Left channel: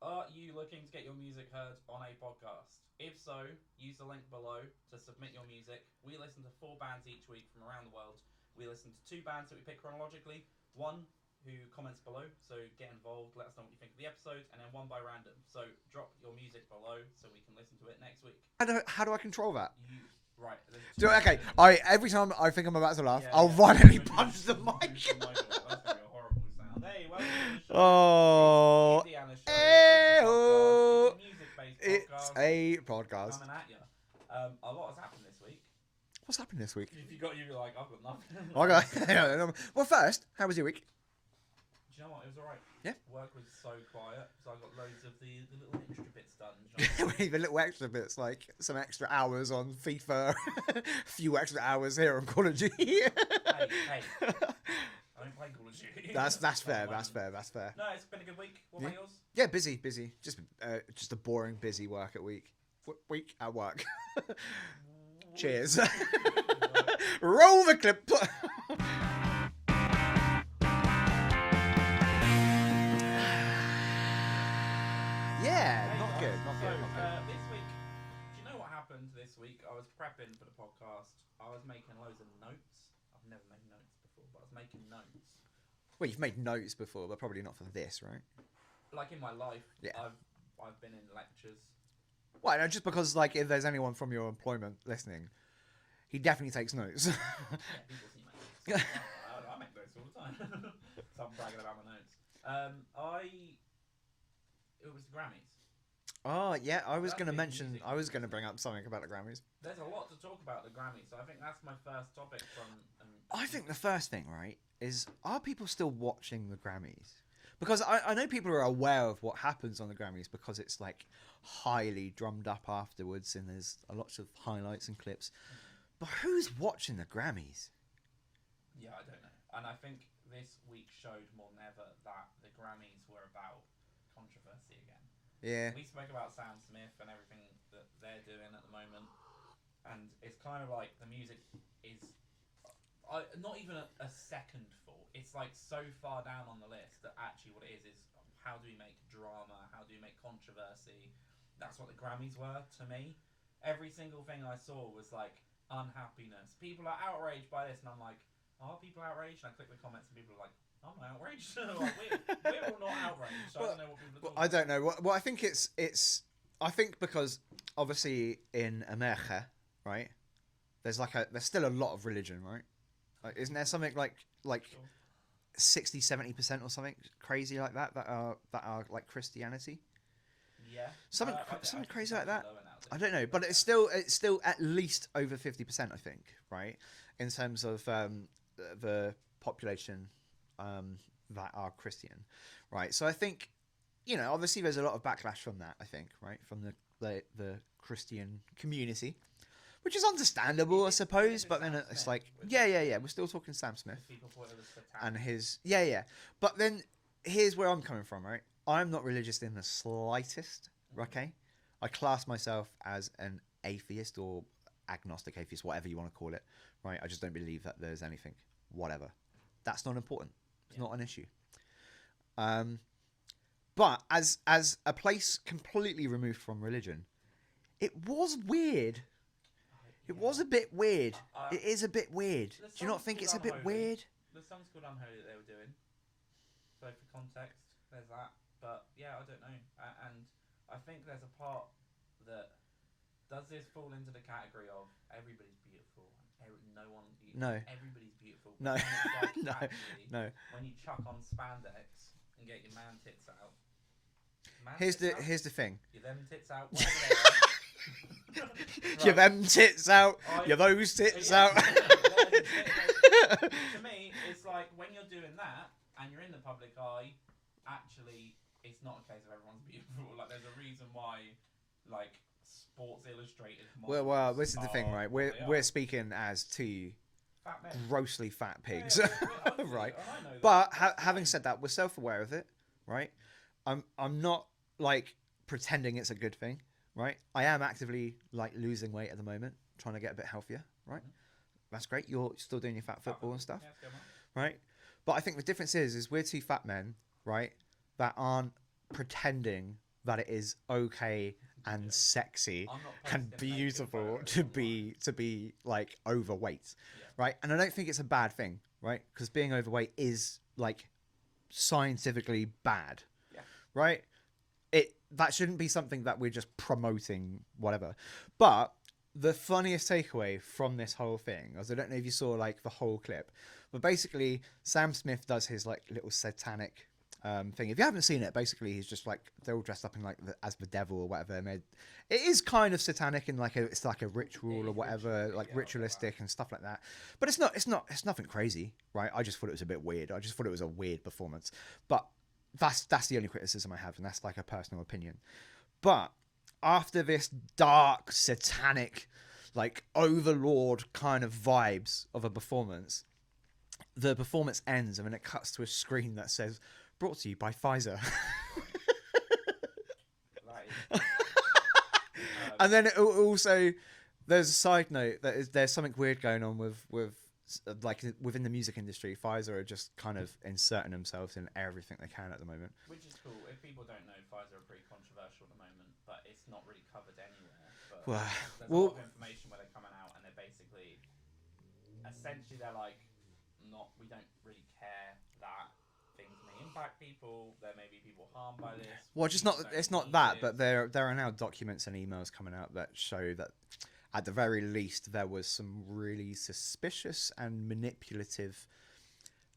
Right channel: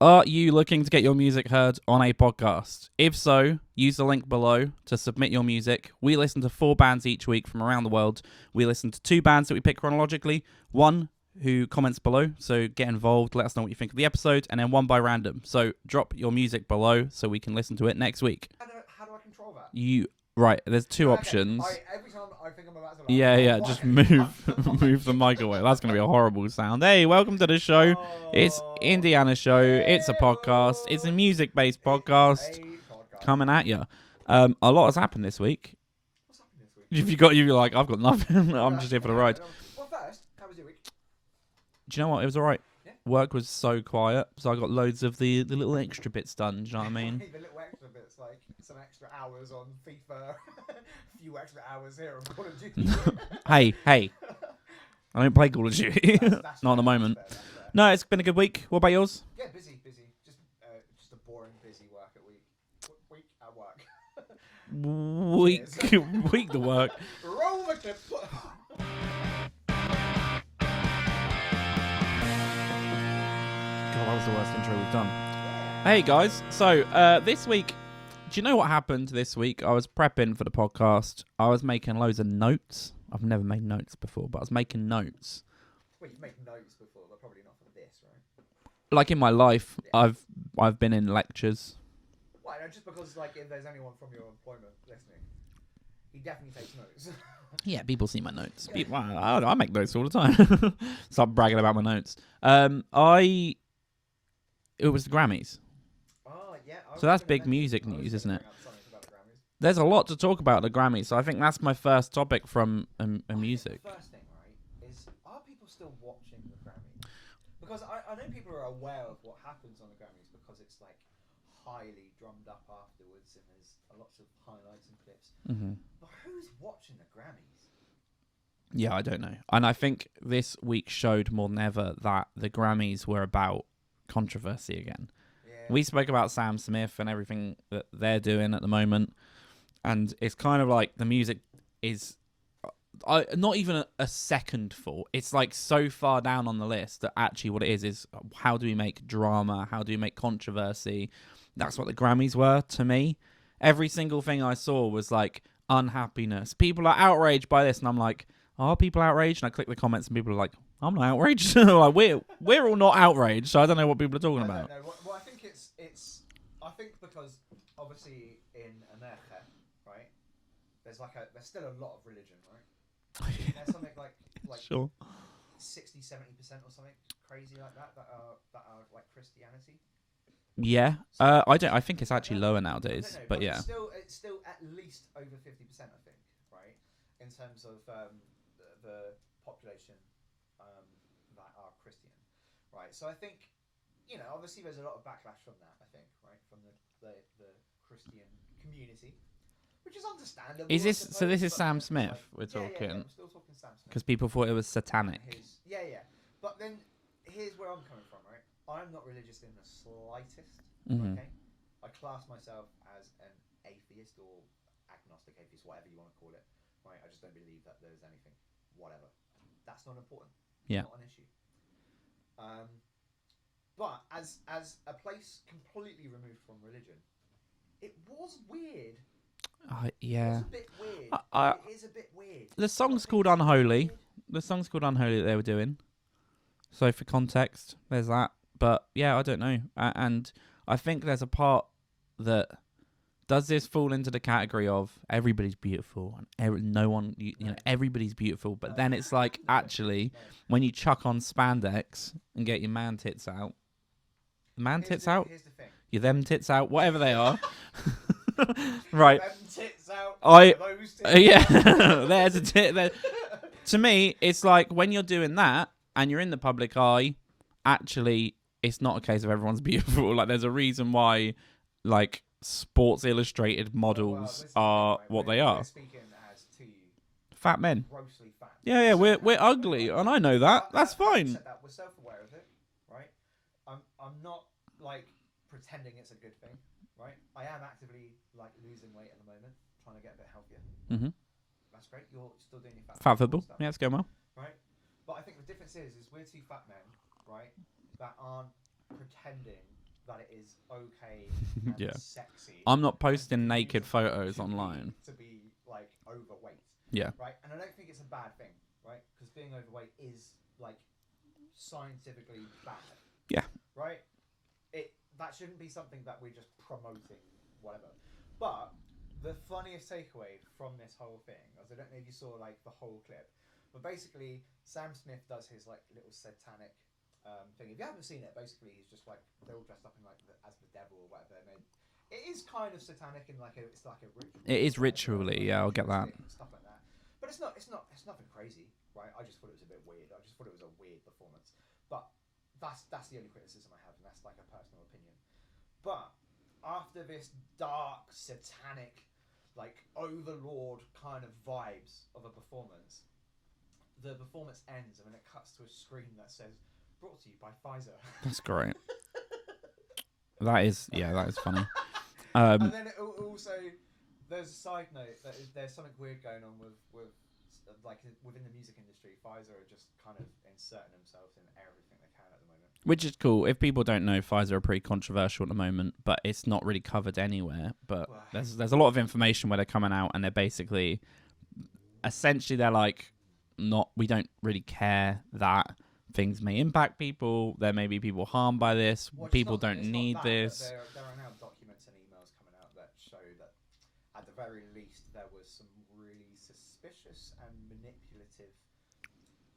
Are you looking to get your music heard on a podcast? If so, use the link below to submit your music. We listen to 4 bands each week from around the world. We listen to 2 bands that we pick chronologically. One who comments below, so get involved, let us know what you think of the episode, and then one by random. So drop your music below so we can listen to it next week. How do I control that? Right, there's 2 options. Every time I think I'm about to laugh, Move the mic away. That's going to be a horrible sound. Hey, welcome to the show. It's Indiana's show. It's a podcast. It's a music-based podcast. It's a podcast. Coming at you. A lot has happened this week. What's happened this week? You're like, I've got nothing. I'm just here for the ride. Well, first, how was your week? Do you know what? It was all right. Yeah. Work was so quiet, so I got loads of the little extra bits done. Do you know what I mean? The little extra bits, like some extra hours on FIFA, a few extra hours here on Call of Duty. hey. I don't play Call of Duty. That's not at the moment. That's fair. No, it's been a good week. What about yours? Yeah, busy. Just a boring, busy week at work. Cheers. Week to work. Roll the clip. That was the worst intro we've done. Yeah. Hey guys, so this week, do you know what happened this week? I was prepping for the podcast. I was making loads of notes. I've never made notes before, but I was making notes. Well, you've made notes before, but probably not for this, right? Like in my life, Yeah. I've been in lectures. Well, no, just because like if there's anyone from your employment listening, he definitely takes notes. Yeah, people see my notes. Wow, I make notes all the time. Stop bragging about my notes. It was the Grammys. Oh, yeah. So that's big music I was news, going to isn't bring it? up something about the Grammys. There's a lot to talk about at the Grammys, so I think that's my first topic from I music. think the first thing, right, is are people still watching the Grammys? Because I know people are aware of what happens on the Grammys because it's like highly drummed up afterwards and there's a lot of highlights and clips. Mm-hmm. But who's watching the Grammys? Yeah, I don't know. And I think this week showed more than ever that the Grammys were about controversy again. Yeah. We spoke about Sam Smith and everything that they're doing at the moment. And it's kind of like the music is not even a second for. It's like so far down on the list that actually what it is how do we make drama? How do we make controversy? That's what the Grammys were to me. Every single thing I saw was like unhappiness. People are outraged by this. And I'm like, are people outraged? And I click the comments and people are like, I'm not outraged. Like, we're all not outraged. So I don't know what people are talking about. I don't know. Well, I think it's. I think because obviously in America, right? There's still a lot of religion, right? Like, isn't there something like Sure. 60-70% or something crazy like that are like Christianity? Yeah. So, I don't. I think it's crazy like actually that. lower nowadays. I don't know, but yeah. it's still at least over 50%, I think, right? In terms of the population that are Christian, right? So I think, obviously there's a lot of backlash from that, I think, right? From the Christian community, which is understandable, I suppose. So this is but Sam it's Smith? like, we're yeah. talking? We're still talking Sam Smith. Because people thought it was satanic. And But then here's where I'm coming from, right? I'm not religious in the slightest, okay? I class myself as an atheist or agnostic atheist, whatever you want to call it, right? I just don't believe that there's anything, whatever. That's not important. Yeah. It's not an issue. But as a place completely removed from religion, it was weird. Yeah. It was a bit weird. It is a bit weird. The song's called Unholy. The song's called Unholy that they were doing. So for context, there's that. But yeah, I don't know. And I think there's a part that does this fall into the category of everybody's beautiful and no one, everybody's beautiful. But then it's like, when you chuck on spandex and get your man tits out, Here's the thing. Your them tits out, whatever they are. Right. Your them tits out. Your those tits out. There's a tit. To me, it's like when you're doing that and you're in the public eye, actually, it's not a case of everyone's beautiful. Like, there's a reason why, like, Sports Illustrated models are what they are. We're speaking as two fat men, grossly fat pigs. Yeah, we're ugly, right. And I know that. That's fine. Having said that, we're self-aware of it, right? I'm not like pretending it's a good thing, right? I am actively like losing weight at the moment, trying to get a bit healthier. Right? That's great. You're still doing your fat football stuff. Yeah, it's going well. Right, but I think the difference is we're two fat men, right, that aren't pretending that it is okay and Yeah. sexy. I'm not and posting naked beautiful photos to online. to be like overweight. Yeah. Right. And I don't think it's a bad thing, right? Because being overweight is like scientifically bad. Yeah. Right. That shouldn't be something that we're just promoting, whatever. But the funniest takeaway from this whole thing, as I don't know if you saw like the whole clip, but basically Sam Smith does his like little satanic thing. If you haven't seen it, basically he's just like, they're all dressed up in like as the devil or whatever, and it is kind of satanic and like it's like a ritual. It is or whatever, ritually, like yeah, I'll get that. ritualistic and stuff like that. But it's nothing crazy, right? I just thought it was a bit weird. I just thought it was a weird performance. But that's the only criticism I have, and that's like a personal opinion. But after this dark, satanic, like overlord kind of vibes of a performance, the performance ends and then it cuts to a screen that says, "Brought to you by Pfizer." That's great. that is funny. And then it also, there's a side note that there's something weird going on with like within the music industry. Pfizer are just kind of inserting themselves in everything they can at the moment, which is cool. If people don't know, Pfizer are pretty controversial at the moment, but it's not really covered anywhere. But there's a lot of information where they're coming out and they're basically, essentially, they're like, we don't really care that things may impact people. There may be people harmed by this. People don't need this. But there are now documents and emails coming out that show that at the very least there was some really suspicious and manipulative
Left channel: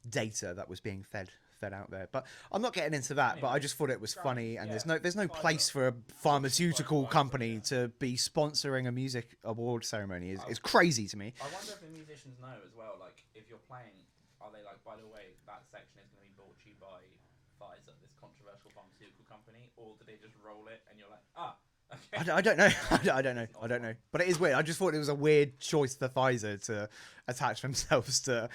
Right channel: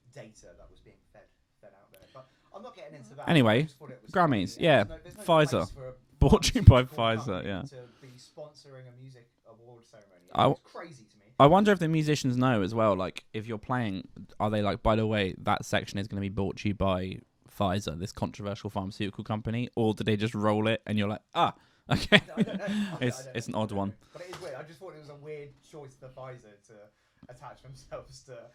data that was being fed out there. But I'm not getting into that. Anyway, I just thought it was Grammys, funny. yeah. There's no Pfizer. place for a Brought to you by pharmaceutical Pfizer, company yeah. to be sponsoring a music award ceremony. I- It's crazy to me. I wonder if the musicians know as well, like, if you're playing, are they like, by the way, that section is going to be brought to you by Pfizer, this controversial pharmaceutical company, or do they just roll it and you're like, okay. I don't know. I don't know. It's an I odd don't one. know. But it is weird. I just thought it was a weird choice for Pfizer to attach themselves to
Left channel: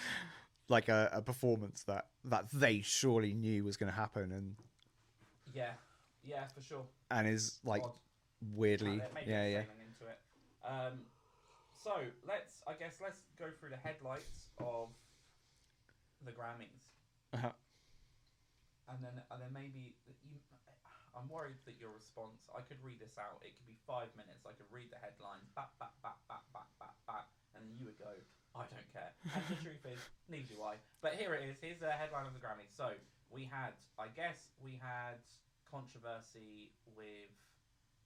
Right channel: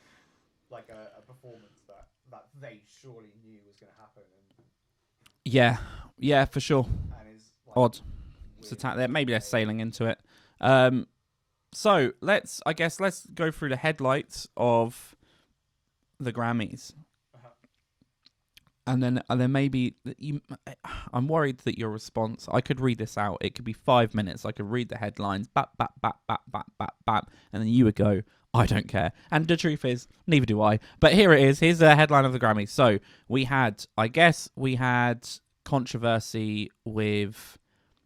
like a performance that they surely knew was going to happen Yeah, for sure. and is like Odd. weird. Maybe they're sailing into it. So let's go through the headlights of the Grammys. Uh-huh. And then maybe I'm worried that your response. I could read this out. It could be 5 minutes. I could read the headlines, bap, bap, bap, bap, bap, bap, bap, and then you would go, "I don't care." And the truth is, neither do I. But here it is. Here's the headline of the Grammys. So we had controversy with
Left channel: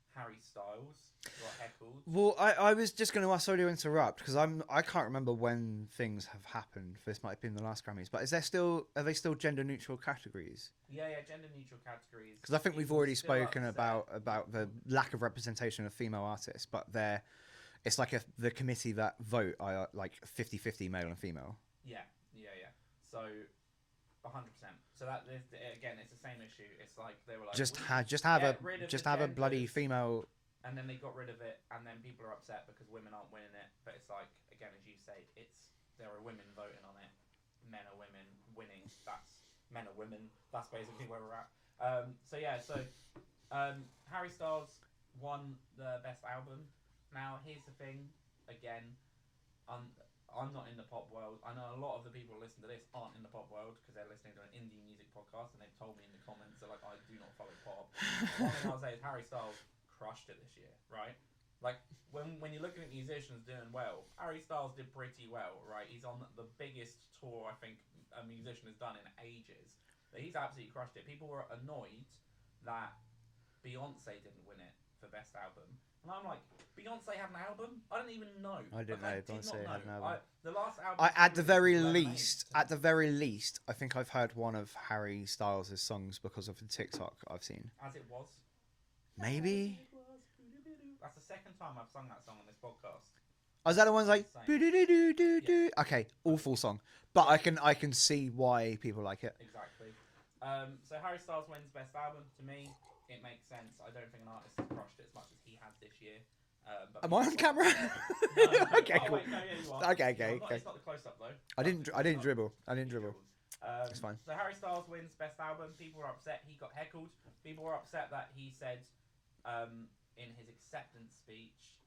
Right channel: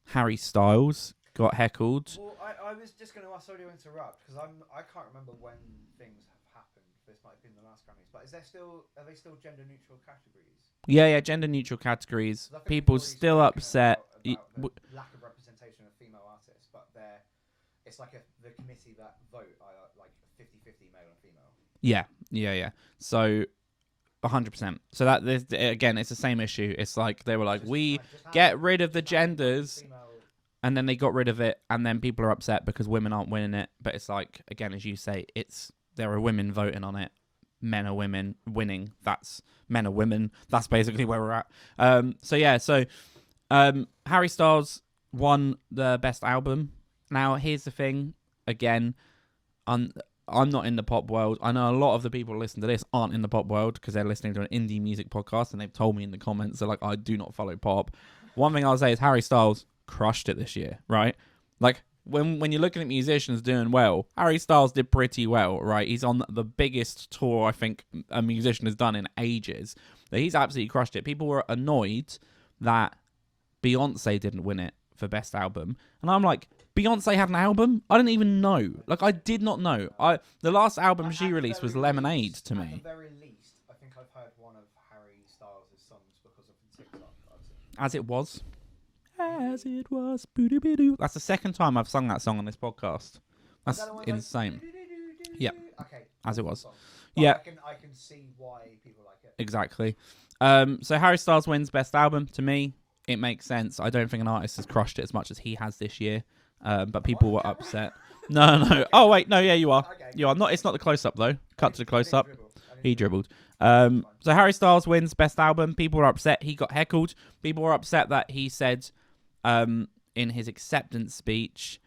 Harry Styles got heckled. Well, I was just going to ask, sorry to interrupt, because I can't remember when things have happened. This might have been the last Grammys, but are they still gender neutral categories? Yeah, gender neutral categories. 'Cause I think People we've already still spoken upset about the lack of representation of female artists, but it's like the committee that vote are like 50-50 male and female. Yeah. So 100%. So that again, it's the same issue. It's like they were like, get rid of the genders, female. and then they got rid of it, and then people are upset because women aren't winning it. But it's like, again, as you say, there are women voting on it, men are women winning. That's men are women. That's basically where we're at. So Harry Styles won the best album. Now here's the thing. Again, I'm not in the pop world. I know a lot of the people who listen to this aren't in the pop world because they're listening to an indie music podcast, and they've told me in the comments, they're like, I do not follow pop. One thing I'll say is Harry Styles crushed it this year, right? Like, when you're looking at musicians doing well, Harry Styles did pretty well, right? He's on the biggest tour I think a musician has done in ages. But he's absolutely crushed it. People were annoyed that Beyonce didn't win it for best album. And I'm like, Beyonce had an album? I didn't even know. I did not know. The last album she released was Lemonade to me. At the very least, I think I've heard one of Harry Styles' songs because of the TikTok I've seen. As It Was. Maybe. As It Was. Boo-doo-boo-doo. That's the second time I've sung that song on this podcast. Is that the one like insane. Yep. Okay, As It awful Was. song. But Yeah. I can see why people like it. Exactly. So Harry Styles wins best album. To me, it makes sense. I don't think an artist has crushed it as much as he has this year. But people were upset. No. Okay, Oh wait, no, yeah, you are. Okay, You are not. It's not the close up though. Cut to the close up. He dribbled. Fine. So Harry Styles wins best album. People were upset. He got heckled. People were upset that he said, in his acceptance speech,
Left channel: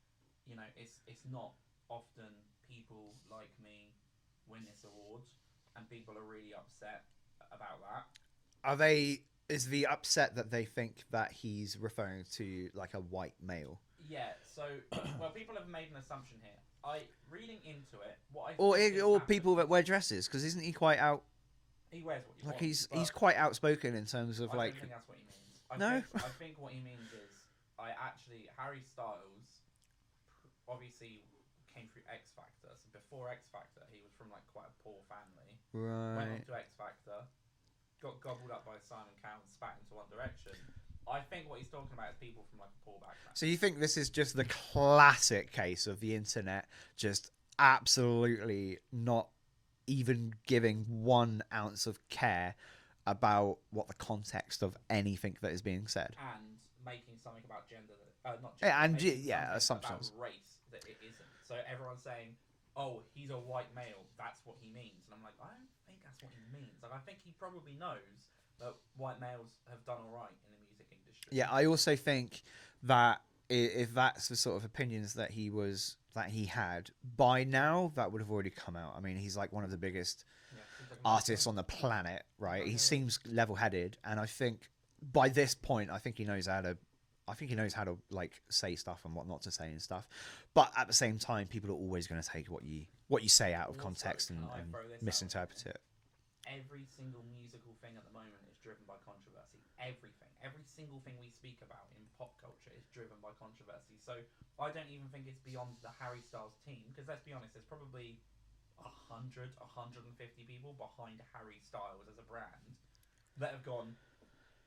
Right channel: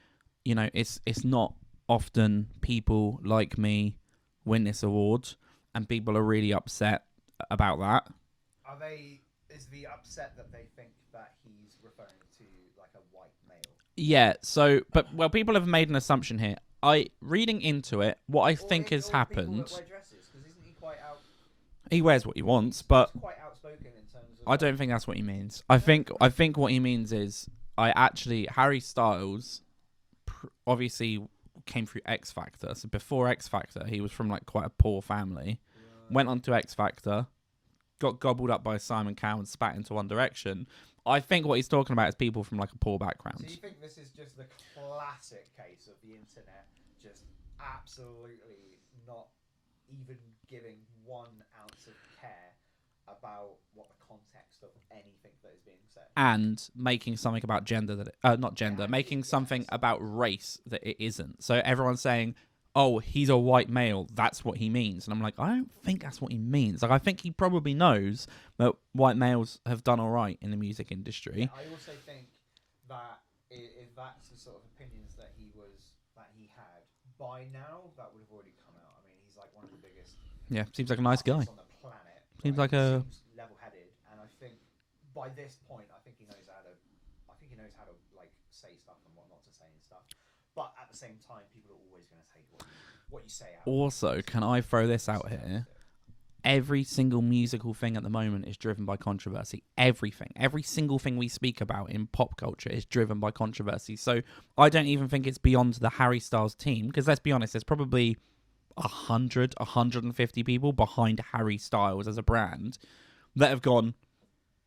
it's not often people like me win this award, and people are really upset about that. Are they is the upset that they think that he's referring to like a white male. Yeah. So, but people have made an assumption here. Reading into it, what I think has happened. People that wear dresses, because isn't he quite out? He wears what he wants, He's quite outspoken in terms of. I don't think that's what he means. I think what he means is Harry Styles obviously came through X Factor. So before X Factor, he was from like quite a poor family. Right. Went on to X Factor, got gobbled up by Simon Cowell and spat into One Direction. I think what he's talking about is people from like a poor background. So you think this is just the classic case of the internet just absolutely not even giving 1 ounce of care about what the context of anything that is being said, and making something about gender making something about race that it isn't. So everyone's saying, oh, he's a white male, that's what he means. And I'm like, I don't think that's what he means. Like, I think he probably knows that white males have done all right in the music industry. Yeah, I also think that if that's the sort of opinions that he had, by now that would have already come out. I mean, he's like one of the biggest seems like a nice artists guy on the planet, right? He seems level-headed, and I think by this point, I think he knows how to like say stuff and what not to say and stuff. But at the same time, people are always going to take what you say out. Also, can I throw this out here? Every single musical thing at the moment is driven by controversy. Everything. Every single thing we speak about in pop culture is driven by controversy. So I don't even think it's beyond the Harry Styles team, because let's be honest, there's probably 100, 150 people behind Harry Styles as a brand that have gone,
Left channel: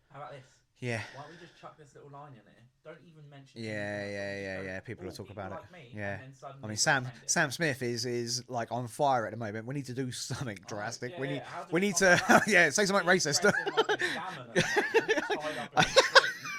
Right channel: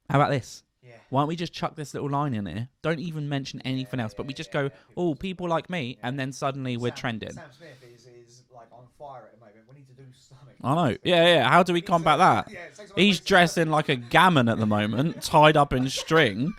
how about this? Yeah. Why don't we just chuck this little line in here? Don't even mention anything else, but we just go, people like me, and then suddenly we're trending. Sam Smith is like on fire at the moment. We need to do something. I know. Yeah. How do we combat that? Yeah, say something He's racist. dressed in like a gammon at the moment, tied up in string.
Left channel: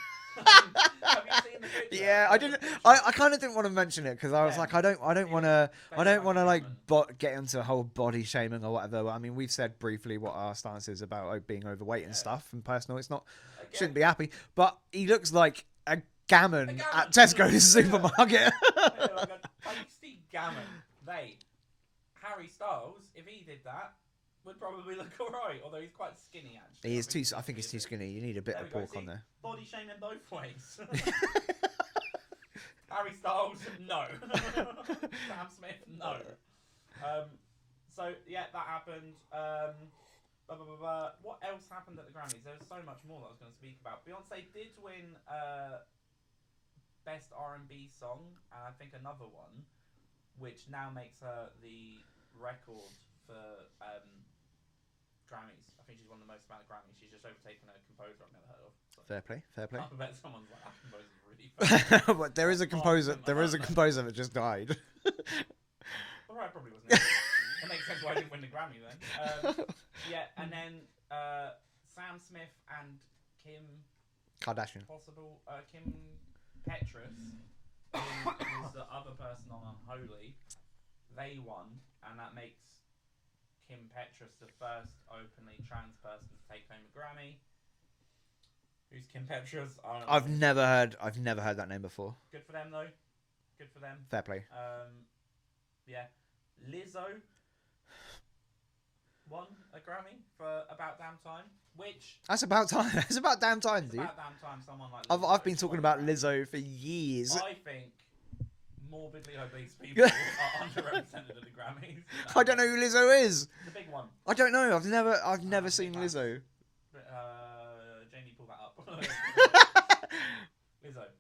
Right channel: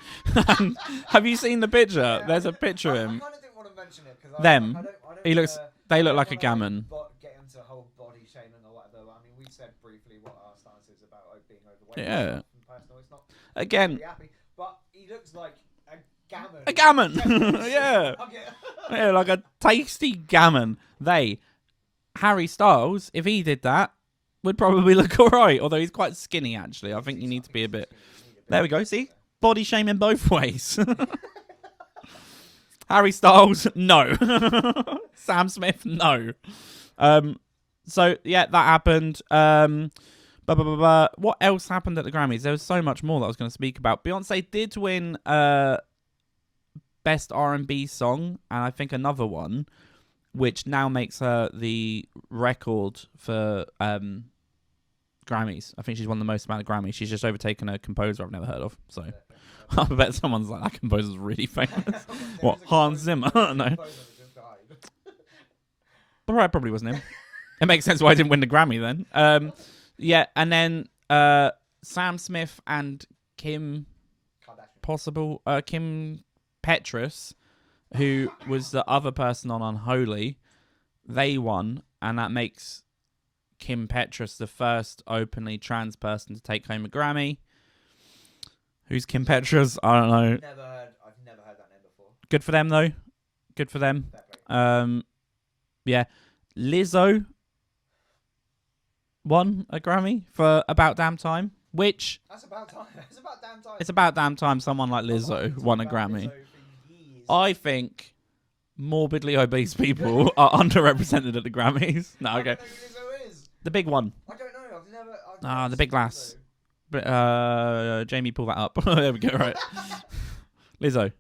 Have you seen the picture? Yeah, There's a picture. I kind of didn't want to mention it because I was like, I don't want to. They look like a gammon. Get into a whole body shaming or whatever. I mean, we've said briefly what our stance is about being overweight and stuff. And personal, it's not again be happy, but he looks like a gammon. A gammon. Tesco's supermarket. Yeah, like a tasty gammon. Harry Styles, if he did that, would probably look all right. Although he's quite skinny, actually. I think he needs to be a bit. Skinny. You need a bit. There we go. See, body shaming both ways. Harry Styles, no. Sam Smith, no. So yeah, that happened. What else happened at the Grammys? There was so much more that I was going to speak about. Beyonce did win Best R&B Song, and I think another one, which now makes her the record for Grammys. I think she's won the most amount of Grammys. She's just overtaken a composer I've never heard of. So fair play. I bet someone's like, that composer's really famous. There is a composer that just died. Right, probably wasn't it. It makes sense why I didn't win the Grammy then. Yeah, and then Sam Smith and Kim Kardashian. Kim Petras, who was the other person on Unholy, they won, and that makes Kim Petras the first openly trans person to take home a Grammy. Who's Kim Petras? I don't know. I've never heard that name before. Good for them though. Good for them. Fair play. Yeah. Lizzo won a Grammy for About Damn Time, which... That's about time. It's about damn time. It's about damn time someone like Lizzo won a Grammy. Lizzo for years. I think morbidly obese people are underrepresented at the Grammys. No, I don't know who Lizzo is. The big one. I don't know. I've never the seen big lass. Lizzo. But, Jamie, pull that up. There we go, right. Lizzo.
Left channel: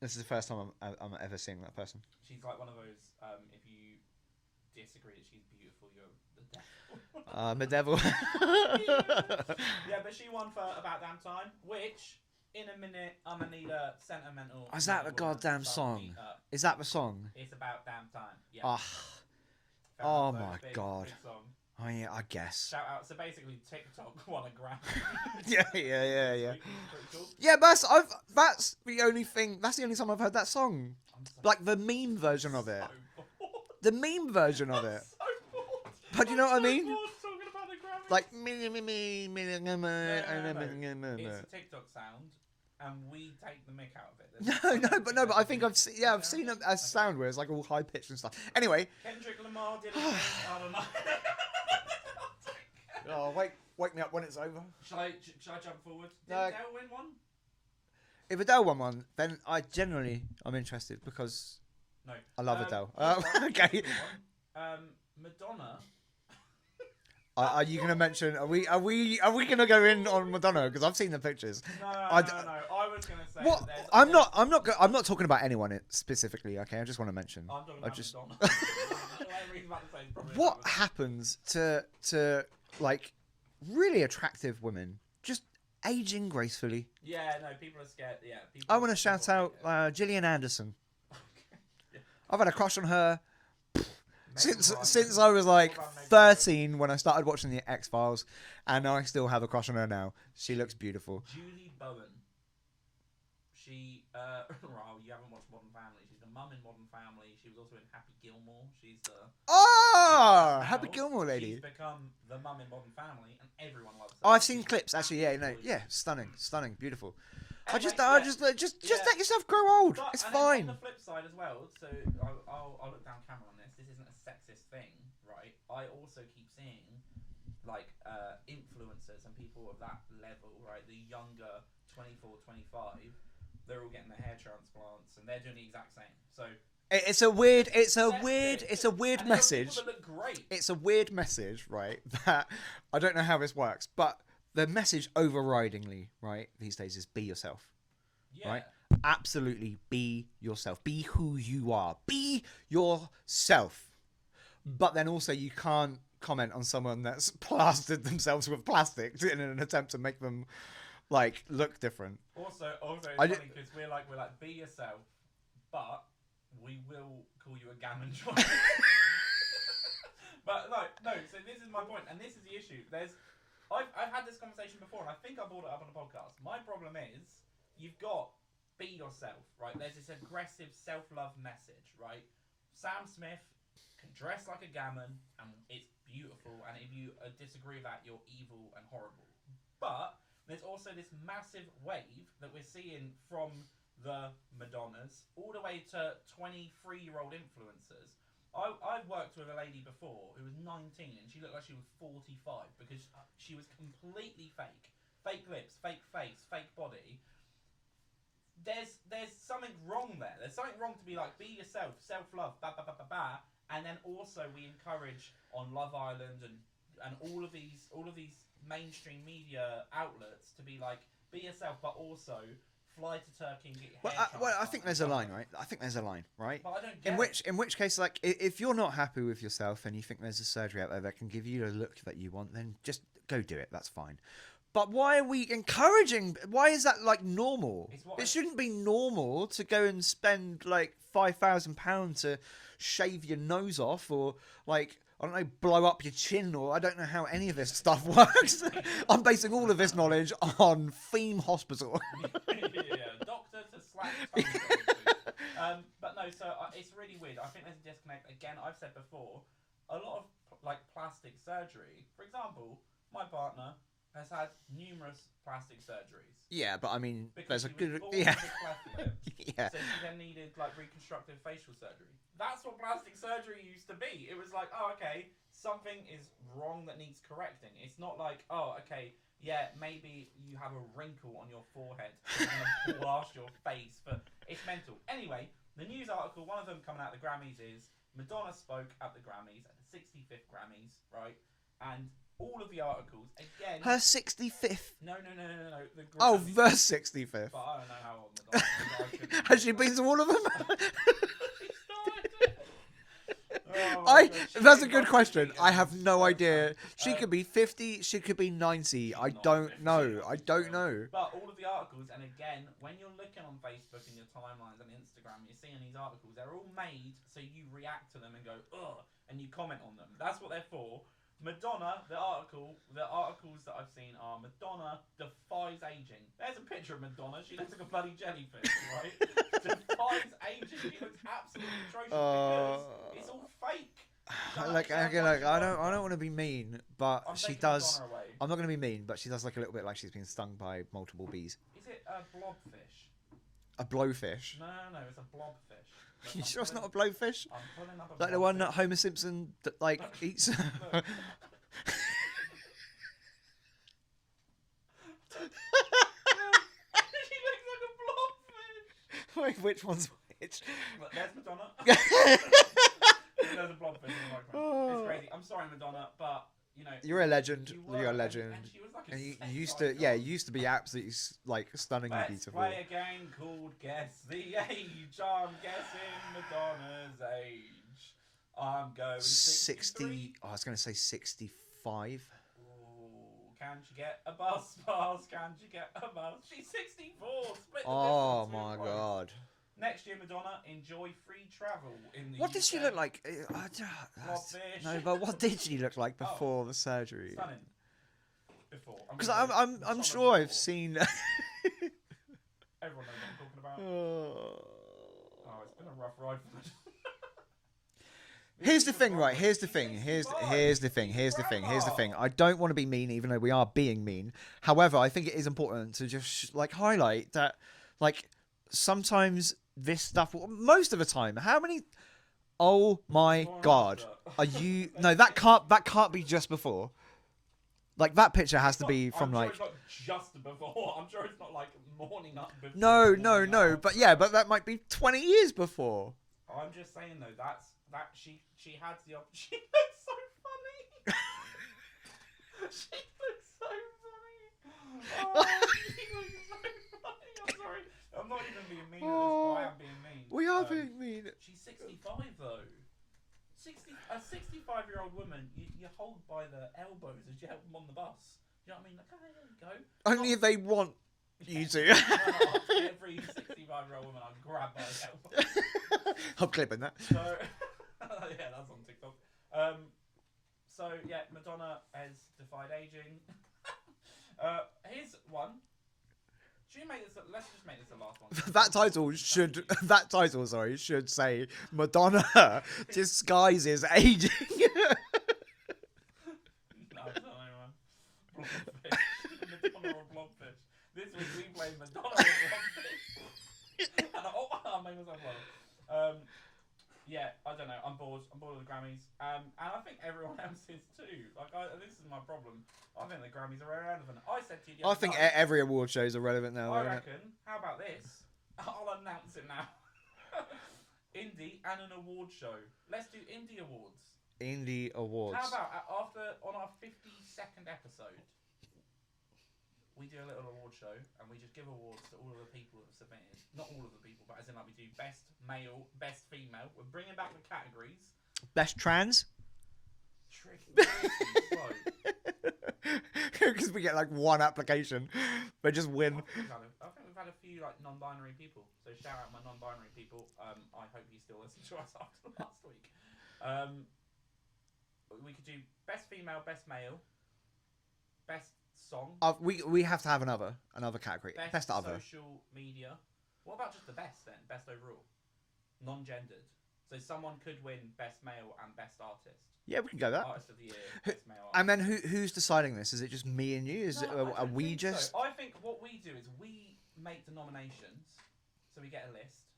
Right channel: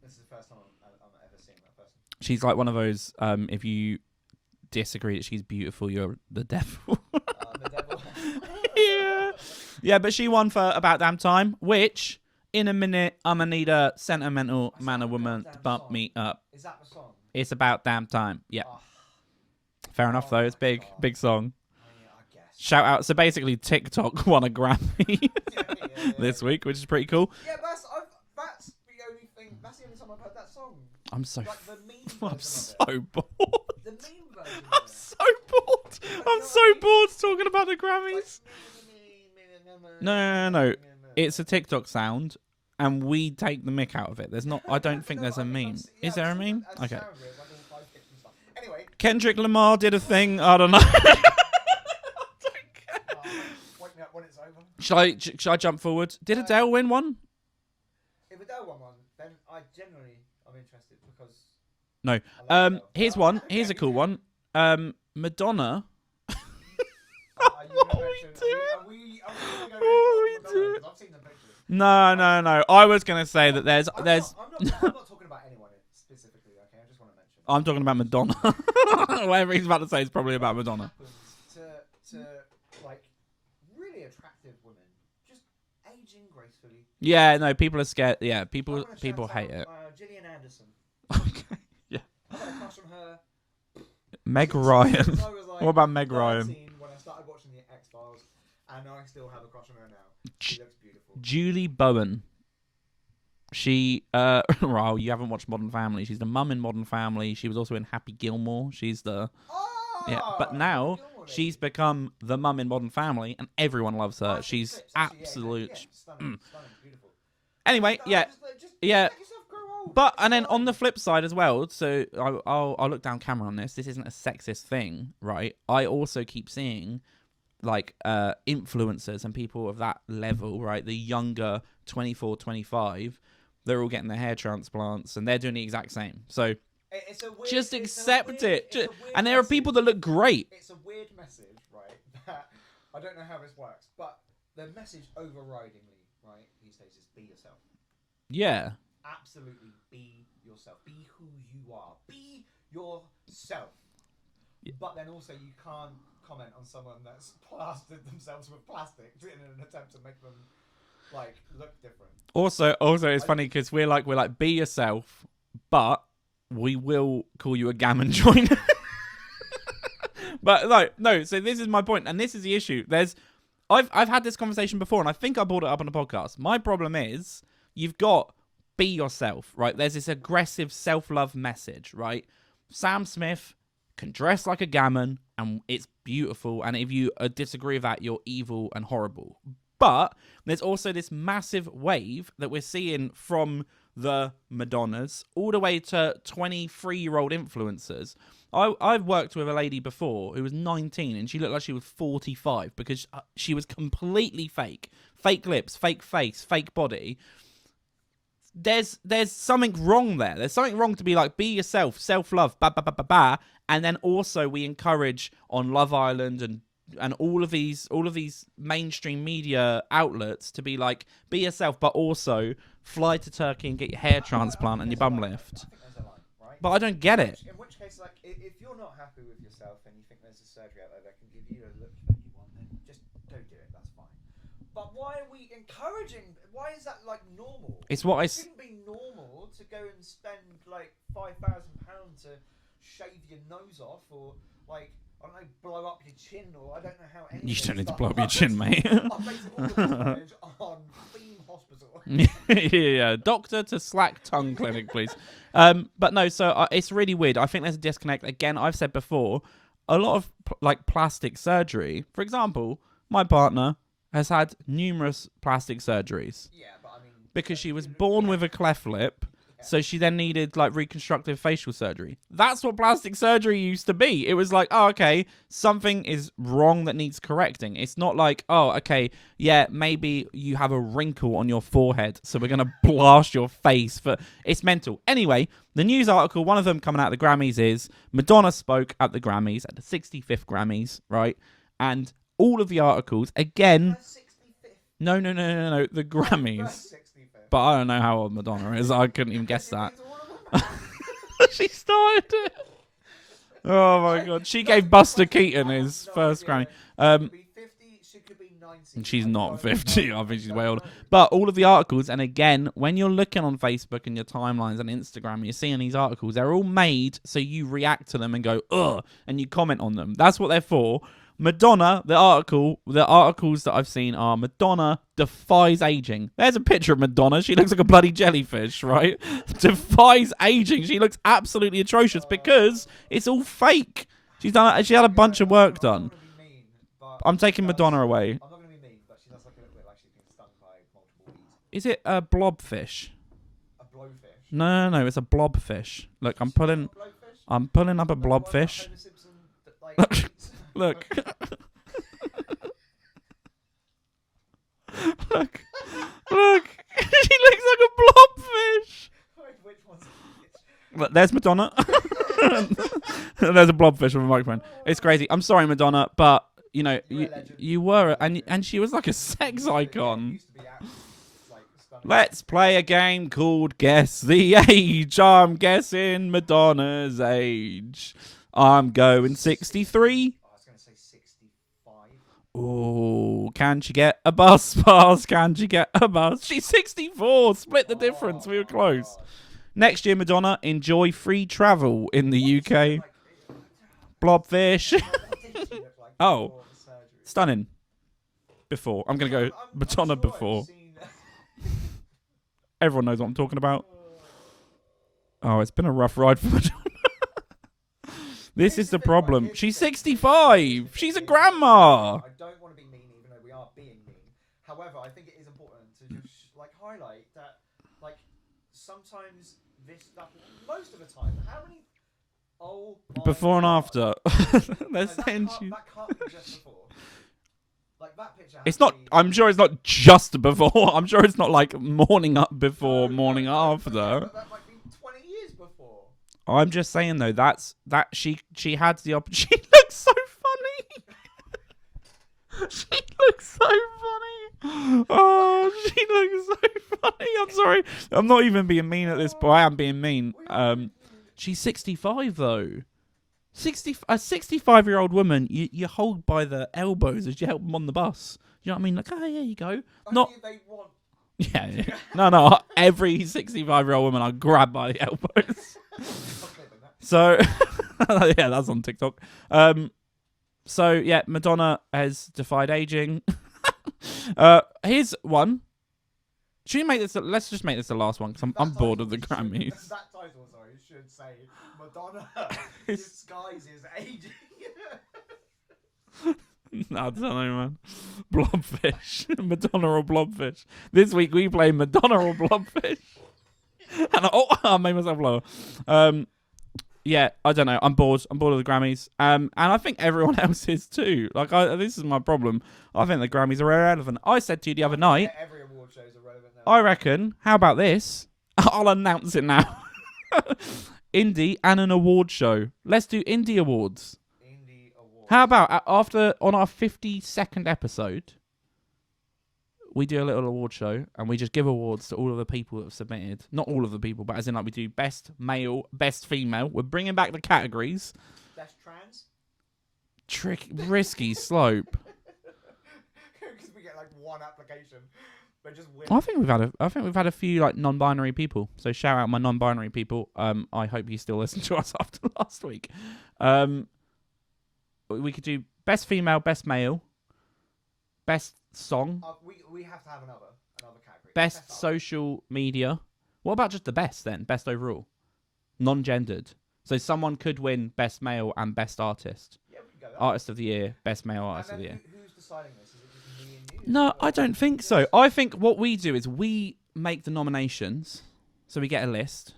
This is the first time I'm ever seeing that person. She's like one of those, if you disagree that she's beautiful, you're the devil. I'm a devil. Yeah, but she won for About Damn Time, which, in a minute, I'm going to need a sentimental man or woman bump me up. Is that the song? It's About Damn Time. Yeah. Oh. Fair enough, though. It's big. God. Big song. Oh, yeah, I guess. Shout out. So basically, TikTok won a Grammy this week, which is pretty cool. Yeah, but that's the only thing. That's the only time I've heard that song. I'm so like the meme version of it. So bored. The meme version of it. So bored. I'm so bored talking about the Grammys. Like No. It's a TikTok sound, and we take the mick out of it. There's not. I don't think there's a meme. Is there a meme? A sound where it's like all high pitched and stuff. Anyway, Kendrick Lamar did a thing. I don't know. Wake when it's over. Should I jump forward? Did Adele win one? If Adele won one, then I'm interested because No. I love Adele. Here's one. Okay. Here's a cool one. Madonna. Are you going to mention? Are we going to go in on Madonna? Because I've seen the pictures. No. I was going to say that there's. I'm not talking about anyone specifically. Okay, I just want to mention. I'm talking about Madonna. Whatever he's about to say is probably about Madonna. What happens to like really attractive women just aging gracefully? Yeah, no, people are scared. Yeah, people. I want to shout hate out Gillian Anderson. Okay. Yeah. I've had a crush on her. Meg Ryan. Since I was like what about Meg 13 Ryan? when I started watching the X-Files, and I still have a crush on her now. She looks beautiful. Julie Bowen. She, well, you haven't watched Modern Family. She's the mum in Modern Family. She was also in Happy Gilmore. She's the... but now she's become the mum in Modern Family, and everyone loves her. I've seen she's clips, actually. absolute... Yeah, stunning, beautiful. Anyway, just let yourself grow old. But it's and then fine. on the flip side as well, so I'll look down camera on this. This isn't a sexist thing, right? I also keep seeing like influencers and people of that level, right? The younger 24, 25, they're all getting their hair transplants and they're doing the exact same. So it's a weird, just accept it. It's a weird. And there are people that look great. It's a weird message, right? That I don't know how this works, but the message overridingly, right, these days is be yourself. Yeah. Right? Absolutely be yourself. Be who you are. Be yourself. But then also you can't comment on someone that's plastered themselves with plastic in an attempt to make them like look different. Also it's funny because we're like be yourself, but we will call you a gammon joiner. But no, so this is my point, and this is the issue. I've had this conversation before, and I think I brought it up on the podcast. My problem is you've got be yourself, right? There's this aggressive self-love message, right? Sam Smith can dress like a gammon, and it's beautiful. And if you disagree with that, you're evil and horrible. But there's also this massive wave that we're seeing from the Madonnas all the way to 23-year-old influencers. I've worked with a lady before who was 19 and she looked like she was 45 because she was completely fake. Fake lips, fake face, fake body. There's something wrong there. There's something wrong to be like, be yourself, self-love, and then also we encourage on Love Island and all of these mainstream media outlets to be like, be yourself, but also fly to Turkey and get your hair transplant and your bum lift. Right? I think there's a line, right? But I don't get it. In which case, like, if you're not happy with yourself and you think there's a surgery out there that can give you a look that you want, then just go do it. That's fine. But why are we encouraging? Why is that like normal? It shouldn't be normal to go and spend like £5,000 to shave your nose off or like, I don't know, blow up your chin, or I don't know how any of this stuff works. Blow your chin, mate. I'm basing all of this knowledge on Theme Hospital. Yeah, doctor to slack tongue clinic, please. But no, so it's really weird. I think there's a disconnect. Again, I've said before, a lot of like plastic surgery. For example, my partner has had numerous plastic surgeries. Yeah, but I mean... Because she was born with a cleft lip, so she then needed, like, reconstructive facial surgery. That's what plastic surgery used to be. It was like, oh, okay, something is wrong that needs correcting. It's not like, oh, okay, yeah, maybe you have a wrinkle on your forehead, so we're going to blast your face. It's mental. Anyway, the news article, one of them coming out of the Grammys is, Madonna spoke at the Grammys, at the 65th Grammys, right? And... all of the articles, again... her 65th? No, the Grammys. Oh, first 65th. But I don't know how old Madonna is. I couldn't even guess that. Has she been to all of them? She started it. Oh, my God. She gave Buster Keaton his first Grammy. She could be 50, she could be 90. She's not 50. I think she's way older. Know. But all of the articles, and again, when you're looking on Facebook and your timelines and Instagram, you're seeing these articles, they're all made so you react to them and go, ugh, and you comment on them. That's what they're for. Madonna, the articles that I've seen are Madonna defies aging. There's a picture of Madonna. She looks like a bloody jellyfish, right? Defies aging. She looks absolutely atrocious because it's all fake. She had a bunch of work done. I don't want to be mean, but I'm taking Madonna away. I'm not going to be mean, but she does look a little bit like she's been stung by multiple bees. Is it a blobfish? A blowfish? No, it's a blobfish. Look, I'm pulling. It's not a blowfish? I'm pulling up a like blobfish. The one that Homer Simpson like eats. Look. Look. She looks like a blobfish. Wait, which one's which? Look, there's Madonna. There's a blobfish with a microphone. It's crazy. I'm sorry, Madonna, but you know, You're a legend. You were, You're a legend. and she was like a sex icon. Yeah, you used to be absolutely like stunning. Let's play a game called Guess the Age. I'm guessing Madonna's age. I'm going 63. I was going to say 65. Oh, can she get a bus pass? Can she get a bus? She's 64. Split the difference. We were close. God. Next year, Madonna, enjoy free travel in the What UK. did she look like? Blobfish. No, but what did she look like before the surgery? Stunning. Before. I'm going to go Madonna I'm sure before. I've seen... Everyone knows what I'm talking about. Oh, it's been a rough ride for Madonna. This is the problem. Right, she's the thing. 65. She's a grandma. I don't want to be mean, even though we are being mean. However, I think it is important to just like highlight that, like, sometimes this stuff, most of the time, how many? Oh my before and God. after. No, that can't be just before. Like that picture has it's to not, be. I'm sure it's not just before. I'm sure it's not like morning up before, morning after. But yeah, but that might be 20 years before. I'm just saying though, that she had the opportunity. She looks so funny. She looks so funny. Oh, she looks so funny. I'm sorry. I'm not even being mean at this point. I am being mean. We are being mean. She's 65 though. A 65-year-old woman, you hold by the elbows as you help them on the bus. You know what I mean? Like, oh, yeah, you go. Only if they want you to. No. Every 65-year-old woman I grab by the elbows. I'm clipping that. So, yeah, that's on TikTok. So, yeah, Madonna has defied aging. Here's one. Should we make this? Let's just make this the last one. I'm bored of the Grammys. That title, should say Madonna disguises aging. No, I don't know, man. Blobfish. Madonna or Blobfish. This week we play Madonna or Blobfish. And I made myself lower. Yeah, I don't know. I'm bored. I'm bored of the Grammys. And I think everyone else is too. Like, this is my problem. I think the Grammys are irrelevant. I said to you the other night. Every award show is irrelevant now. I reckon. How about this? I'll announce it now. Indie and an award show. Let's do Indie Awards. Indie Awards. How about on our 52nd episode, we do a little award show and we just give awards to all of the people that have submitted. Not all of the people, but as in like we do best male, best female. We're bringing back the categories. Best trans. Risky slope. Because we get like one application, but just win. I think we've had a few like non-binary people. So shout out my non-binary people. I hope you still listen to us after last week. We could do best female, best male, best song. We have to have another category. Best social media. What about just the best then? Best overall, non-gendered. So someone could win best male and best artist. Yeah, we can go that. Artist of the year, best male artist. And then of the year. who's deciding this? Is it just me and you? No, I don't think so. I think what we do is we make the nominations, so we get a list,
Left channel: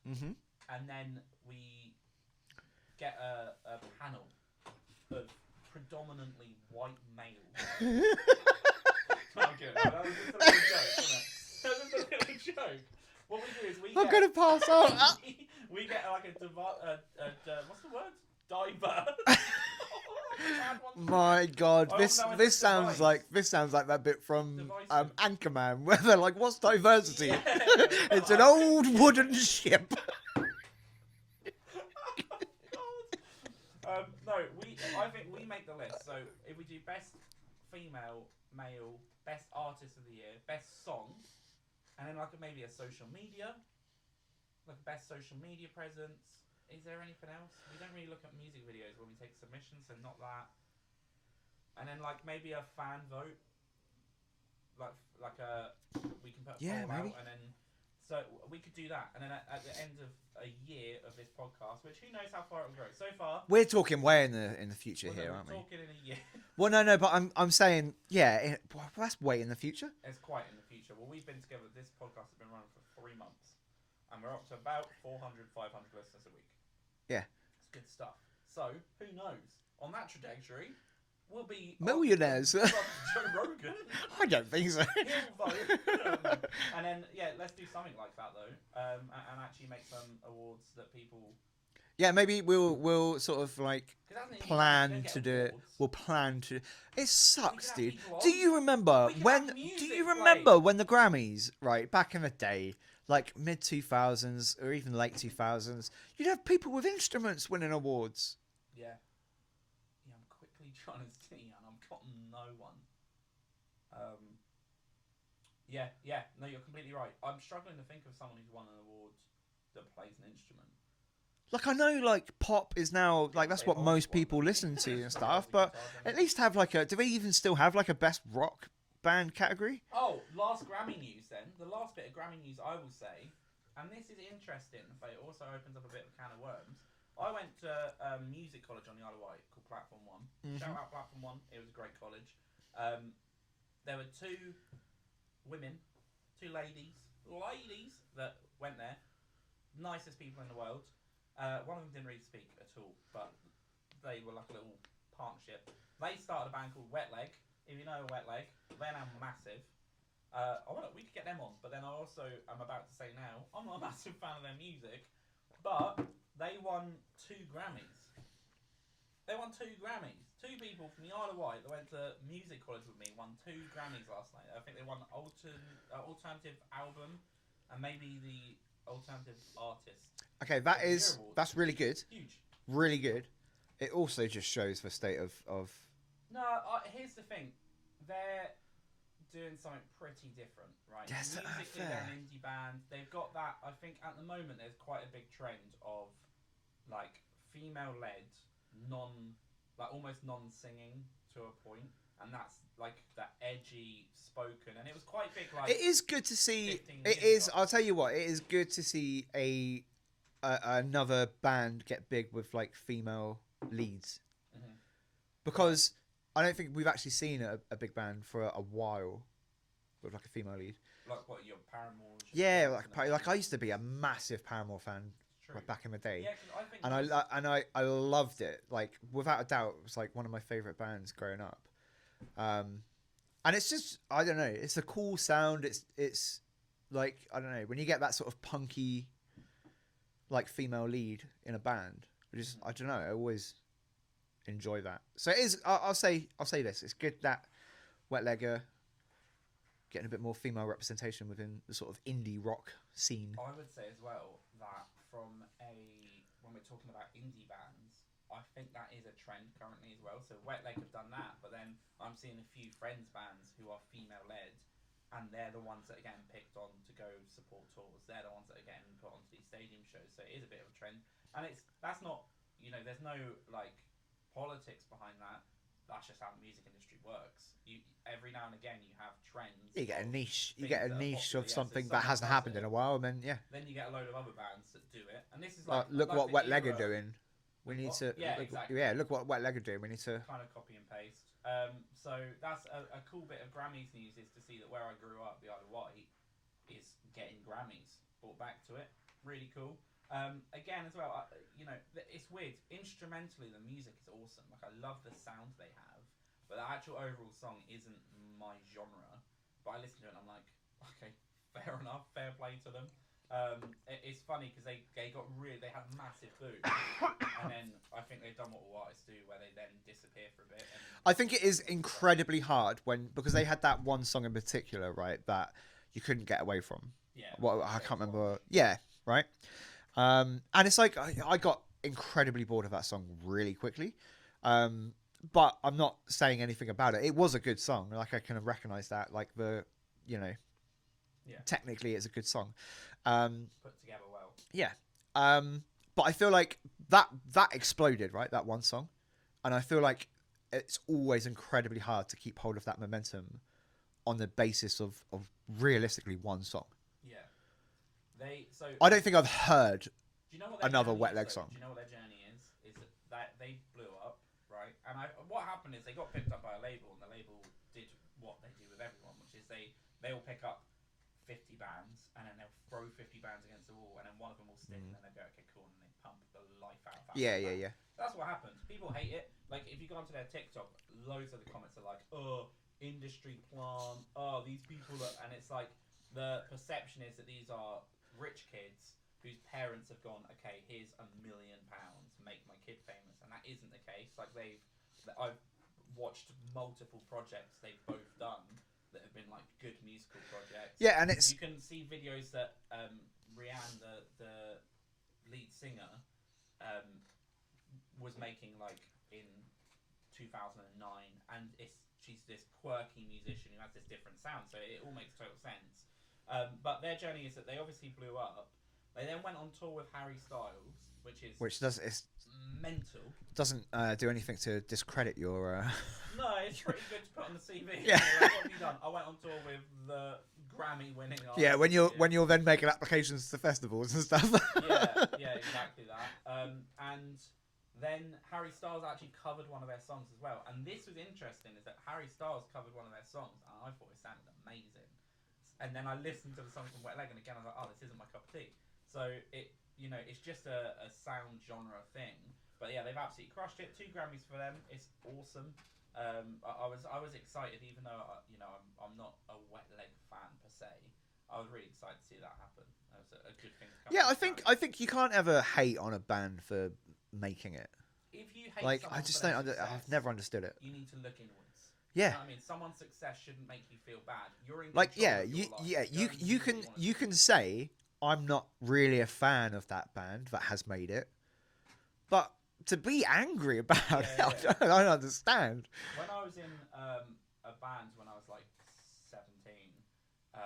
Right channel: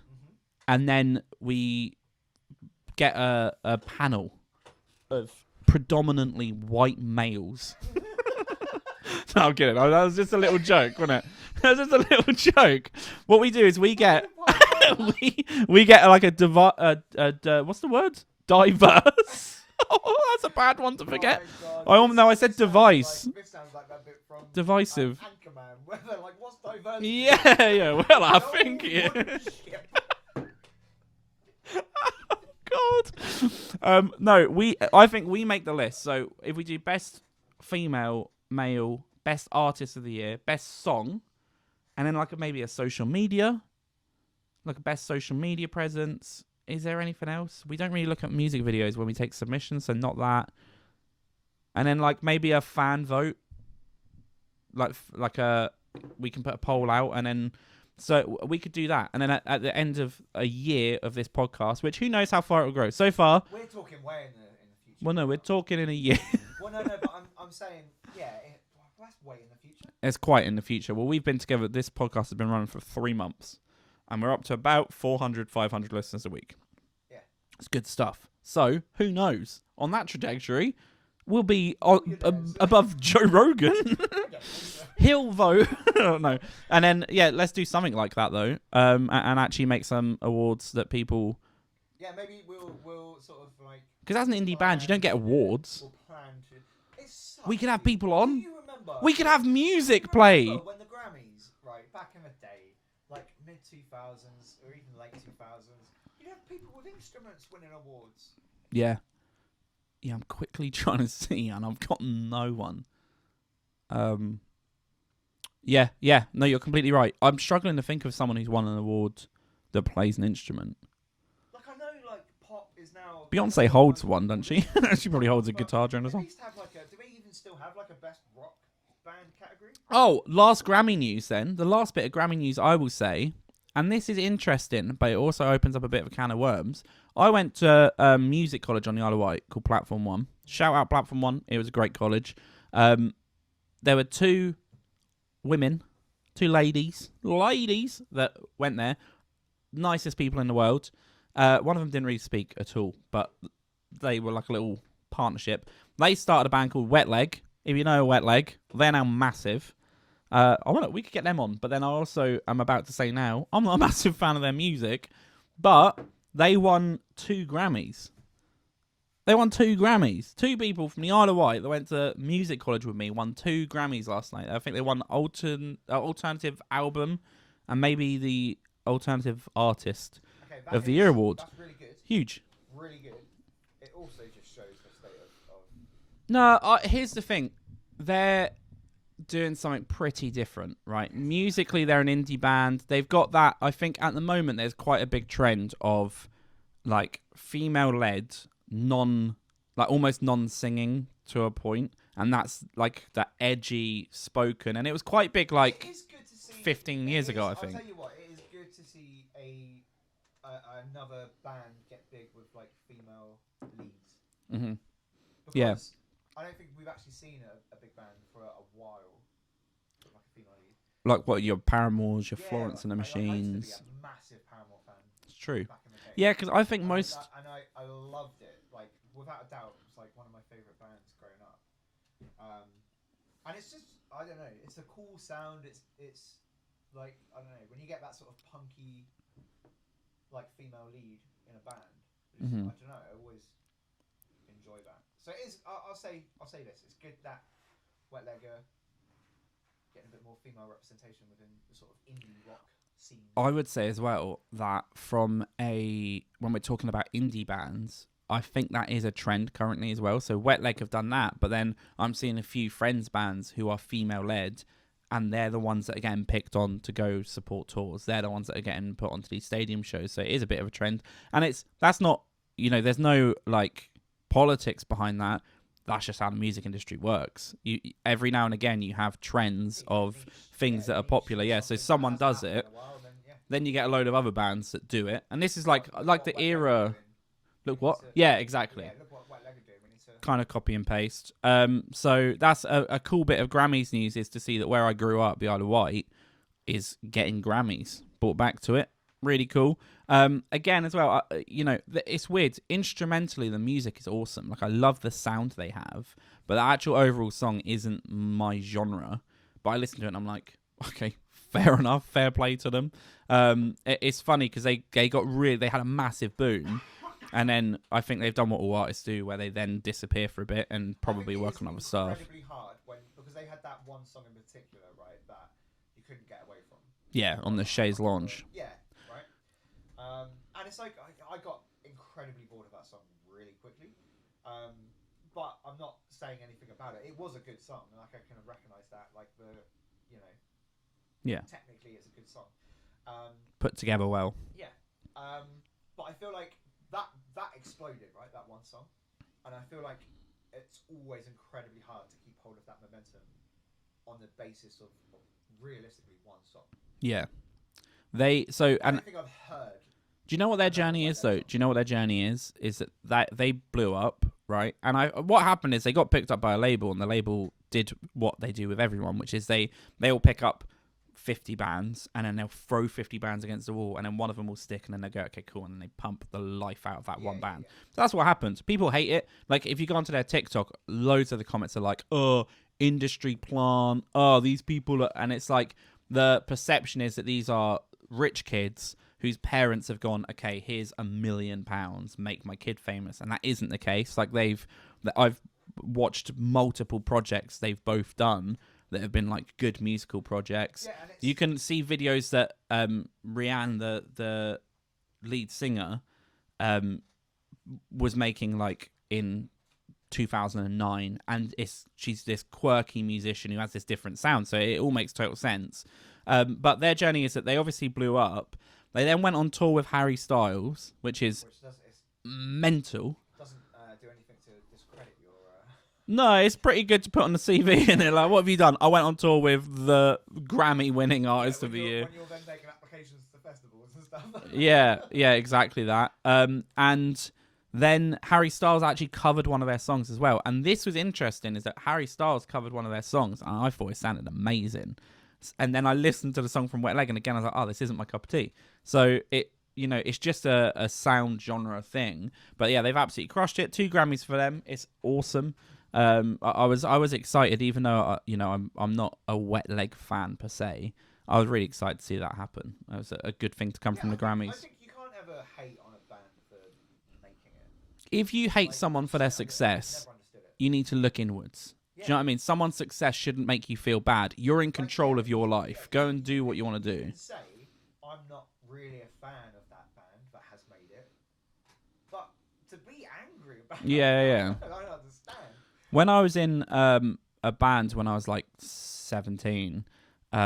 and then we get a panel of predominantly white males. No, I'm kidding. That was just a little joke, wasn't it? That was just a little joke. What we do is we get we get like a what's the word? Diverse. Oh, that's a bad one to forget. My God. I said device. This sounds like that bit from Divisive. Anchorman, where they're like, "What's diversity?" Yeah. Well, it's an old wooden ship. God. No, I think we make the list. So if we do best female, male, best artist of the year, best song, and then like maybe a social media, like a best social media presence. Is there anything else? We don't really look at music videos when we take submissions, so not that. And then like maybe a fan vote, we can put a poll out, and then so we could do that. And then at the end of a year of this podcast, which who knows how far it will grow. So far, we're talking way in the future. Well, no, we're talking in a year. Well, no, but I'm saying, yeah, that's way in the future. It's quite in the future. Well, we've been together. This podcast has been running for 3 months, and we're up to about 400, 500 listeners a week. Yeah, it's good stuff. So who knows? On that trajectory, will be Millionaires. above Joe Rogan. I don't think so. He'll vote. I don't know. And then let's do something like that though. And actually make some awards that people. Yeah, maybe we'll sort of like, because as an indie band, you don't get awards. We'll plan to. It sucks. We could have dude. people on. Do you remember? We could have music do you play. remember when the Grammys, right, back in the day, like mid 2000s or even late 2000s, you'd have people with instruments winning awards. Yeah. Yeah, I'm quickly trying to see, and I've got no one. Yeah. No, you're completely right. I'm struggling to think of someone who's won an award that plays an instrument. Like, I know, like, pop is now... Beyonce like, holds one, doesn't she? She probably holds a but guitar during at least have, like, a... Do they even still have, like, a best rock band category? Oh, last Grammy news, then. The last bit of Grammy news, I will say, and this is interesting, but it also opens up a bit of a can of worms. I went to a music college on the Isle of Wight called Platform 1. Shout out Platform 1. It was a great college. There were two women, two ladies that went there. Nicest people in the world. One of them didn't really speak at all, but they were like a little partnership. They started a band called Wet Leg. If you know Wet Leg, they're now massive. We could get them on, but then I also am about to say now, I'm not a massive fan of their music, but they won 2 Grammys. They won 2 Grammys. 2 people from the Isle of Wight that went to music college with me won 2 Grammys last night. I think they won alternative album and maybe the alternative artist of the year awards. That's really good. Huge. Really good. It also just shows the state of... No, here's the thing. They're doing something pretty different, right? Yes. Musically, they're an indie band. They've got that. I think at the moment, there's quite a big trend of like female-led, almost non-singing to a point. And that's like that edgy spoken. And it was quite big, like, it is good to see 15 years ago. I'll tell you what, it is good to see another band get big with like female leads. Mm-hmm. Because I don't think we've actually seen a big band for a while with like a female lead. Like what, your Paramours, your Florence and the Machines. Like I used to be a massive Paramore fan. It's true. Back in the day. Yeah, because I think I loved it. Like, without a doubt, it was like one of my favourite bands growing up. And it's just, I don't know, it's a cool sound. It's like, I don't know, when you get that sort of punky, like, female lead in a band, which is, I don't know, I always enjoy that. So it is, I'll say this, it's good that Wet Leg are getting a bit more female representation within the sort of indie rock scene. I would say as well that when we're talking about indie bands, I think that is a trend currently as well. So Wet Leg have done that, but then I'm seeing a few friends bands who are female-led, and they're the ones that are getting picked on to go support tours. They're the ones that are getting put onto these stadium shows. So it is a bit of a trend. And that's not, there's no, like, politics behind that. That's just how the music industry works. Every now and again, you have trends of things that are popular. Yeah, so someone does it. Then you get a load of other bands that do it. And this is like the era... Look what? Yeah, exactly. Yeah, look what Wet Leg are doing. We need to kind of copy and paste. So that's a cool bit of Grammys news, is to see that where I grew up, the Isle of Wight, is getting Grammys brought back to it. Really cool. Again, as well, it's weird. Instrumentally, the music is awesome. Like, I love the sound they have, but the actual overall song isn't my genre. But I listen to it and I'm like, okay, fair enough, fair play to them. It's funny because they had a massive boom. And then I think they've done what all artists do, where they then disappear for a bit and probably I think it work is on other incredibly stuff. hard because they had that one song in particular, right, that you couldn't get away from. Yeah, on the Chaise Lounge. Yeah, right. And it's like I got incredibly bored of that song really quickly. But I'm not saying anything about it. It was a good song. Like, I kind of recognize that. Like, technically it's a good song. Put together well. Yeah. But I feel like that exploded, right? That one song. And I feel like it's always incredibly hard to keep hold of that momentum on the basis of realistically one song. Yeah. I don't think I've heard. Do you know what their journey is, though? Song. Do you know what their journey is? Is that they blew up, right? And what happened is they got picked up by a label, and the label did what they do with everyone, which is they all pick up 50 bands, and then they'll throw 50 bands against the wall, and then one of them will stick, and then they go, okay, cool, and then they pump the life out of that one band. So that's what happens. People hate it. Like, if you go onto their TikTok, loads of the comments are like, oh, industry plant, oh, these people are... And it's like, the perception is that these are rich kids whose parents have gone, okay, here's £1 million, make my kid famous. And that isn't the case. Like, I've watched multiple projects they've both done that have been like good musical projects. Yeah, and you can see videos that Rihanna, the lead singer, was making like in 2009, and she's this quirky musician who has this different sound, so it all makes total sense. But their journey is that they obviously blew up. They then went on tour with Harry Styles, which mental. Doesn't do anything to discredit your... No, it's pretty good to put on the CV. And you're like, what have you done? I went on tour with the Grammy-winning artist. Yeah, when you're then making applications to festivals and stuff. yeah, exactly that. And then Harry Styles actually covered one of their songs as well. And this was interesting, is that Harry Styles covered one of their songs, and I thought it sounded amazing. And then I listened to the song from Wet Leg, and again I was like, oh, this isn't my cup of tea. So it's just a sound genre thing. But yeah, they've absolutely crushed it. 2 Grammys for them. It's awesome. I was excited, even though I'm not a Wet Leg fan per se. I was really excited to see that happen. It was a good thing to come from the Grammys. I think you can't ever hate on a band for making it. If you hate someone for their success, I've never understood it. You need to look inwards. Yeah. Do you know what I mean? Someone's success shouldn't make you feel bad. You're in control of your life. Yeah, Go and do what you want to do. You can say, I'm not really a fan of that band that has made it. But to be angry about it, I don't understand. When I was in a band when I was like 17,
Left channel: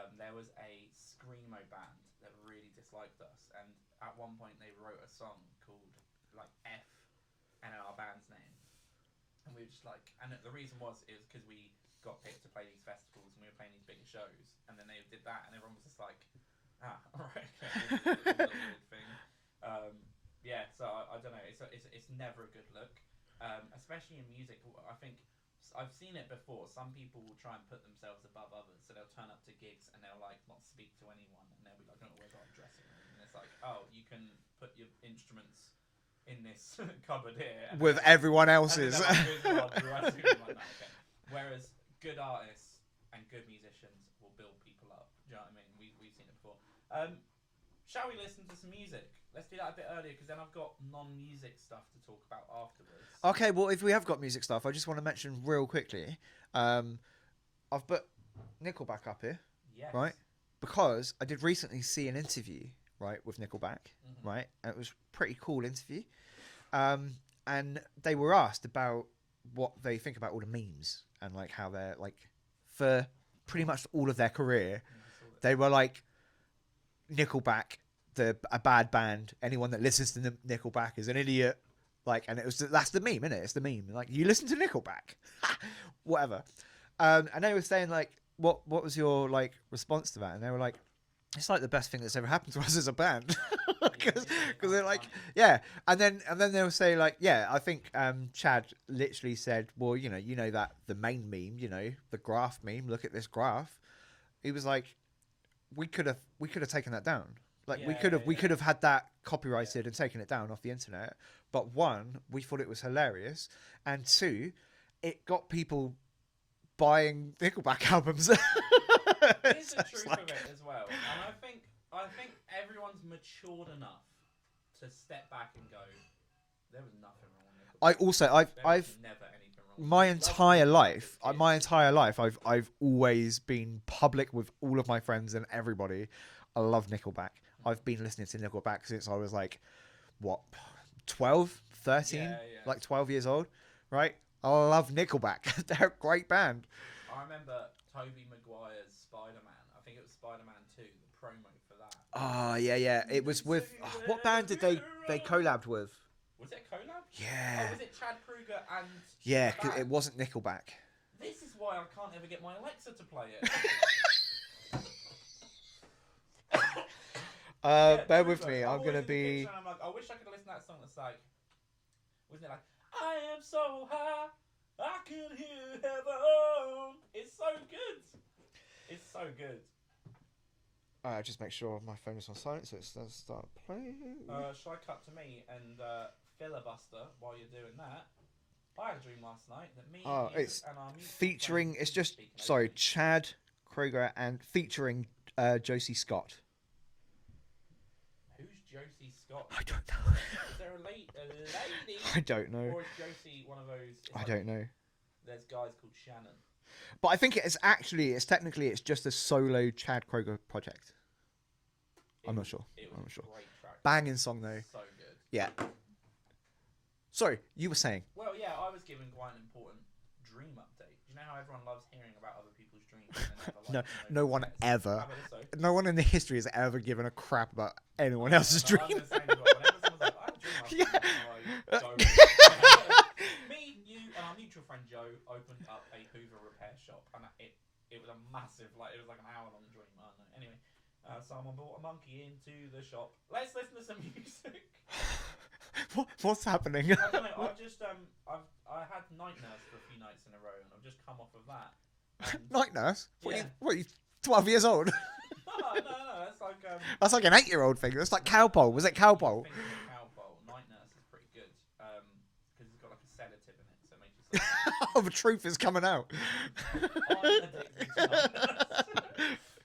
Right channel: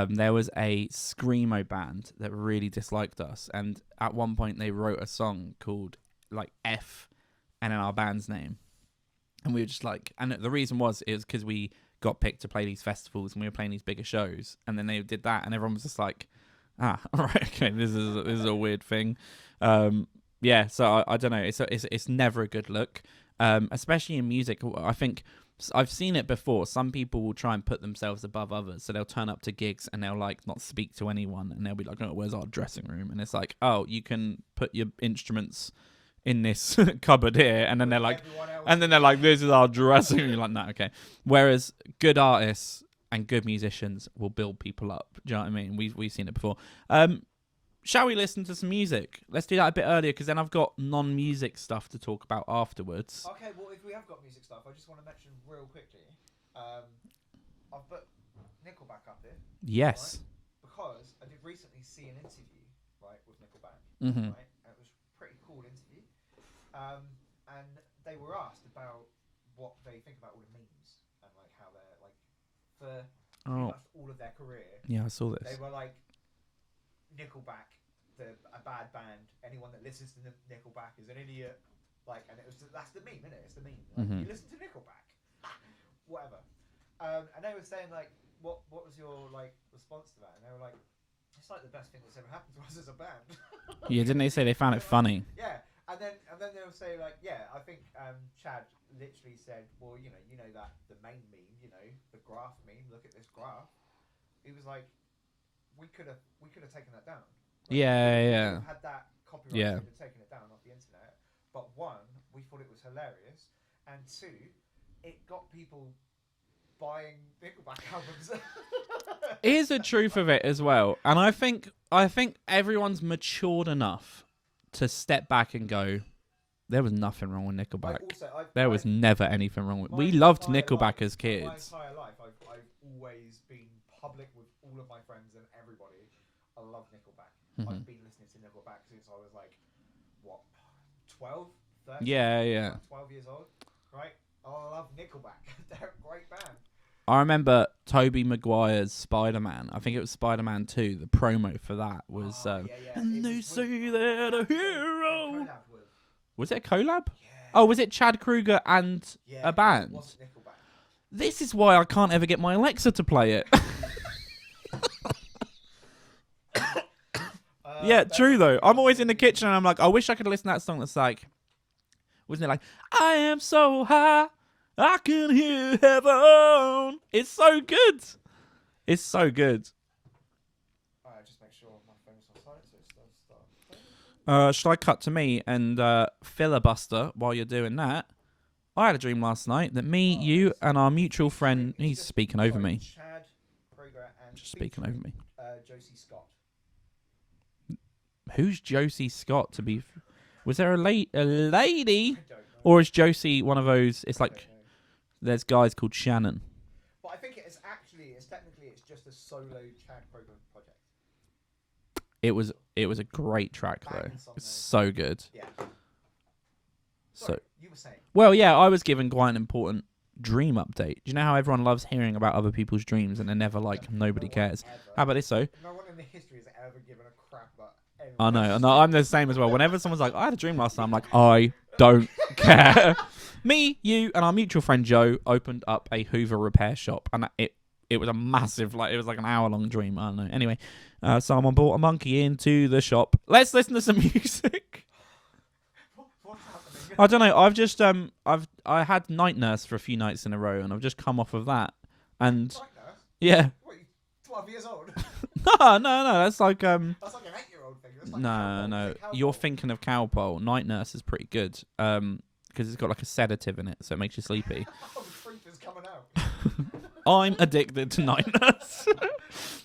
there was a screamo band that really disliked us. And at one point they wrote a song called like F and then our band's name. And we were just like, and the reason was because we got picked to play these festivals and we were playing these bigger shows. And then they did that, and everyone was just like, all right, okay, this is a weird thing. Yeah, so I don't know. It's never a good look, especially in music. I think I've seen it before. Some people will try and put themselves above others, so they'll turn up to gigs and they'll like not speak to anyone, and they'll be like, "Oh, where's our dressing room?" And it's like, "Oh, you can put your instruments in this cupboard here," and then they're like, everyone else, and then they're like, "This is our dressing room." You're like, no, okay. Whereas good artists and good musicians will build people up. Do you know what I mean? We've seen it before. Shall we listen to some music? Let's do that a bit earlier, because then I've got non-music stuff to talk about afterwards. Okay, well, if we have got music stuff, I just want to mention real quickly. I've put Nickelback up here. Yes. Right? Because I did recently see an interview, right, with Nickelback, right? And it was a pretty cool interview. And they were asked about what they think about all the memes and like how they're like, for pretty much all of their career. Yeah, I saw this. They were like, Nickelback, a bad band. Anyone that listens to Nickelback is an idiot. Like, and that's the meme, isn't it? It's the meme. Like, you listen to Nickelback, whatever. And they were saying like, what was your like response to that? And they were like, it's like the best thing that's ever happened to us as a band. Yeah, didn't they say they found it funny? Yeah, and then they'll say like, yeah, I think Chad literally said, well, you know that the main meme, the graph meme. Look at this graph. He was like, we could have taken that down. Like, we could have had that copyrighted and taken it down off the internet. But 1, we thought it was hilarious, and 2, it got people buying Nickelback albums. Here's the truth of it as well, and I think everyone's matured enough to step back and go, there was nothing wrong with Nickelback. There was never anything wrong with it. We loved Nickelback as kids. My entire life, I've always been public with all of my friends and everybody. I love Nickelback. I've been listening to Nickelback since I was like, 12, 13? Yeah. Like 12 years old, right? I love Nickelback. They're a great band. I remember Tobey Maguire's Spider-Man. I think it was Spider-Man 2. The promo for that was... yeah. It was with... What band did they collabed with? Was it a collab? Yeah. Oh, was it Chad Kroeger and a band? It wasn't Nickelback. This is why I can't ever get my Alexa to play it. Yeah, true though. I'm always in the kitchen and I'm like, I wish I could listen to that song that's like... Wasn't it like, I am so high, I can hear heaven. It's so good. It's so good. Just make sure my phone is on silent so it does start playing. Should I cut to me and filibuster while you're doing that? I had a dream last night that me, you, and our mutual friend. He's just speaking over me. Chad Kroger and featuring Josie Scott. Who's Josie Scott? Was there a lady? I don't know. Or is Josie one of those? It's I like don't know. There's guys called Shannon. But I think it's technically just a solo Chad Kroger project. It was a great track. Banging song though. So good. Yeah. Sorry, you were saying. Well, yeah, I was given quite an important dream update. Do you know how everyone loves hearing about other people's dreams and they're never like nobody cares? Ever. How about this though? No one in the history has ever given a crap about anyone I know. else's No, dream. I'm the same as well. Whenever someone's like, I had a dream last night, I'm like, I don't care. Me, you, and our mutual friend Joe opened up a Hoover repair shop, and it was a massive, it was like an hour-long dream. I don't know. Anyway, someone brought a monkey into the shop. Let's listen to some music. What's happening? I don't know. I've just I had night nurse for a few nights in a row, and I've just come off of that. And Night nurse? yeah. What, you 12 years old? No. That's like That's like an 8-year-old thing. That's like no, Cowpole. no. Was it Cowpole? You're thinking of Cowpole. Night nurse is pretty good. Because it's got like a sedative in it, so it makes you sleepy. Oh, the truth is coming out. I'm addicted to night nurse.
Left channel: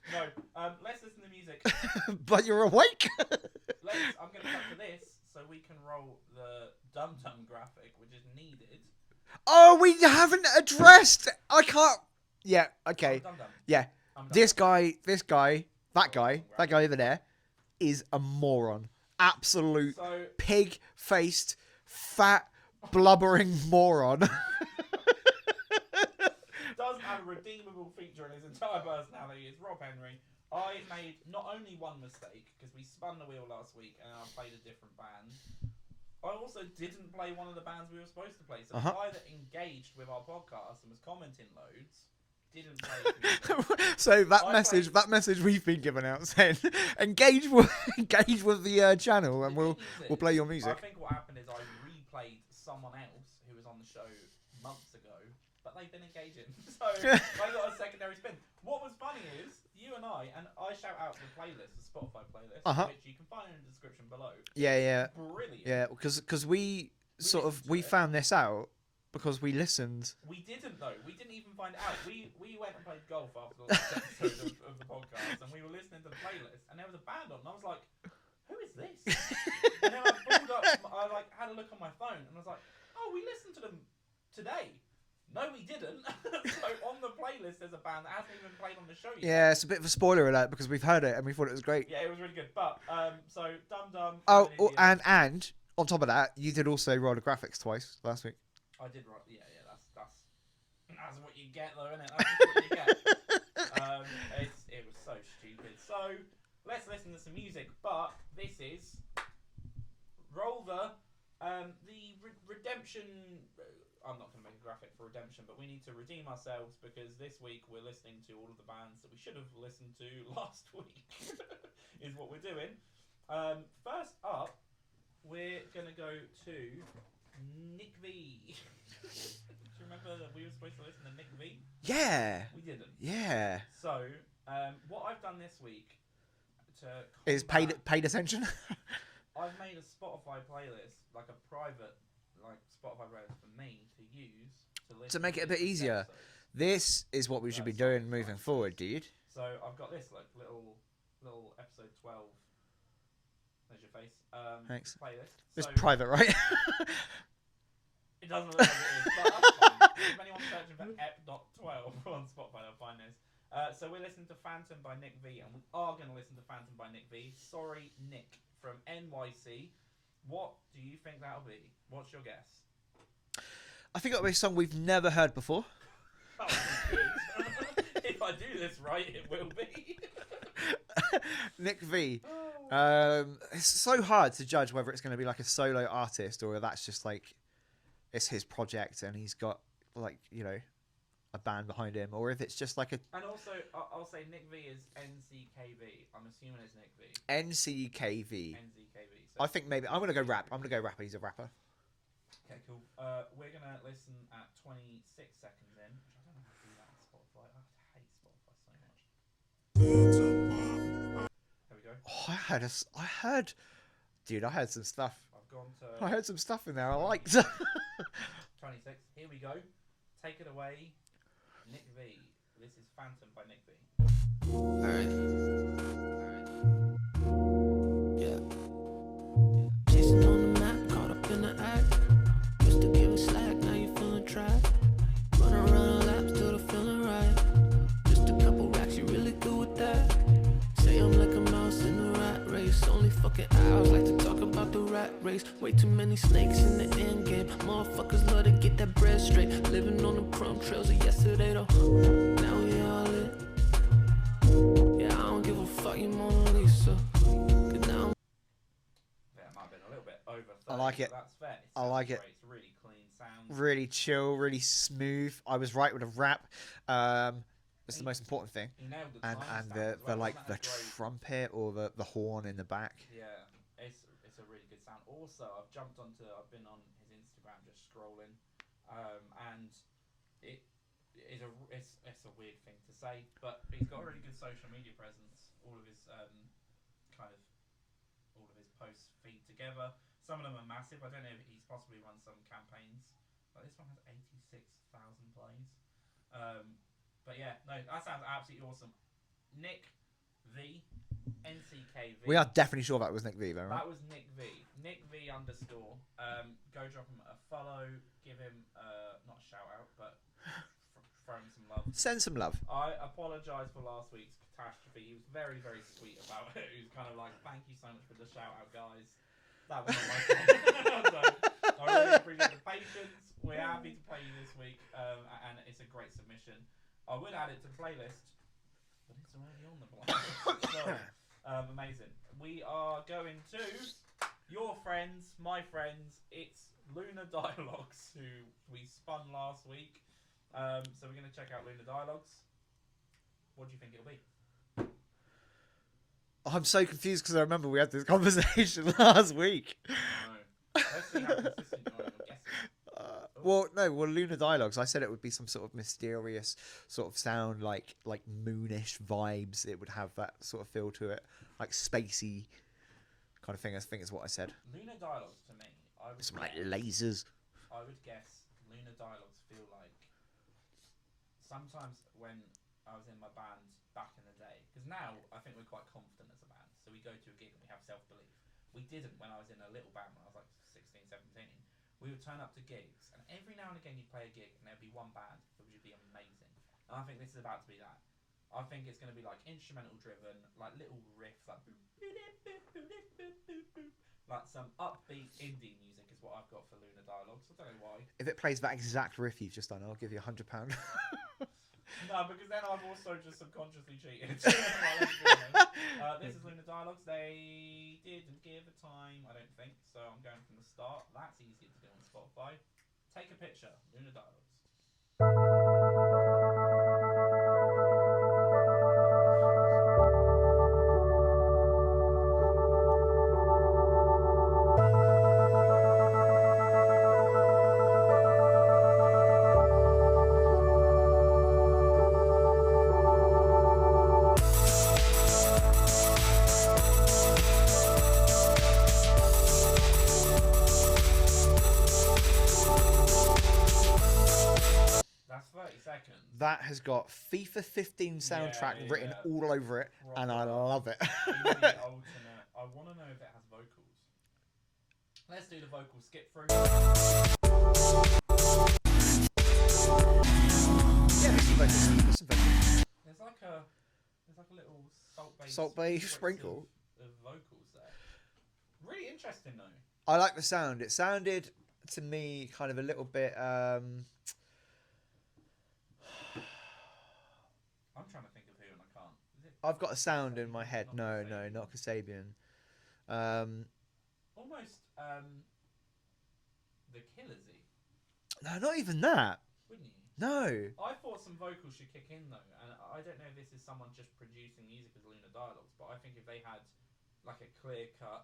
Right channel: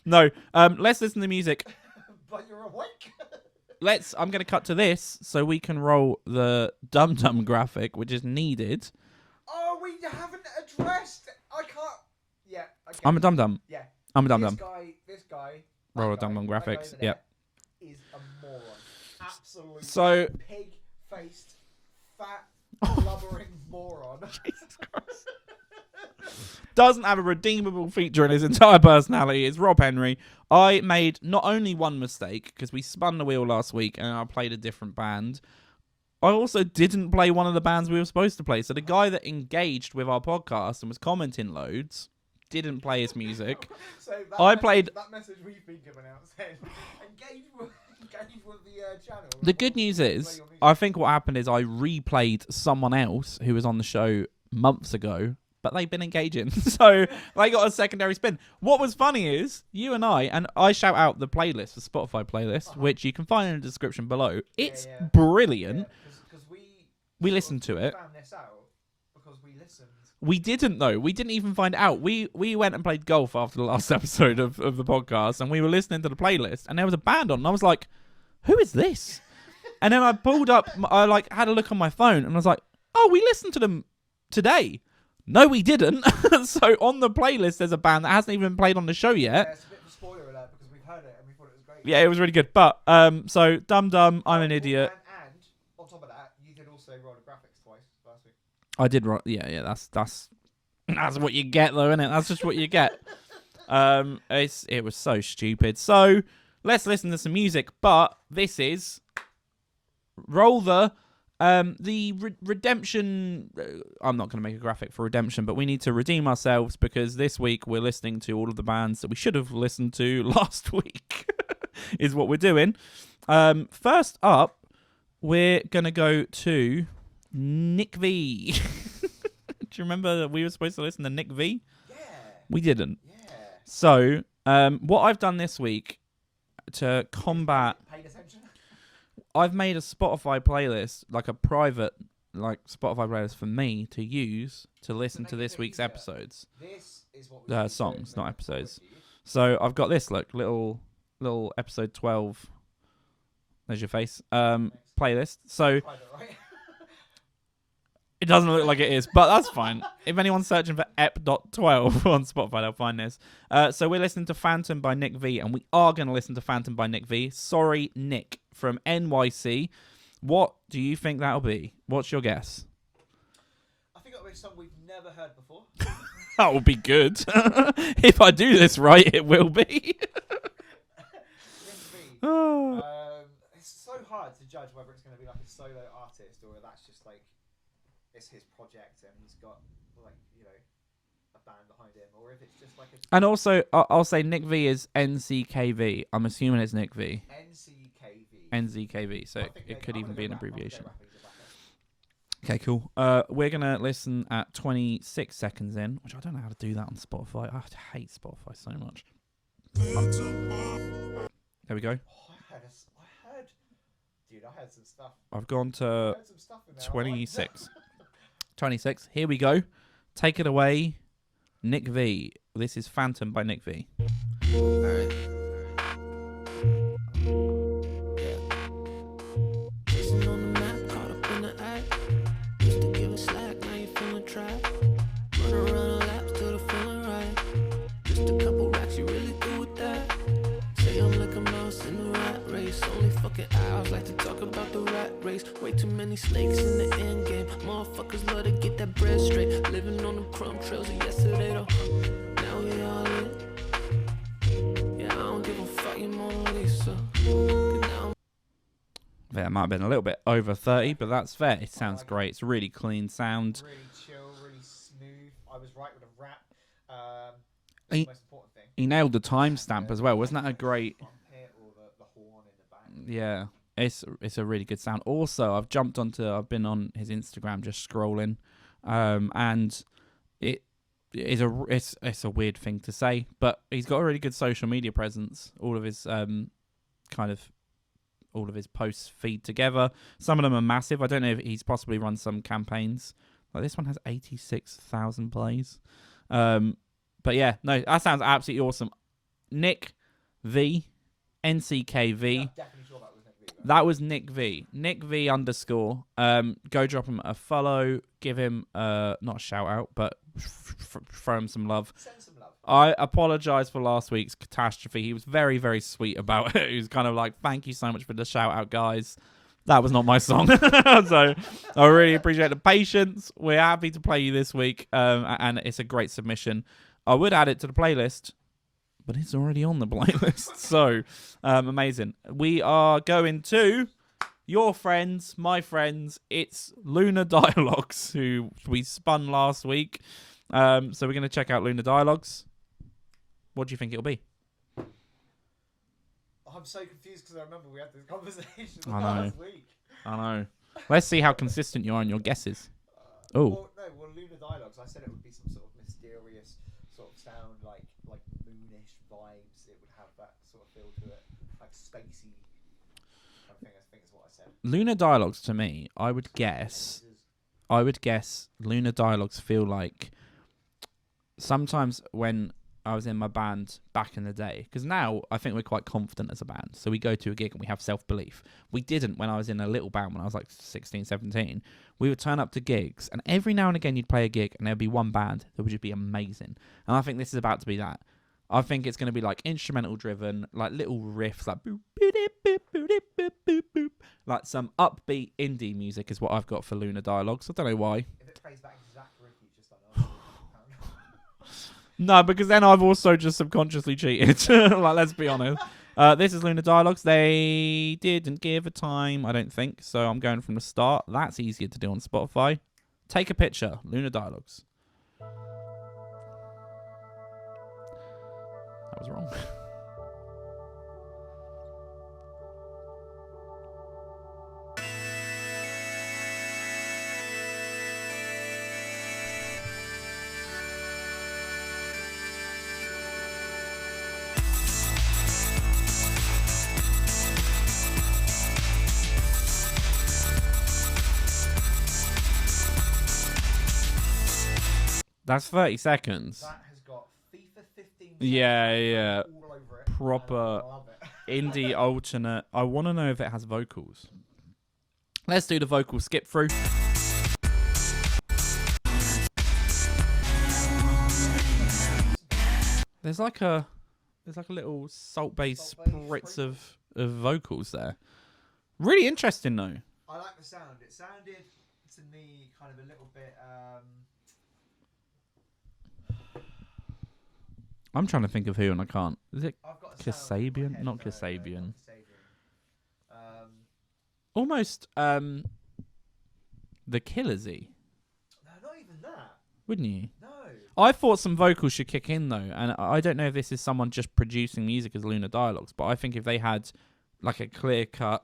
No, let's listen to music. But you're awake. I'm going to cut to this so we can roll the Dum Dum graphic, which is needed. Oh, we haven't addressed. I can't. Yeah. Okay. I'm a Dum Dum. Yeah. I'm a Dum Dum. This guy, that guy over there, is a moron. Absolute pig-faced, fat, blubbering moron. Doesn't have a redeemable feature in his entire personality. It's Rob Henry. I made not only one mistake, because we spun the wheel last week and I played a different band. I also didn't play one of the bands we were supposed to play. So the guy that engaged with our podcast and was commenting loads didn't play his music. So that message we've been giving out saying engage with the channel. The good news is, I think what happened is I replayed someone else who was on the show months ago, but they've been engaging, so they got a secondary spin. What was funny is you and I shout out the playlist, the Spotify playlist, which you can find in the description below. It's brilliant. Yeah, because we listened to it. We found this out. Because we listened. We didn't, though. We didn't even find out. We went and played golf after the last episode of the podcast, and we were listening to the playlist, and there was a band on, and I was like, who is this? And then I pulled up, I had a look on my phone, and I was like, oh, we listened to them today. No, we didn't. So on the playlist, there's a band that hasn't even been played on the show yet. Yeah, it's a bit of a spoiler alert because we've heard it, and we thought it was great. Yeah, it was really good. But, so, Dum Dum, I'm an idiot. And on top of that, you did also roll the graphics twice last week. I did right. Yeah. That's what you get, though, isn't it? That's just what you get. It was so stupid. So let's listen to some music. But this is roll the redemption. I'm not going to make a graphic for redemption, but we need to redeem ourselves because this week we're listening to all of the bands that we should have listened to last week. Is what we're doing. First up, we're gonna go to Nckv. Do you remember that we were supposed to listen to Nckv? Yeah. We didn't. Yeah. So, what I've done this week to combat... Paid attention? I've made a Spotify playlist, like a private Spotify playlist for me to use to listen to this week's episodes. This is what we should be doing moving forward, dude. So, I've got this, look, little episode 12... There's your face. Playlist. So it's private, right? It doesn't look like it is, but that's fine. If anyone's searching for ep.12 on Spotify, they'll find this. So we're listening to Phantom by Nckv, and we are going to listen to Phantom by Nckv. Sorry, Nick from NYC. What do you think that'll be? What's your guess? I think it'll be a song we've never heard before. That will be good. If I do this right, it will be. Nckv. It's so hard to judge whether it's going to be like a solo artist or that's just like it's his project and he's got a band behind him, or if it's just like a. And also, I'll say Nckv is Nckv. I'm assuming it's Nckv. Nckv. So I think maybe I'm going to go rap. I'm going to go rapper. He's a rapper. Okay, cool. We're going to listen at 26 seconds in, which I don't know how to do that on Spotify. I hate Spotify so much. There we go. Oh, dude, I heard some stuff. I've gone I to heard some stuff in there. 26. 26. Here we go. Take it away, Nckv. This is Phantom by Nckv. Alright. Yeah. Chasing on the map, caught up in the act. Used to give a slack, now you feeling trapped. Run around laps till the feeling right. Just a couple racks, you really good with that? Say I'm like a mouse in the rat race. Only fucking hours like to talk about the rat race. Way too many snakes in the end game. Motherfuckers love to get that bread straight. Living on them crumb trails of yesterday though. Now we all lit. Yeah, I don't give a fuck, you Mona Lisa. 'Cause now That might have been a little bit over 30, like but it. that's fair. It sounds like it. great. It's really clean sound. Really chill, really smooth. I was right with a rap. That's the most important thing. He nailed the And timestamp as well. Wasn't like, that a the great... trumpet or the horn in the back? Yeah, it's a really good sound. Also, I've been on his Instagram just scrolling, and it's a weird thing to say, but he's got a really good social media presence. All of his posts feed together. Some of them are massive. I don't know if he's possibly run some campaigns. Like this one has 86,000 plays. But yeah, no, that sounds absolutely awesome. Nckv, Nckv. We are definitely sure that was Nckv, though. That was Nckv. Nckv_. Go drop him a follow. Give him not a shout out, but throw him some love. Send some love. I apologise for last week's catastrophe. He was very, very sweet about it. He was kind of like, thank you so much for the shout out, guys. That was not my song. So I really appreciate the patience. We're happy to play you this week. And it's a great submission. I would add it to the playlist, but it's already on the playlist. So amazing. We are going to your friends, my friends. It's Lunar Dialogues, who we spun last week. So we're going to check out Lunar Dialogues. What do you think it'll be? I'm so confused because I remember we had this conversation last week. I know. Let's see how consistent you are in your guesses. Well, Lunar Dialogues. I said it would be some sort of mysterious sort of sound, like moonish vibes. It would have that sort of feel to it, like spacey kind of thing. I think is what I said. Lunar Dialogues to me, I would guess. Like lasers. I would guess Lunar Dialogues feel like sometimes when I was in my band back in the day, because now I think we're quite confident as a band, so we go to a gig and we have self-belief. We didn't when I was in a little band when I was like 16, 17. We would turn up to gigs, and every now and again you'd play a gig and there'd be one band that would just be amazing. And I think this is about to be that. I think it's going to be like instrumental driven, like little riffs, like boop, boop, boop, boop, boop, boop, boop. Like some upbeat indie music is what I've got for Lunar Dialogues. I don't know why. If it plays that exact riff you've just done, I'll give you £100. No, because then I've also just subconsciously cheated. Right, let's be honest. This is Lunar Dialogues. They didn't give a time, I don't think. So I'm going from the start. That's easier to do on Spotify. Take a picture. Lunar Dialogues. That was wrong. That's 30 seconds. That has got FIFA 15 soundtrack Yeah. written all over it. Proper and I love it. indie alternate. I want to know if it has vocals. Let's do the vocal skip through. There's like a little salt-based spritz of vocals there. Really interesting though. I like the sound. It sounded to me kind of a little bit. I'm trying to think of who and I can't. Is it I've got a sound in my Kasabian? head. Not No, Kasabian. not Kasabian. Almost the Killersy, No, not even that. wouldn't you? No. I thought some vocals should kick in though, and I don't know if this is someone just producing music as Lunar Dialogues, but I think if they had like a clear cut,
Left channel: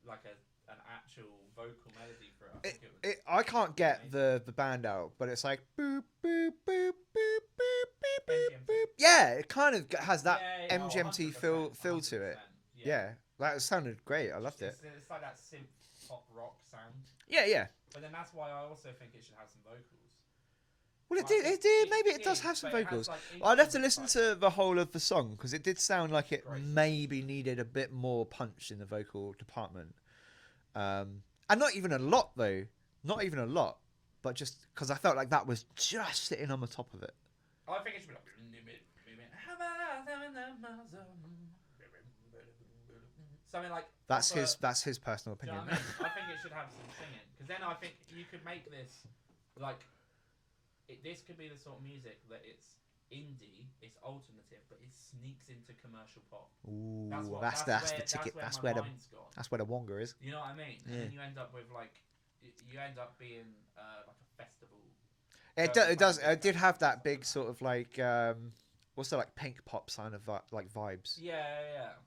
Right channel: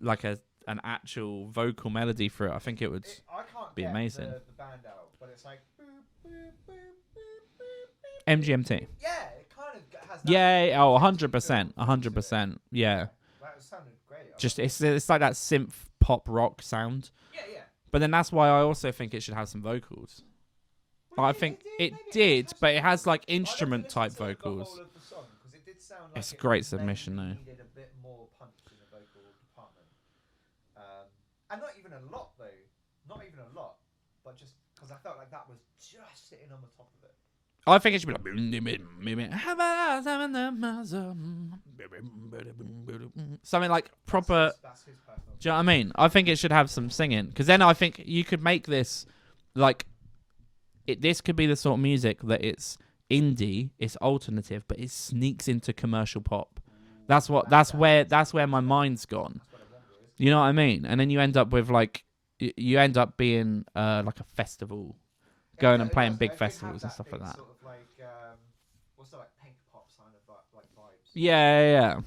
like an actual vocal melody for it, I think it would. I can't be get amazing. the band out, but it's like boop boop boop boop boop boop MGMT. Yeah, it kind of has that. Yeah, MGMT 100%, feel 100%. Yeah. that sounded great. I Just loved it's like that synth pop rock sound. yeah. But then that's why I also think it should have some vocals. Well, I think it maybe did, it does have some but it has vocals. like I'd have to instrument listen type to vocals. the whole of the song because it did sound like It's a it great submission, maybe though. needed a bit more punch in the vocal department. And not even a lot though, not even a lot, but just because I felt like that was just sitting on the top of it. I think it should be like something like proper. That's his personal opinion. Do you know what I mean? I think it should have some singing because then I think you could make this like this could be the sort of music that it's indie, it's alternative, but it sneaks into commercial pop. Ooh, That's where my mind's gone. That's where the Wonga is. You know what I mean? And then you end up with like you end up being like a festival. Going and playing big it did have festivals and that stuff big like that. sort of like what's that, like pink pop sign of like vibes. Yeah,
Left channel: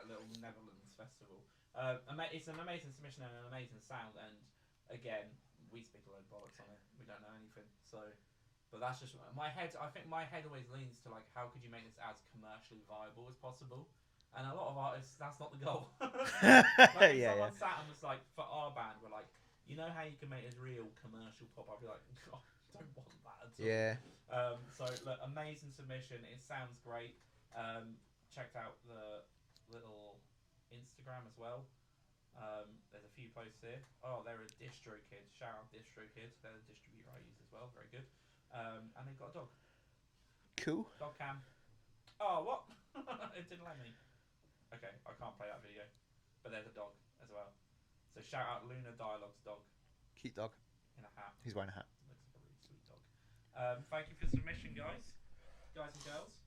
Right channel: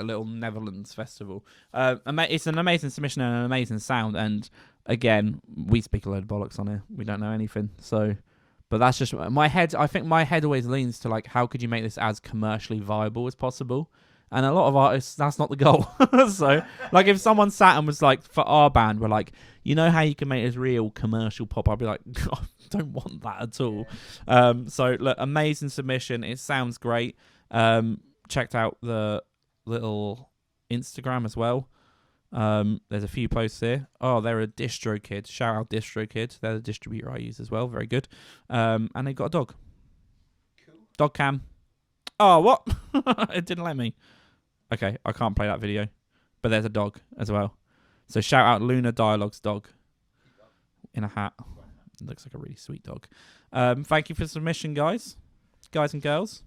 a little Netherlands festival. It's an amazing submission and an amazing sound. And again, we speak a load of bollocks on here. We don't know anything. So, but that's just my head. I think my head always leans to like, how could you make this as commercially viable as possible? And a lot of artists, that's not the goal. So, like, if someone sat and was like, for our band, we're like, you know how you can make this real commercial pop? I'd be like, I don't want that at all. Yeah. So, look, amazing submission. It sounds great. Checked out the little Instagram as well. There's a few posts here. Oh, they're a DistroKid. Shout out DistroKid. They're the distributor I use as well. Very good. And they've got a dog. Cool. Dog cam. Oh, what? It didn't let me. Okay, I can't play that video. But there's a dog as well. So shout out Lunar Dialogues dog. Cute dog. In a hat. He's wearing a hat. Looks like a really sweet dog. Thank you for the submission, guys and girls.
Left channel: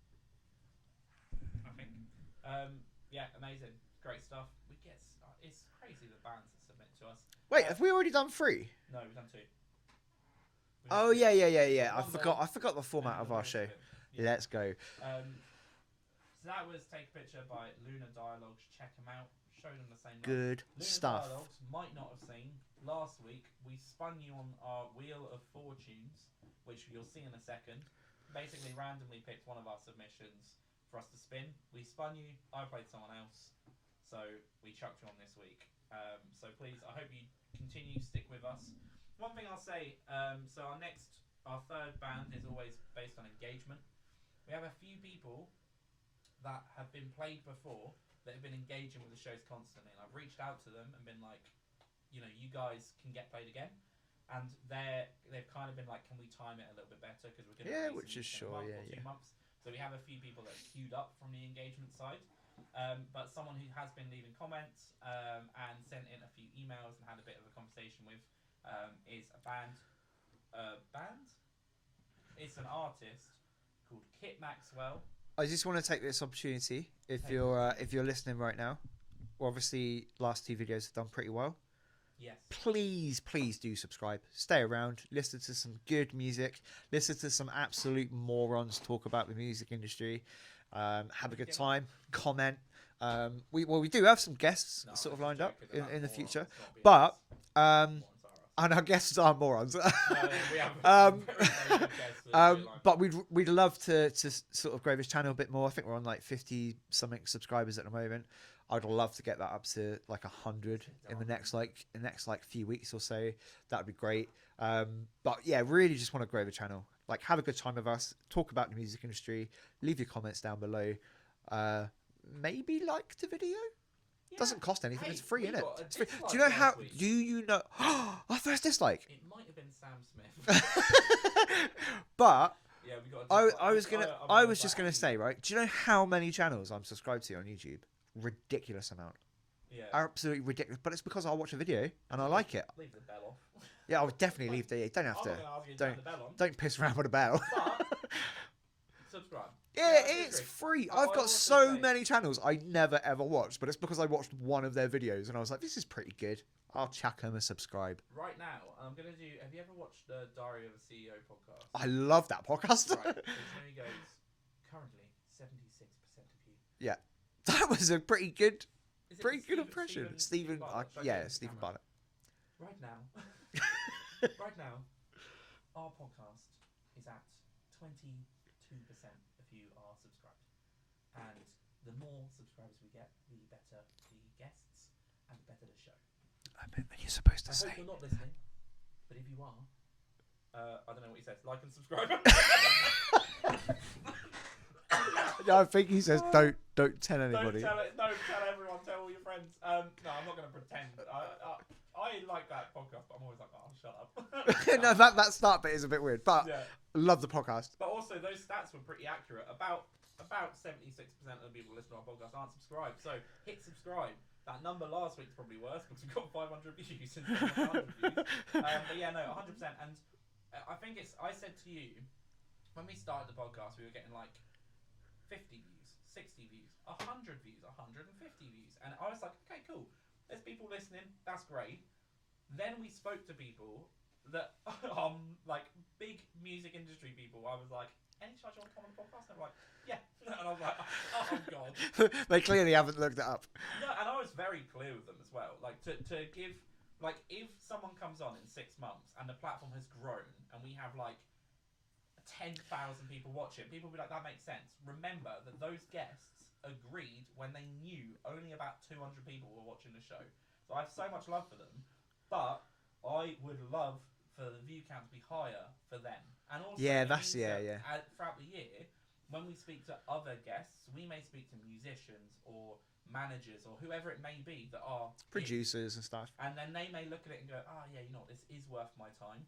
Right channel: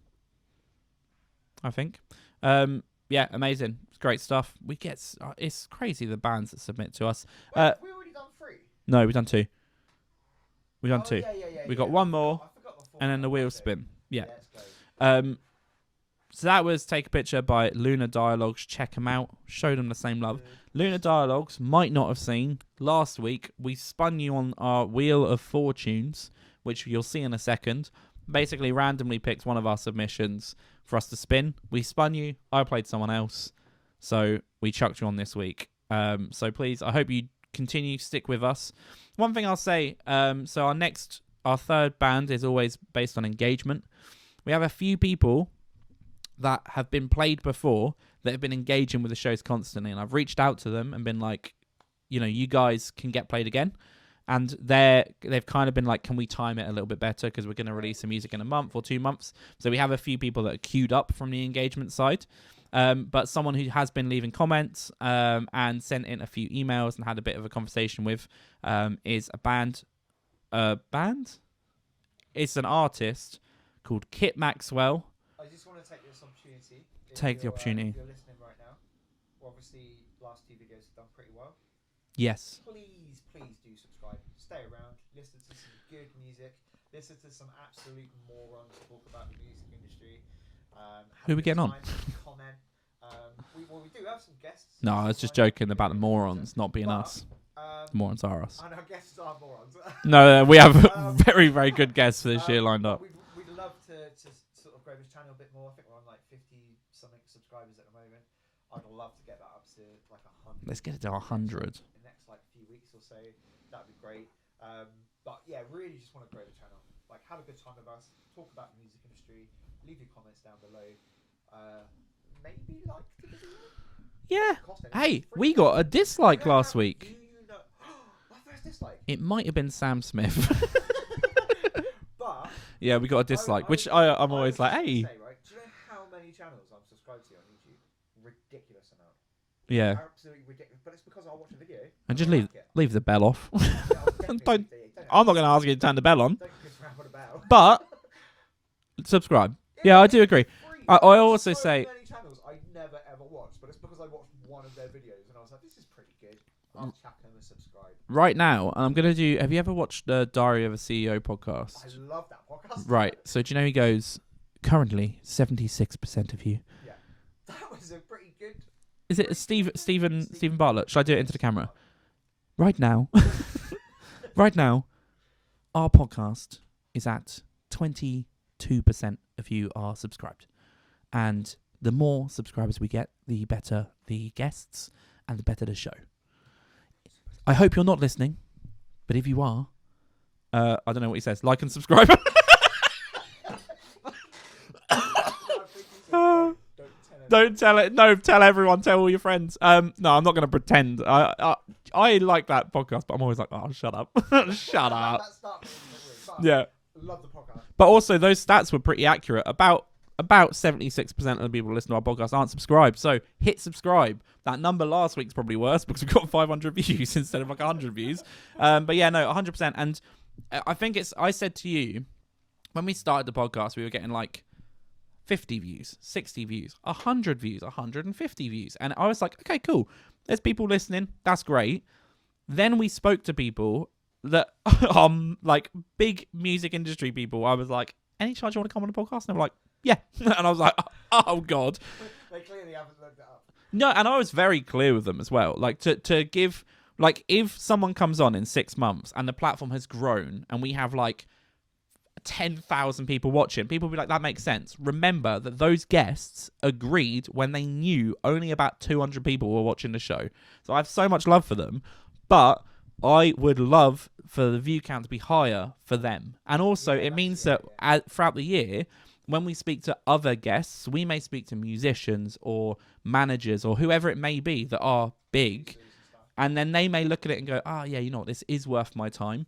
I think. Yeah, amazing. It's great stuff. We get it's crazy the bands that submit to us. Wait, have we already done 3? No, we've done 2. We've done 2. Yeah. We got one more. I forgot the format. And then the of our wheel show. spin. Yeah. Let's go. So that was Take a Picture by Lunar Dialogues. Check them out. Show them the same love. Good Lunar stuff. Dialogues might not have seen. Last week, we spun you on our Wheel of Fortunes, which you'll see in a second. Basically, randomly picked one of our submissions for us to spin. We spun you. I played someone else. So we chucked you on this week. So please, I hope you continue to stick with us. One thing I'll say, so our third band is always based on engagement. We have a few people that have been played before that have been engaging with the shows constantly, and I've reached out to them and been like, you know, you guys can get played again. And they've kind of been like, can we time it a little bit better because we're going to release some music in a month or 2 months. So we have a few people that are queued up from the engagement side. But someone who has been leaving comments and sent in a few emails and had a bit of a conversation with is a band. It's an artist called Kit Maxwell. I just want to take this opportunity. If Take the opportunity. If you're listening right now, obviously last 2 videos have done pretty well. Yes. Please do subscribe. Stay around. Listen to some good music. Listen to some absolute morons talk about the music industry. Have Who a we good getting on? time. Comment. We do have some guests. No, I sort was of just lined up joking about the in morons future. not being But, us. Morons are us. And our guests are morons. No, we have very, very good guests for this year lined but up. we'd love to sort of grow this channel a bit more. I think we're on like 50 something subscribers at the moment. I'd love to get that up to like 100. Let's get it to in the 100. next like few weeks or so. That would be great. But yeah, really just want to grow the channel. Like, have a good time with us. Talk about the music industry. Leave your comments down below. Maybe like the video. Yeah. Doesn't cost anything. Hey, It's free, we isn't got it? a dislike Do you know last week. Do you know? Our first dislike. It might have been Sam Smith. But yeah, we got a dislike, I which was gonna- I'm always like, just gonna hey. say, right? Do you know how many channels I'm subscribed to on YouTube? Ridiculous amount. Yeah. Absolutely ridiculous. But it's because I'll watch a video and And just I like it. leave the bell off. Yeah, I'll definitely Don't- leave the. Don't have I'm not going to ask you to turn the bell on, Don't piss around with a bell. but subscribe. Yeah, I it do is agree. Free. I I've got also so say- many channels I never ever watched, but it's because I watched one of their videos and I was like, this is pretty good. I'll chuck them a subscribe. Right now, I'm going to do... Have you ever watched the Diary of a CEO podcast? I love that podcast. Right. So do you know he goes, currently, 76% of you. Yeah. That was a pretty good... Is it pretty good Stephen impression. Stephen Bartlett? Should I do it Yeah, into the Stephen camera? Bartlett. Right now, right now, our podcast is at 20 2% of you are subscribed. And the more subscribers we get, the better the guests and the better the show. You're supposed to I hope you're not listening, but if you are, I don't know what he says. Like and subscribe. I think he says don't tell anybody. Don't tell it. No, tell everyone. Tell all your friends. No, I'm not going to pretend. I like that podcast, but I'm always like, oh, shut up. Shut up. That start bit is a bit weird, but Yeah. love the podcast. But also, those stats were pretty accurate. About 76% of the people who listen to our podcast aren't subscribed. So hit subscribe. That number last week's probably worse because we got 500 views instead of like 100 views. But yeah, no, 100%. And I think I said to you, when we started the podcast, we were getting like 50 views, 60 views, 100 views, 150 views. And I was like, okay, cool. There's people listening. That's great. Then we spoke to people that like big music industry people. I was like, any chance you want to come on the podcast? And they were like, yeah. And I was like, oh God. They clearly haven't looked it up. No, and I was very clear with them as well. Like to give, like if someone comes on in 6 months and the platform has grown and we have like 10,000 people watching, people will be like, that makes sense. Remember that those guests agreed when they knew only about 200 people were watching the show. So I have so much love for them, but I would love for the view count to be higher for them. And also it means that throughout the year, when we speak to other guests, we may speak to musicians or managers or whoever it may be that are big. Producers and stuff. And then they may look at it and go, yeah, you know what, this is worth my time.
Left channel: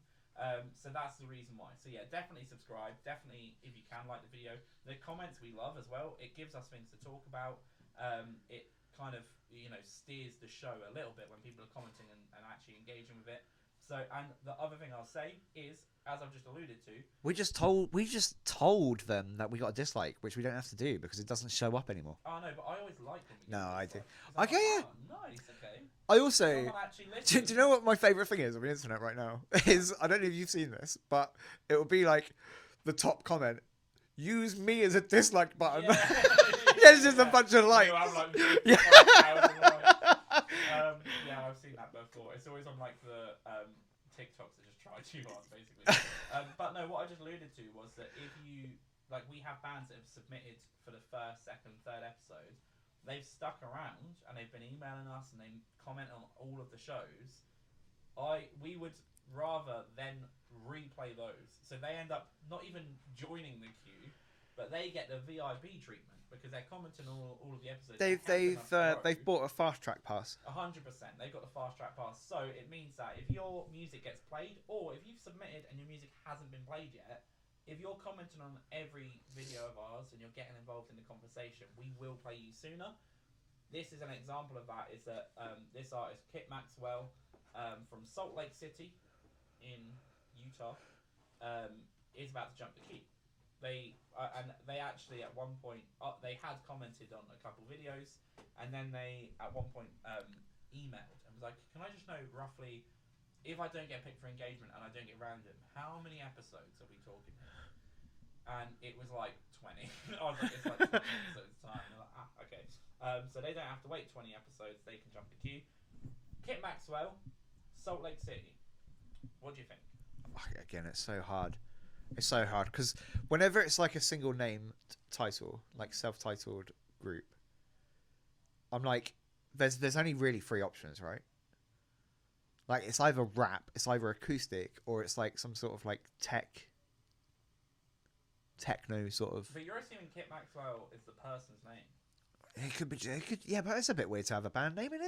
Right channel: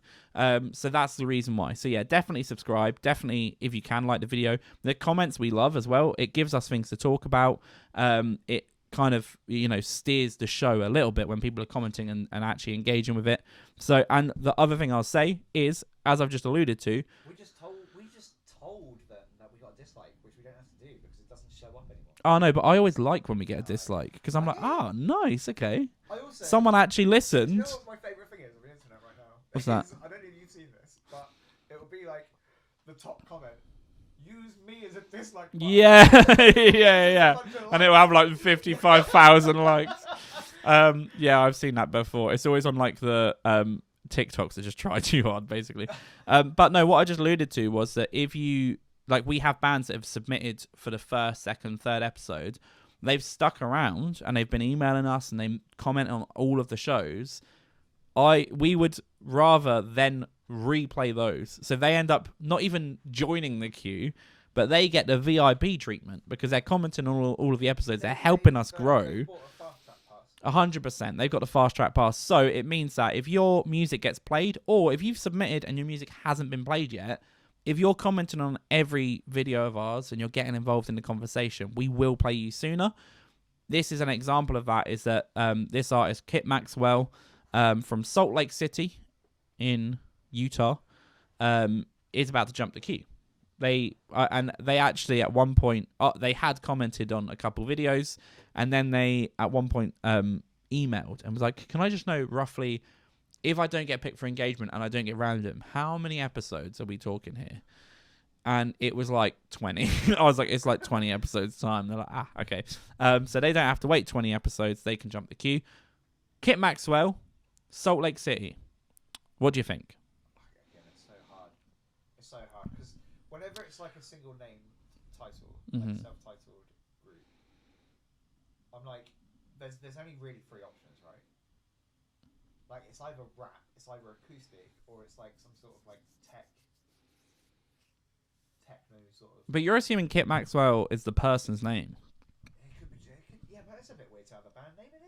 So that's the reason why. So yeah, definitely subscribe. Definitely, if you can, like the video. The comments we love as well. It gives us things to talk about. It kind of, steers the show a little bit when people are commenting and actually engaging with it. So, and the other thing I'll say is, as I've just alluded to, we just told them that we got a dislike, which we don't have to do because it doesn't show up anymore. Oh no, but I always like when we get a dislike because I'm nice, okay. I also someone actually listened. Do you know what my favourite thing is on the internet right now? Is I don't know if you've seen this, but it will be like the top comment. Use me as a dislike button. Yeah, yeah. A bunch of likes. And it will have like 55,000 likes. Yeah, I've seen that before. It's always on like the TikToks that just try too hard, basically. But no, what I just alluded to was that if you like, we have bands that have submitted for the first, second, third episode. They've stuck around and they've been emailing us and they comment on all of the shows. We would rather then replay those, so they end up not even joining the queue, but they get the VIP treatment because they're commenting on all of the episodes. They're helping us grow. They've bought a fast track pass. 100%. They've got the fast track pass, so it means that if your music gets played, or if you've submitted and your music hasn't been played yet, if you're commenting on every video of ours and you're getting involved in the conversation, we will play you sooner. This is an example of that. Is that this artist Maxwell from Salt Lake City in Utah is about to jump the queue. They actually at one point they had commented on a couple videos, and then they at one point emailed and was like, can I just know roughly, if I don't get picked for engagement and I don't get random, how many episodes are we talking here? And it was like 20. I was like, it's like 20 episodes time. They're like, okay. So they don't have to wait 20 episodes. They can jump the queue. Kit Maxwell, Salt Lake City. What do you think? Again, it's so hard. It's so hard because whenever it's like a single name title, like a self-titled group, I'm like, there's only really 3 options, right? Like, it's either rap, it's either acoustic, or it's like some sort of like techno sort of. But you're assuming Kit Maxwell is the person's name. It could be. Yeah, but it's a bit weird to have a band name in it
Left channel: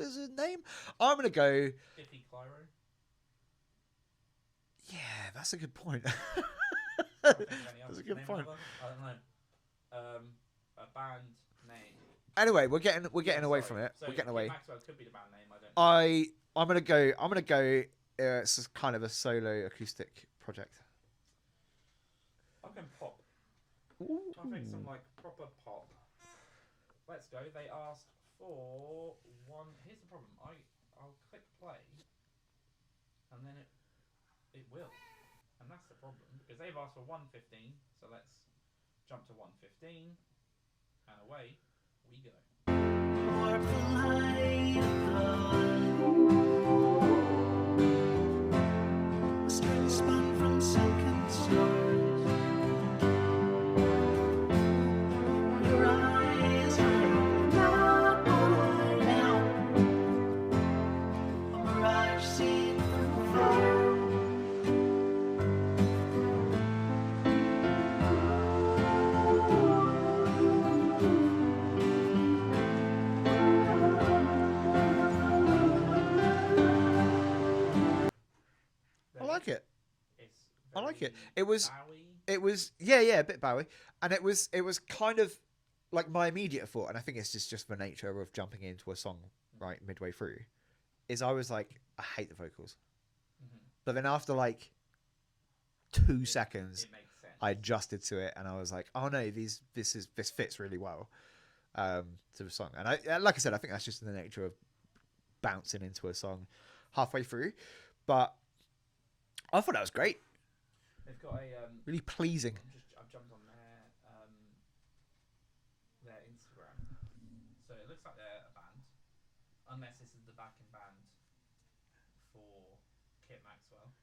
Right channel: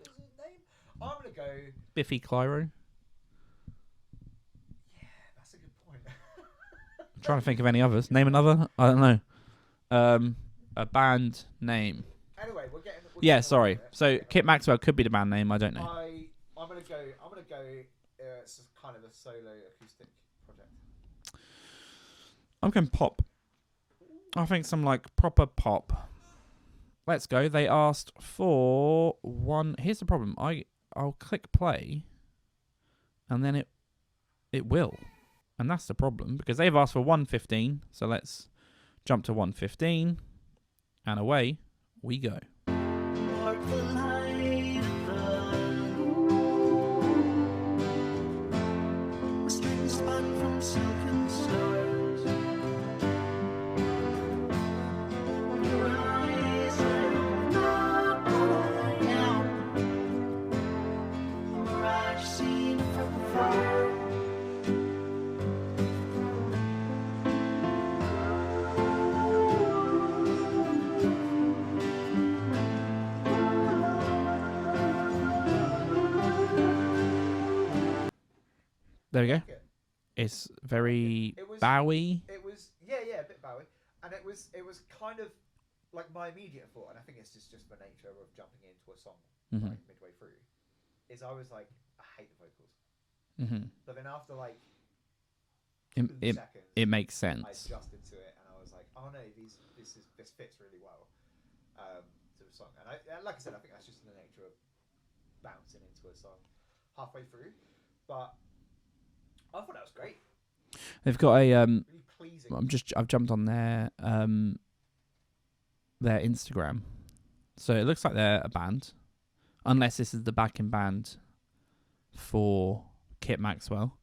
as a name. I'm gonna go Biffy Clyro. Yeah, that's a good point. I'm trying to think of any others. Name another. I don't know. A band name. Anyway, we're getting away from it. So Kit Maxwell could be the band name. I don't know. I'm gonna go. It's kind of a solo acoustic project. I'm going pop. Ooh. I think some like proper pop. Let's go. They asked for one. Here's the problem. I'll click play, and then it will, and that's the problem because they've asked for 115. So let's jump to 115, and away we go. There we I go. like it. It's very It was Bowie. It was a bit Bowie, and it was kind of like my immediate thought, and I think it's just the nature of jumping into a song right midway through. Is I was like, I hate the vocals, but then after like 2 seconds, it makes sense. I adjusted to it, and I was like, oh no, this fits really well to the song, and I like I said, I think that's just in the nature of bouncing into a song halfway through, but I thought that was great. They've got a really pleasing. I've jumped on their Instagram, so it looks like they're a band, unless this is the backing band for Kit Maxwell.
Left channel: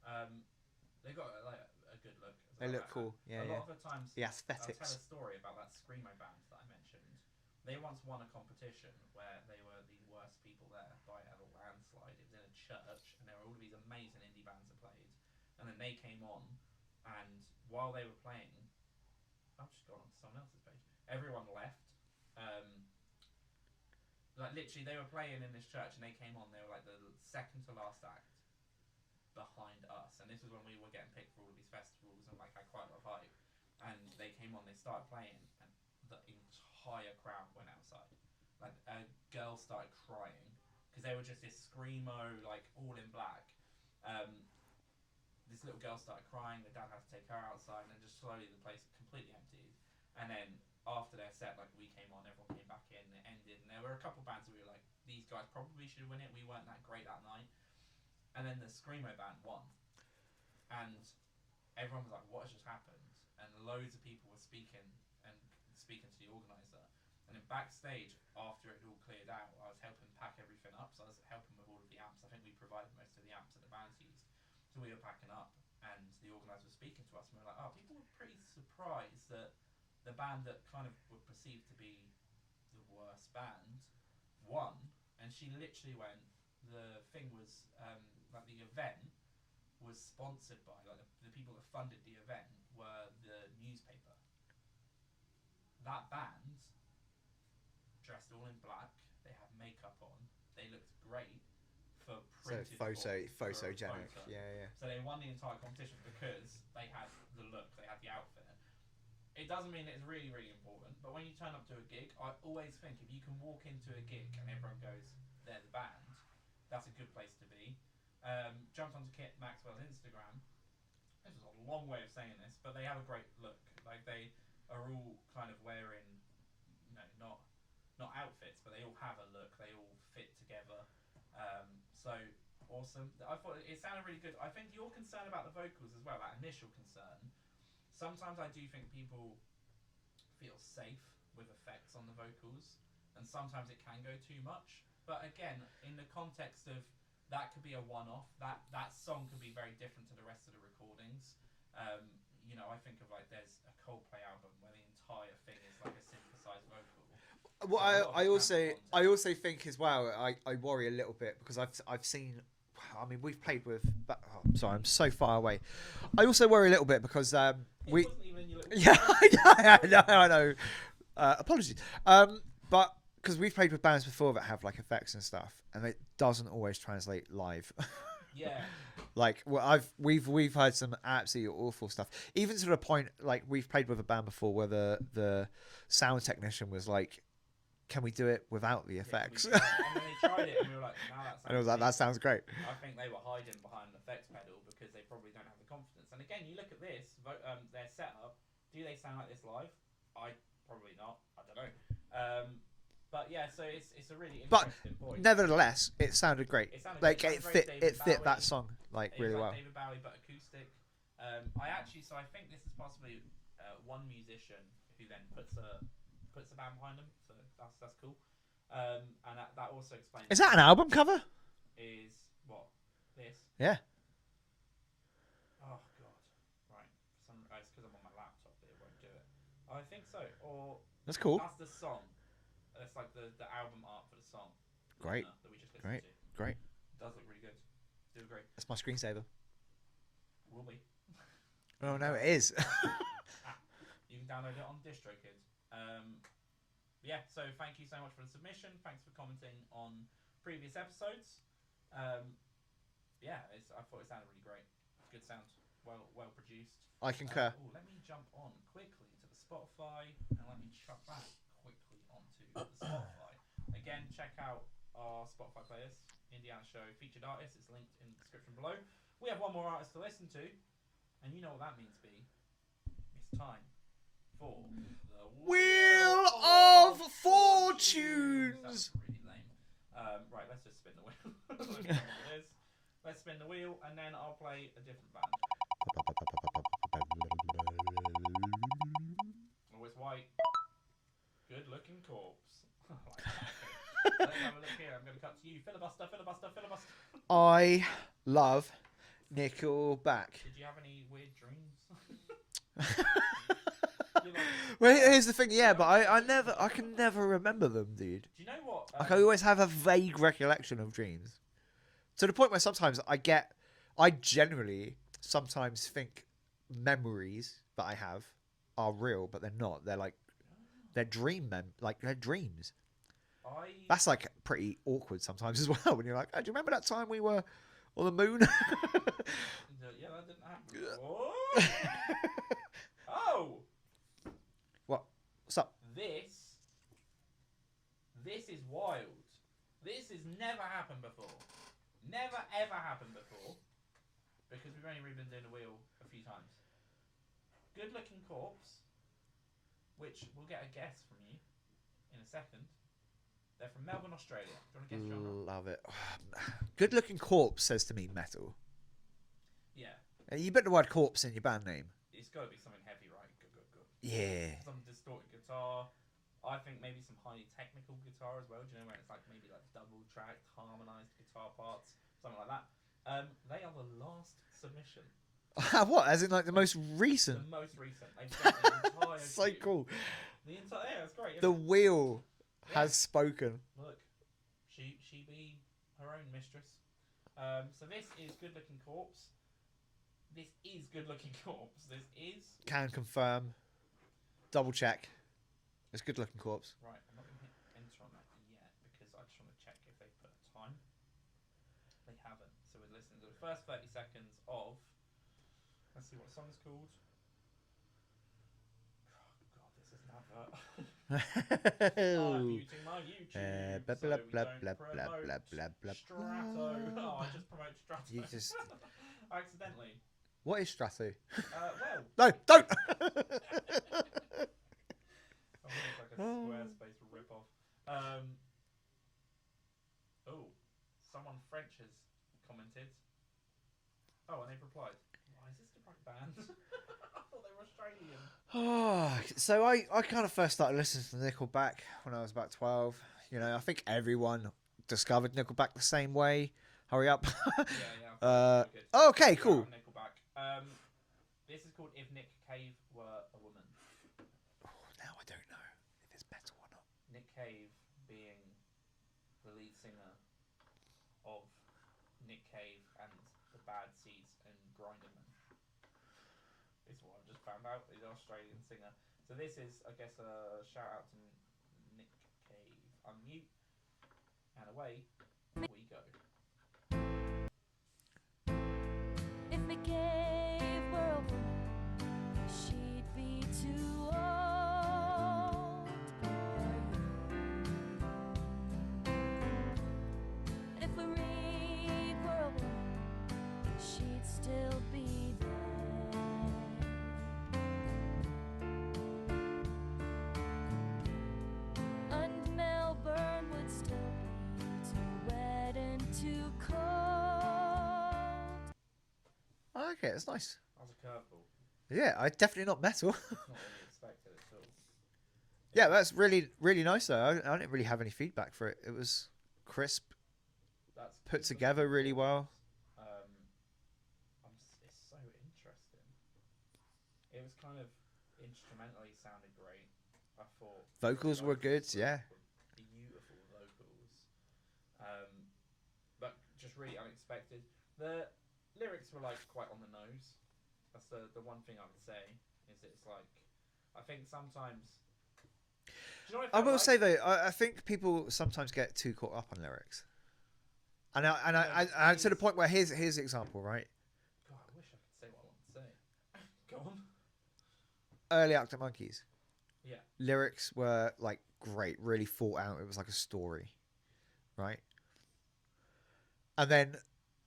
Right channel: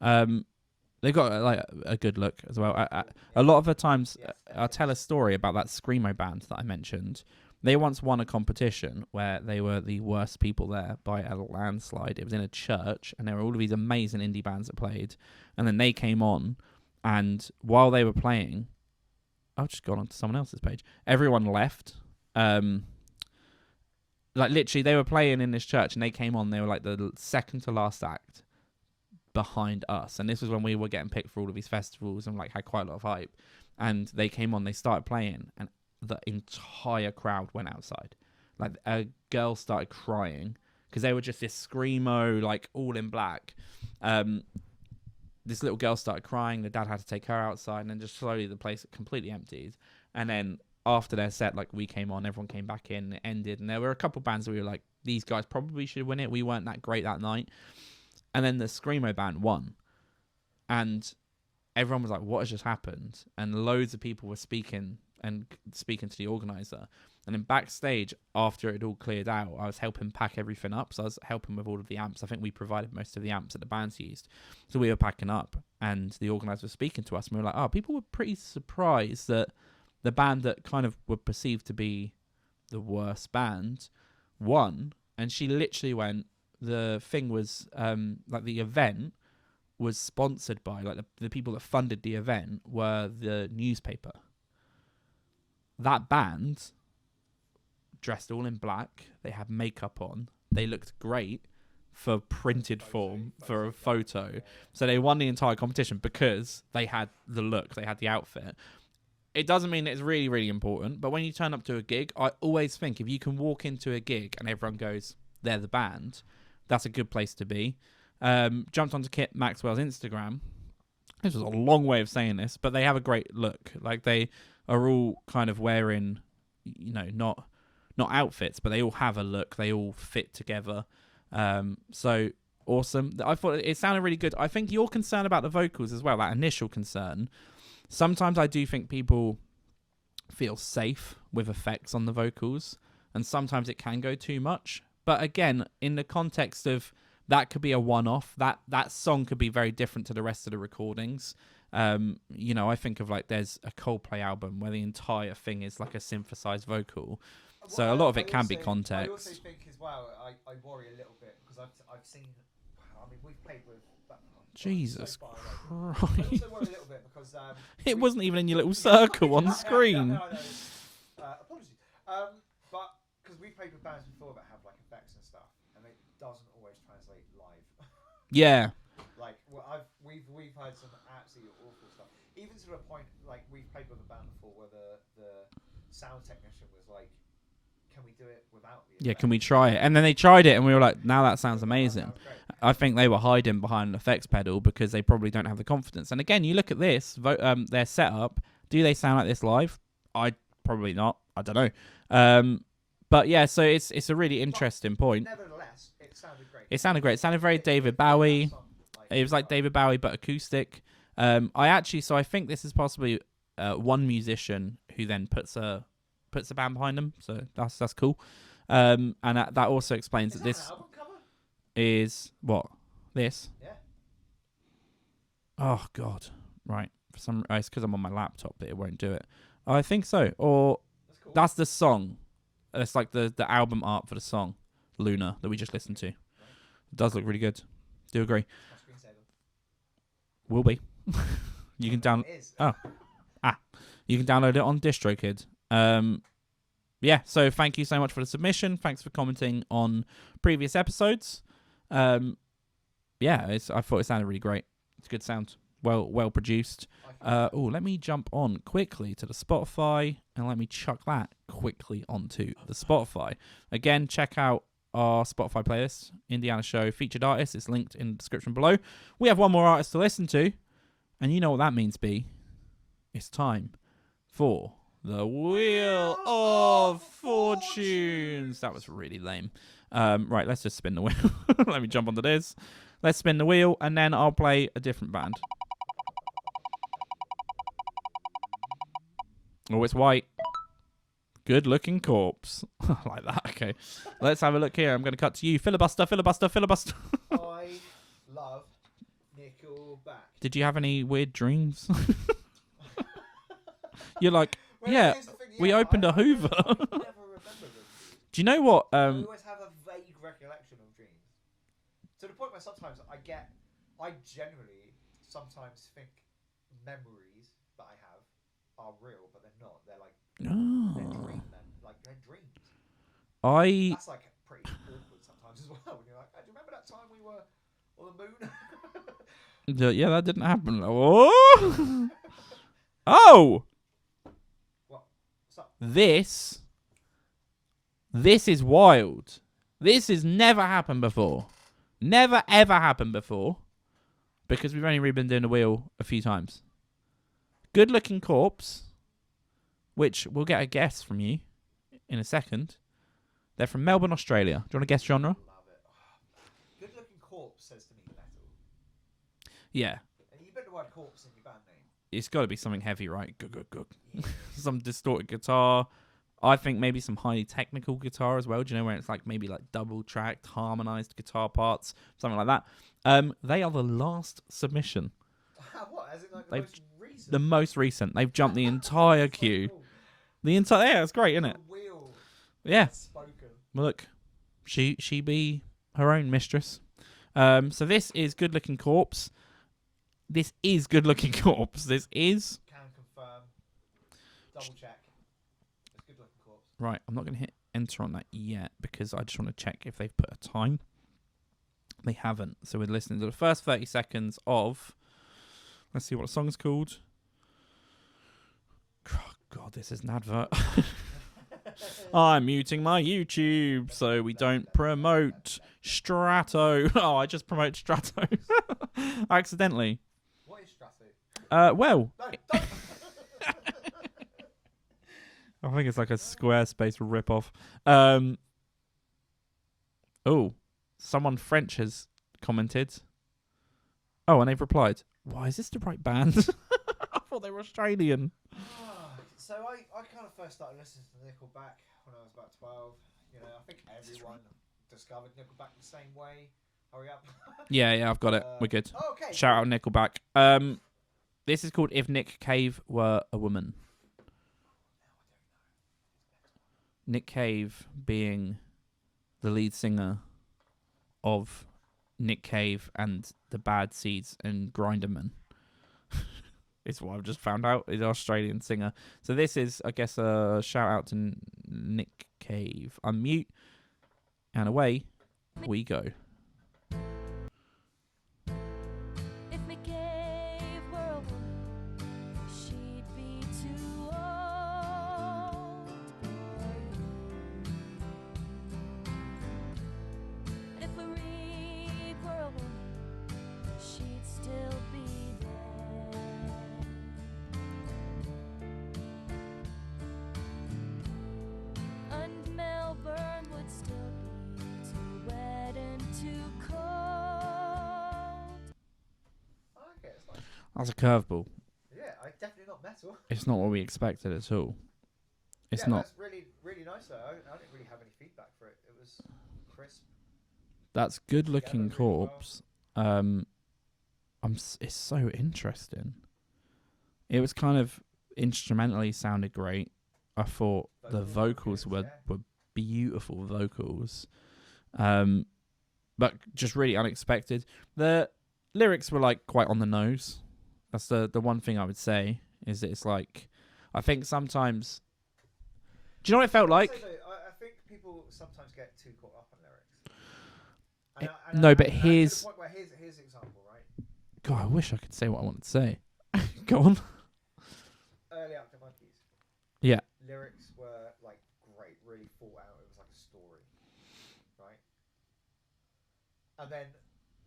They've got like a good look as well. Really cool. A lot of the times, Yes, I'll tell a story about that screamo band that I mentioned. They once won a competition where they were the worst people there by a landslide. It was in a church, and there were all of these amazing indie bands that played. And then they came on, and while they were playing, I've just gone on to someone else's page. Everyone left. Like literally, they were playing in this church, and they came on. They were like the second to last act behind us, and this was when we were getting picked for all of these festivals and like had quite a lot of hype. And they came on, they started playing, and the entire crowd went outside. Like a girl started crying because they were just this screamo, like all in black. This little girl started crying. The dad had to take her outside, and then just slowly the place completely emptied. And then after their set, like we came on, everyone came back in, it ended, and there were a couple bands that we were like, these guys probably should win it. We weren't that great that night. And then the screamo band won, and everyone was like, what has just happened? And loads of people were speaking to the organizer. And then backstage, after it all cleared out, I was helping pack everything up. So I was helping with all of the amps. I think we provided most of the amps that the bands used. So we were packing up, and the organizer was speaking to us, and we were like, oh, people were pretty surprised that the band that kind of were perceived to be the worst band won. And she literally went, the thing was, like the event was sponsored by, like the people that funded the event were the newspaper. That band dressed all in black. They had makeup on. They looked great for printed form, for a photo. Yeah. So they won the entire competition because they had the look, they had the outfit. It doesn't mean it's really, really important, but when you turn up to a gig, I always think if you can walk into a gig and everyone goes, they're the band, that's a good place to be. Jumped onto Kit Maxwell's Instagram. This was a long way of saying this, but they have a great look. Like they are all kind of wearing, not outfits, but they all have a look. They all fit together. So awesome. I thought it sounded really good. I think your concern about the vocals as well, that initial concern, sometimes I do think people feel safe with effects on the vocals, and sometimes it can go too much. But again, in the context of that could be a one-off. That song could be very different to the rest of the recordings. I think of like there's a Coldplay album where the entire thing is like a synthesized vocal. Well, so a lot of it can be context. I also think as well, I worry a little bit because I've seen. I mean, we've played with. Sorry, I'm so far away. I also worry a little bit because it wasn't even in your little circle on the screen. I know. Apologies. But because we've played with bands before that have like effects and stuff, and it doesn't always translate live. Yeah. Like we've had some absolutely awful stuff. Even to the point, like we've played with a band before where the sound technician was like, "Can we do it without the effects? Yeah, can we try it?" And then they tried it, and we were like, "Now that sounds amazing. That sounds great." I think they were hiding behind an effects pedal because they probably don't have the confidence. And again, you look at this, their setup. Do they sound like this live? Probably not. I don't know. But yeah, so it's a really interesting point. Nevertheless, it sounded great. It sounded great. It sounded very David Bowie. It was like David Bowie but acoustic. I think this is possibly one musician who then puts a band behind them. So that's cool. And that also explains. Is that an album cover? Is what this? Yeah. Oh God! Right. It's because I'm on my laptop that it won't do it. I think so. Or that's cool. That's the song. It's like the album art for the song, Lunar, that we just listened to. Great. It does look really good. Do agree. It's my screensaver. Will be. You can download. It is. You can download it on DistroKid. Yeah. So thank you so much for the submission. Thanks for commenting on previous episodes. I thought it sounded really great. It's good sound. Well produced. I can Let me jump on quickly to the Spotify and let me chuck that quickly onto the Spotify. Again, check out our Spotify playlist, Indiana Show Featured Artists. It's linked in the description below. We have one more artist to listen to, and you know what that means, B. It's time for the Wheel of Fortunes. That was really lame. Right, let's just spin the wheel. Let me jump onto this. Let's spin the wheel, and then I'll play a different band. Oh, it's white. Good looking corpse. I like that. Okay. Let's have a look here. I'm going to cut to you. Filibuster. I love Nickelback. Did you have any weird dreams? You're like, Well, yeah, here's the thing. we Yeah, opened a I Hoover. can never remember them, dude. Do you know what? I always have a vague recollection of dreams. To the point where sometimes I generally sometimes think memories that I have are real, but they're not. They're like, they're they're dreams. That's like pretty awkward sometimes as well when you're like, oh, do you remember that time we were on the moon? Yeah, that didn't happen. Oh! Oh! What's up? This is wild. This has never happened before. Never, ever happened before. Because we've only really been doing the wheel a few times. Good looking corpse, which we'll get a guess from you in a second. They're from Melbourne, Australia. Do you want to guess genre? Love it. Good looking corpse says to me metal. Yeah. You put the word corpse in your band name. It's got to be something heavy, right? Good. Yeah. Some distorted guitar. I think maybe some highly technical guitar as well. Do you know where it's like maybe like double tracked, harmonized guitar parts, something like that. They are the last submission. What? As in like the most recent? The most recent. They've jumped the entire queue. So cool. The entire. Yeah, it's great, isn't the it? wheel has spoken. Well, look, she be her own mistress. So this is Good Looking Corpse. This is Good Looking Corpse. This is. Can confirm. Double check. It's Good Looking Corpse. Right, I'm not going to hit enter on that yet because I just want to check if they've put a time. They haven't. So we're listening to the first 30 seconds of. Let's see what the song's called. Oh, God, this is an advert. I'm muting my YouTube so we don't promote Strato. Oh, I just promote Strato. Accidentally. What is Strato? Well. No, don't. I think it's like a Squarespace rip-off. Oh, someone French has commented. Oh, and they've replied, why is this the right band? I thought they were Australian. So I kind of first started listening to Nickelback when I was about 12. You know, I think everyone discovered Nickelback the same way. Hurry up. Yeah, I've got it. We're good. Okay, Shout cool. out Nickelback. This is called If Nckv Were a Woman. Now I don't know if it's metal or not. Nckv being the lead singer of Nckv and the Bad Seeds and Grinderman. It's what I've just found out. Is an Australian singer. So this is, I guess, a shout out to Nckv. Unmute. And away we go. If Nckv were a woman, she'd be too old for you. And if a reed were a woman, she'd still be there. And Melbourne would still be too wet and too cold. Okay, it's nice. That's a curveball. Yeah, definitely not metal. It's not what we expected at all. It's Yeah, not. that's really, really nice though. I didn't really have any feedback for it. It was crisp. That's put good looking together really well. corpse. It's so interesting. It was kind of instrumentally sounded great. I thought Vocals the were vocals good, yeah. were beautiful vocals. But just really unexpected. The lyrics were like quite on the nose. That's the one thing I would say is that it's like I think sometimes. Do you know what it felt I will like? say though, I think people sometimes get too caught up on lyrics. And but to the here's point where here's the example, right? God. I wish I could say what I wanted to say. Go on. Early Arctic Monkeys. Yeah. Lyrics were like great, really thought out. It was like a story, right? And then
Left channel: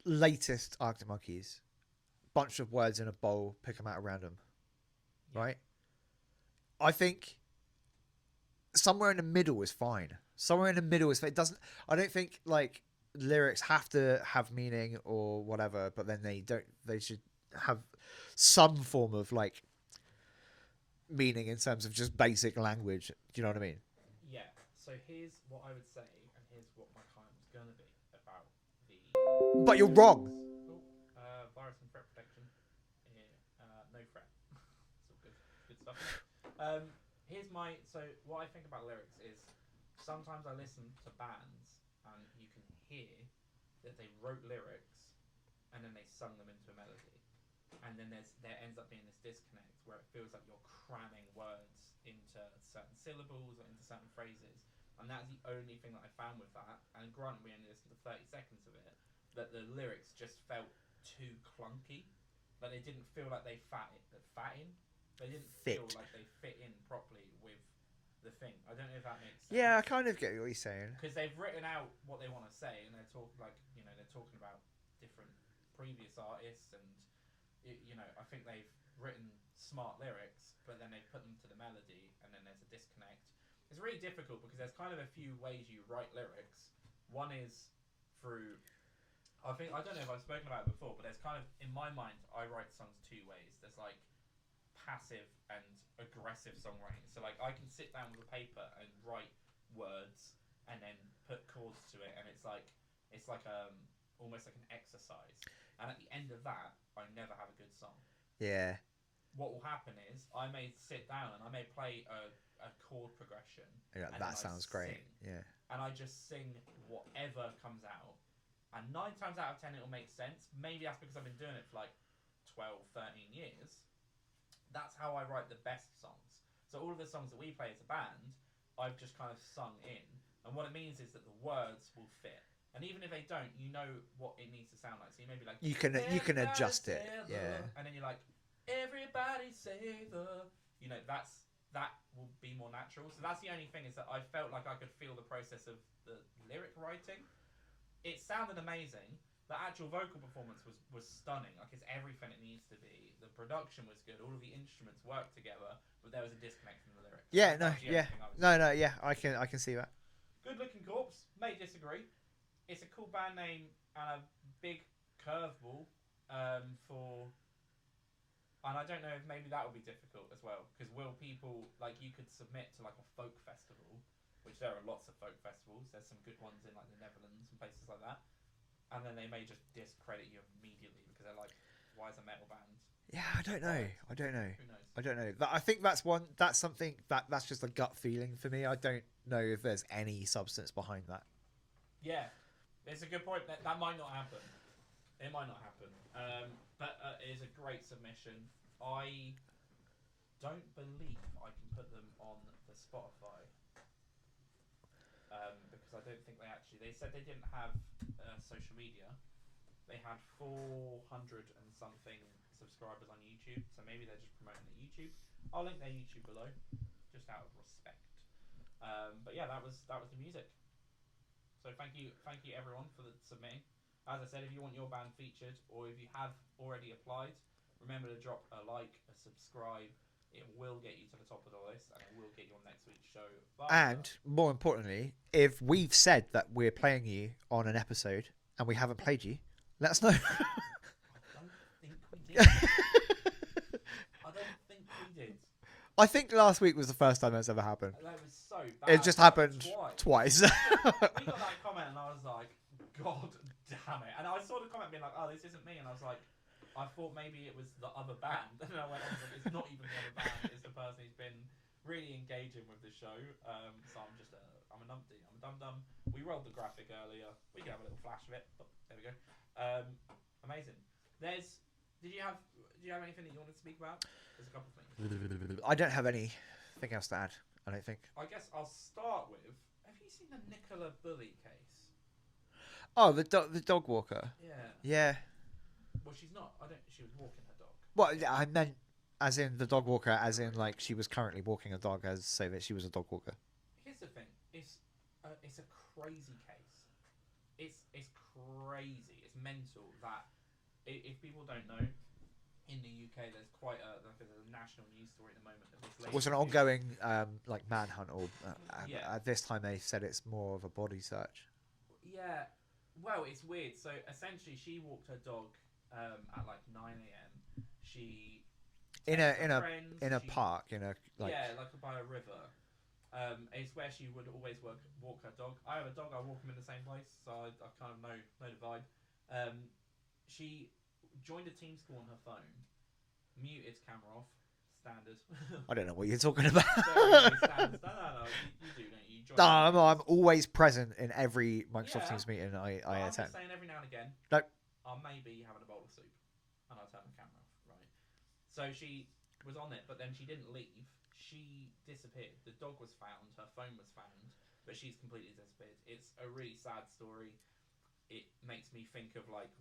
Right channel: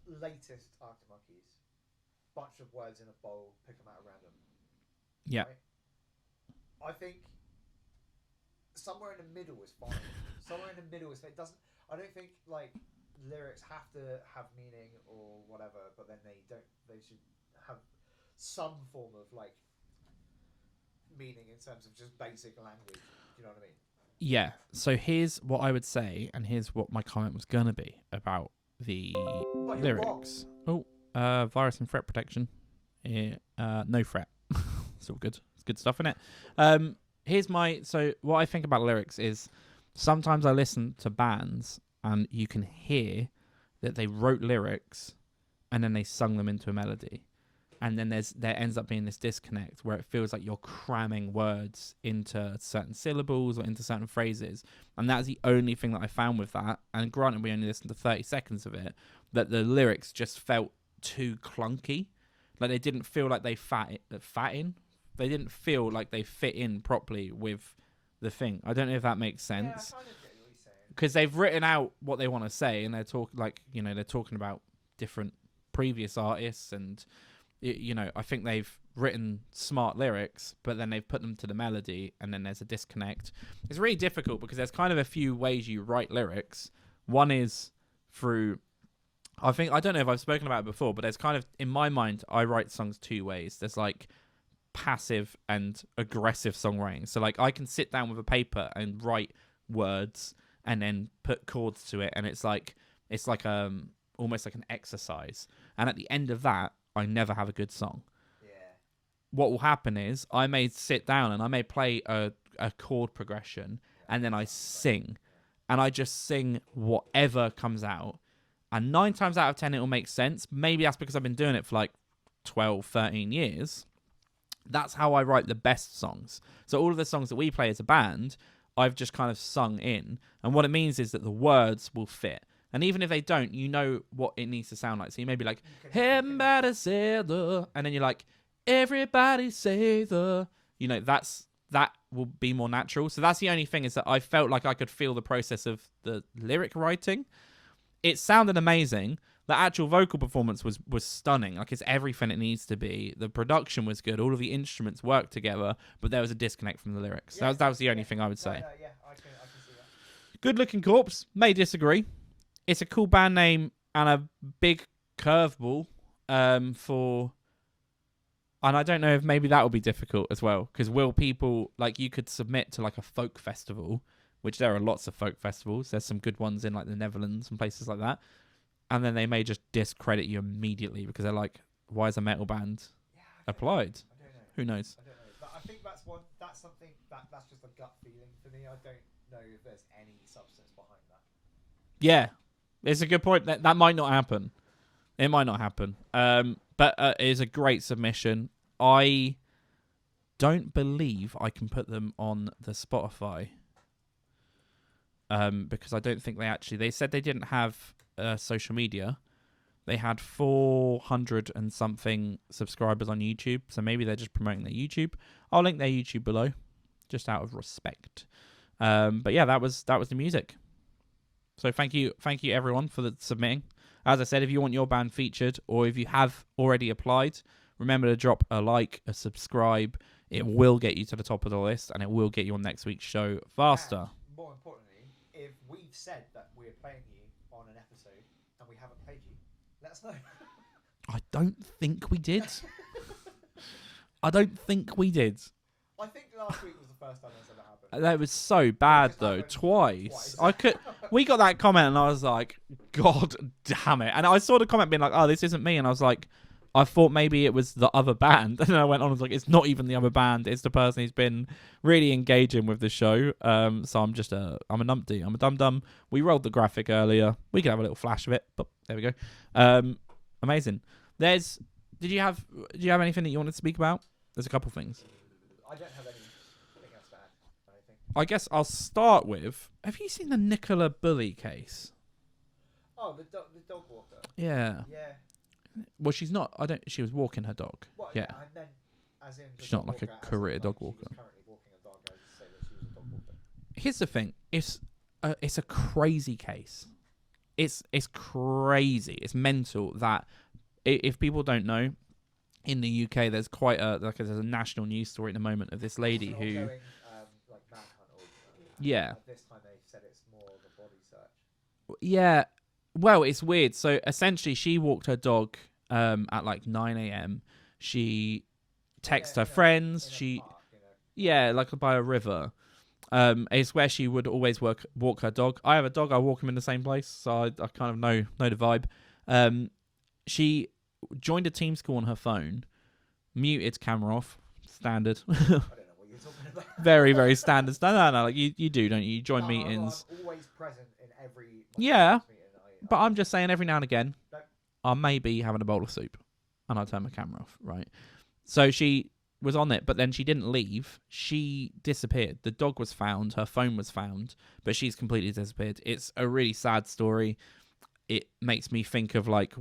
latest Arctic Monkeys, bunch of words in a bowl, pick them out at random. Yeah. Right? I think somewhere in the middle is fine. Somewhere in the middle is fine. It doesn't. I don't think like lyrics have to have meaning or whatever, but then they don't. They should have some form of like meaning in terms of just basic language. Do you know what I mean? Yeah. So here's what I would say, and here's what my comment was gonna be about the. But you're wrong. Oh, virus and threat protection. Yeah, no threat. It's all good. It's good stuff, isn't it? So what I think about lyrics is sometimes I listen to bands and you can hear that they wrote lyrics and then they sung them into a melody. And then there ends up being this disconnect where it feels like you're cramming words into certain syllables or into certain phrases. And that's the only thing that I found with that. And granted, we only listened to 30 seconds of it, that the lyrics just felt too clunky. Like they didn't feel like they fat in. They didn't feel like they fit in properly with the thing. I don't know if that makes sense. Yeah, I kind of get what you're saying. Because they've written out what they want to say, and they're talking about different previous artists, and I think they've written smart lyrics, but then they've put them to the melody, and then there's a disconnect. It's really difficult because there's kind of a few ways you write lyrics. One is through. I don't know if I've spoken about it before, but there's kind of, in my mind, I write songs two ways. There's like passive and aggressive songwriting. So like I can sit down with a paper and write words and then put chords to it, and it's like almost like an exercise. And at the end of that, I never have a good song. Yeah. What will happen is I may sit down and I may play a chord progression, and then I sing. Yeah. And I just sing whatever comes out. And 9 times out of 10, it will make sense. Maybe that's because I've been doing it for like 12, 13 years. That's how I write the best songs. So all of the songs that we play as a band, I've just kind of sung in. And what it means is that the words will fit. And even if they don't, you know what it needs to sound like. So you may be like, you can adjust it. Yeah. And then you're like, everybody say the... that will be more natural. So that's the only thing, is that I felt like I could feel the process of the lyric writing. It sounded amazing. The actual vocal performance was stunning. Like, it's everything it needs to be. The production was good. All of the instruments worked together, but there was a disconnect from the lyrics. Yeah, that was the only thing I would say. No, yeah, I can see that. Good Looking Corpse, may disagree. It's a cool band name and a big curveball for... And I don't know if maybe that will be difficult as well, because will people, like, you could submit to like a folk festival, which there are lots of folk festivals. There's some good ones in like the Netherlands and places like that. And then they may just discredit you immediately because they're like, why is a metal band applied? I don't know. Who knows? I don't know. But I think that's something that's just a gut feeling for me. I don't know if there's any substance behind that. Yeah, it's a good point. That might not happen. It might not happen. But it is a great submission. I don't believe I can put them on the Spotify. Because I don't think they said they didn't have social media. They had 400 and something subscribers on YouTube, so maybe they're just promoting their YouTube. I'll link their YouTube below, just out of respect. But yeah, that was the music. So thank you everyone for submitting. As I said, if you want your band featured, or if you have already applied, remember to drop a like, a subscribe. It will get you to the top of the list, and it will get you on next week's show faster. And more importantly, if we've said that we're playing you on an episode and we haven't played you, let us know. I don't think we did. I think last week was the first time that's ever happened. That was so bad. It just happened twice. We got that comment, and I was like, God damn it. And I saw the comment being like, oh, this isn't me. And I was like, I thought maybe it was the other band. And then I went on and was like, it's not even the other band. It's the person who's been really engaging with the show. So I'm a numpty. I'm a dum-dum. We rolled the graphic earlier. We could have a little flash of it. But there we go. Amazing. Do you have anything that you wanted to speak about? There's a couple things. I don't have anything else to add, I don't think. I guess I'll start with, have you seen the Nicola Bully case? Oh, the dog walker. Yeah. Yeah. Well, she's not. She was walking her dog. Well, Yeah. I meant as in the She's dog not like a walker, as in career like dog she was walker. currently walking a dog, as say that she was a dog walker. Here's the thing. It's a crazy case. It's crazy. It's mental that if people don't know, in the UK there's quite there's a national news story at the moment of this lady. It's an ongoing like manhunt, or Yeah. At this time they said it's more of a body search. Yeah. Well, it's weird. So essentially, she walked her dog at like 9 a.m. She texted her friends. In a park. Yeah, like by a river. It's where she would always walk her dog. I have a dog. I walk him in the same place, so I kind of know the vibe. She joined a team call on her phone, muted camera off. Standard. I don't know what you're talking about. Very, very standard. No. Like you do, don't you? You join meetings. No, I'm always present in every meeting. But I'm just saying, every now and again, No. I may be having a bowl of soup, and I turn my camera off. Right. So she was on it, but then she didn't leave. She disappeared. The dog was found. Her phone was found, but she's completely disappeared. It's a really sad story. It makes me think of like,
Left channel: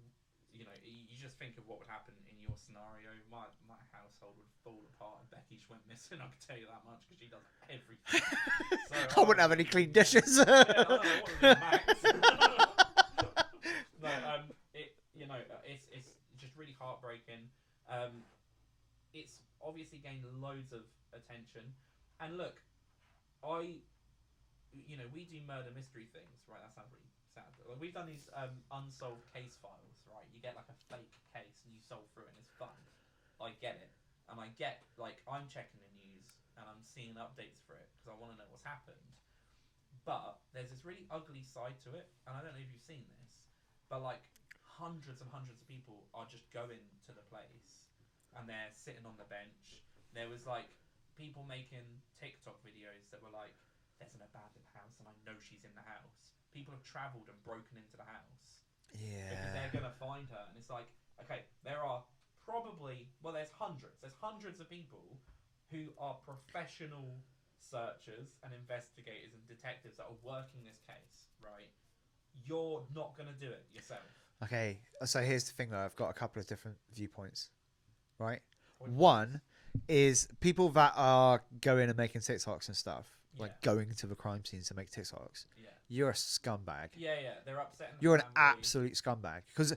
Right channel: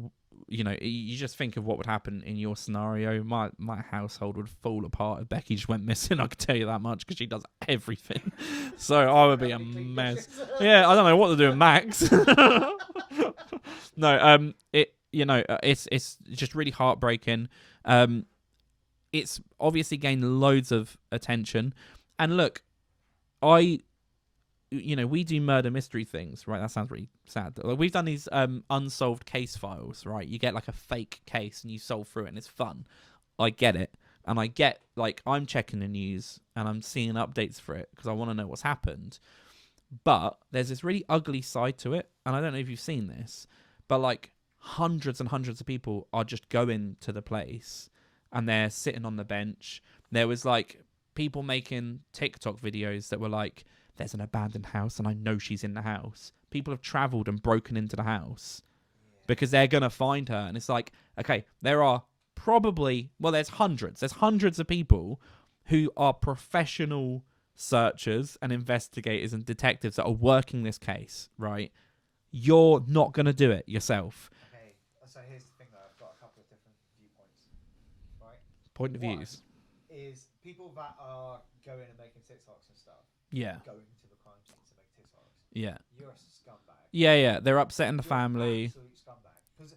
you just think of what would happen in your scenario. My household would fall apart if Becky just went missing. I can tell you that much, because she does everything. So I wouldn't would have be any clean mess. dishes. Yeah, I don't know what to do with Max. No, it's just really heartbreaking. It's obviously gained loads of attention, and look, we do murder mystery things, right? That sounds really sad. Like, we've done these unsolved case files, right? You get like a fake case and you solve through it, and it's fun. I get it, and I get, like, I'm checking the news and I'm seeing updates for it because I want to know what's happened. But there's this really ugly side to it, and I don't know if you've seen this, but like hundreds and hundreds of people are just going to the place and they're sitting on the bench. There was like people making TikTok videos that were like, there's an abandoned house and I know she's in the house. People have travelled and broken into the house because they're going to find her. And it's like, okay, there are there's hundreds of people who are professional searchers and investigators and detectives that are working this case, right? You're not going to do it yourself. Okay, so here's the thing though. I've got a couple of different viewpoints, right? Point of One views. is people that are going and making TikToks and stuff. Yeah. Like going to the crime scenes to make TikToks. Yeah. You're a scumbag. Yeah. They're upsetting the You're family. an absolute scumbag. Because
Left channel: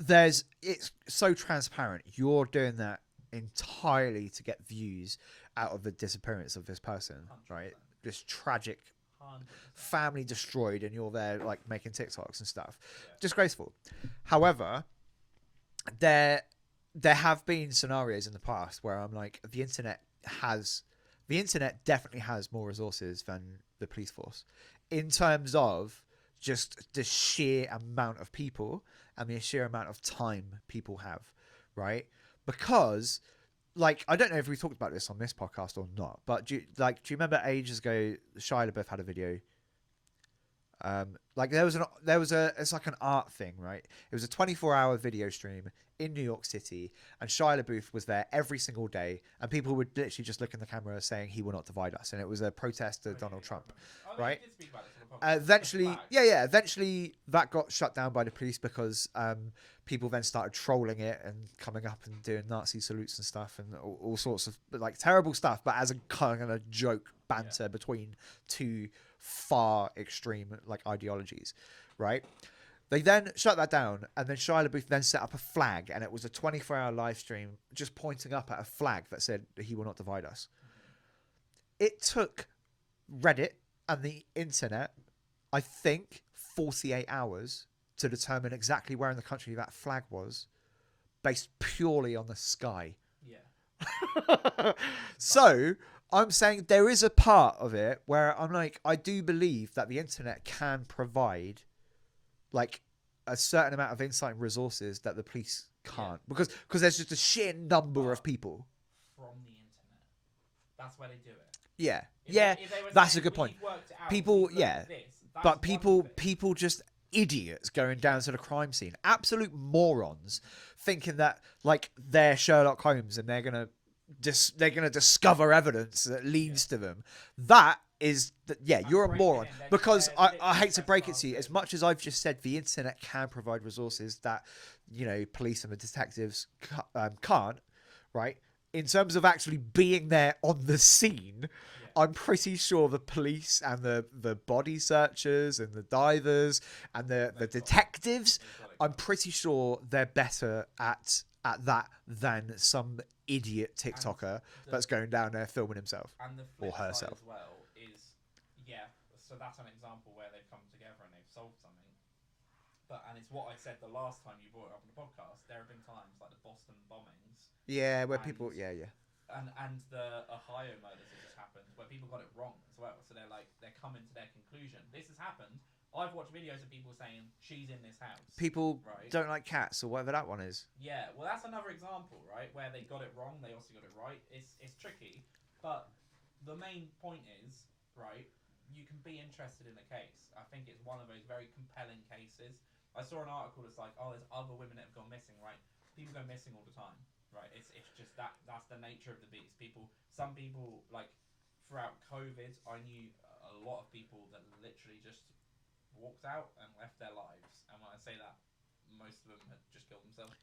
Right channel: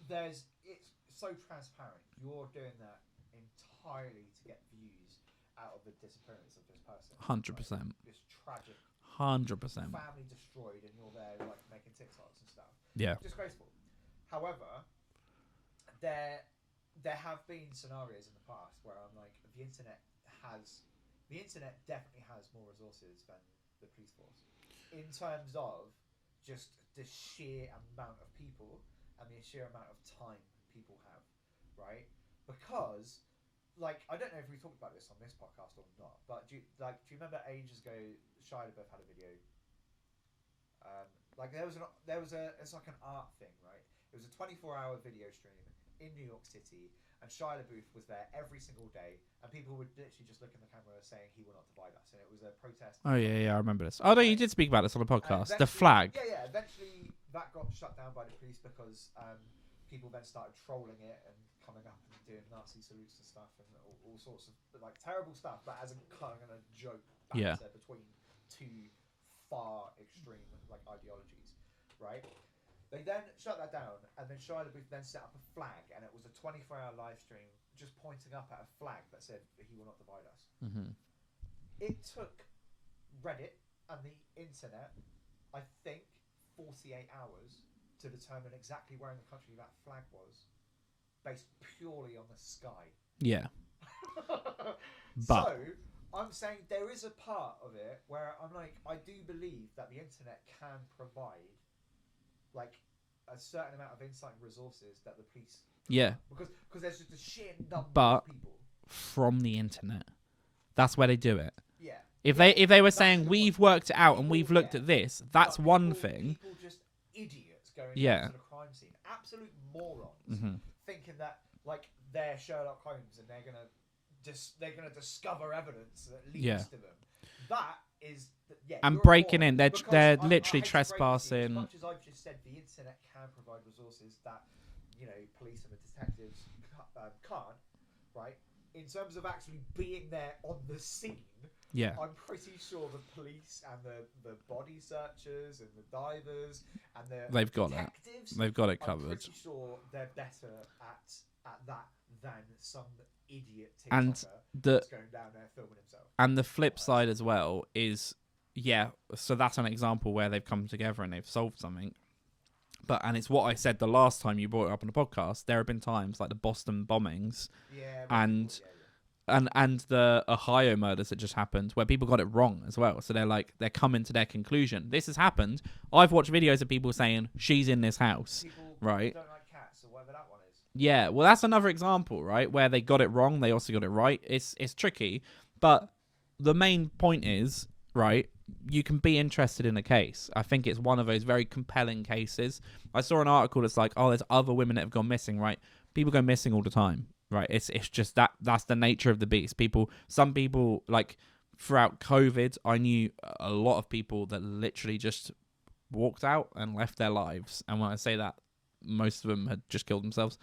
it's so transparent. You're doing that entirely to get views out of the disappearance of this person. 100%. Right? This tragic 100%. family destroyed, and you're there like making TikToks and stuff. Yeah. Disgraceful. However, there have been scenarios in the past where I'm like, the internet definitely has more resources than the police force in terms of just the sheer amount of people and the sheer amount of time people have, right? Because, like, I don't know if we talked about this on this podcast or not, but do you remember ages ago Shia LaBeouf had a video? Like it's like an art thing, right? It was a 24-hour video stream in New York City, and Shia LaBeouf was there every single day, and people would literally just look in the camera saying he will not divide us, and it was a protest. Oh yeah, I remember this. Oh no, right? you did speak about this on the podcast. Eventually, the flag. Yeah. Eventually, that got shut down by the police because people then started trolling it and coming up and doing Nazi salutes and stuff, and all sorts of like terrible stuff, but as a kind of joke banter between two far extreme like ideologies, right? They then shut that down, and then Shia LaBeouf then set up a flag, and it was a 24-hour live stream just pointing up at a flag that said he will not divide us. Mm-hmm. It took Reddit and the internet, I think, 48 hours to determine exactly where in the country that flag was, based purely on the sky. Yeah. So I'm saying there is a part of it where I'm like, I do believe that the internet can provide like a certain amount of insight and resources that the police can't. Yeah. Because there's just a sheer number of people. From the internet. That's where they do it. Yeah. If yeah, they were that's a saying good we've point. worked it out People- and we've looked yeah. at this, that's one thing. People just idiots going down to the crime scene. Absolute morons thinking that like they're Sherlock Holmes and they're gonna discover evidence that leads to them. That is that yeah, And you're breaking a moron. in, they're because I literally hate to break it to you, as trespassing. much as I've just said the internet can provide resources that police and the detectives can't, right? In terms of actually being there on the scene, Yeah. I'm pretty sure the police and the body searchers and the divers and the They've got detectives, They've got it I'm covered. pretty sure they're better at that than some idiot TikToker that's going down there filming himself. And the flip Or side herself. as well is, so that's an example where they've come together and they've solved something. And it's what I said the last time you brought it up on the podcast. There have been times like the Boston bombings Yeah, and the Ohio murders that just happened where people got it wrong as well. So they're coming to their conclusion. This has happened. I've watched videos of people saying she's in this house. People right? don't like cats or whatever that one is. Yeah, well, that's another example, right? Where they got it wrong, they also got it right. It's tricky, but the main point is, right, you can be interested in a case. I think it's one of those very compelling cases. I saw an article that's like, oh, there's other women that have gone missing, right? People go missing all the time, right? It's just that's the nature of the beast. Some people, like, throughout COVID, I knew a lot of people that literally just walked out and left their lives. And when I say that, most of them had just killed themselves.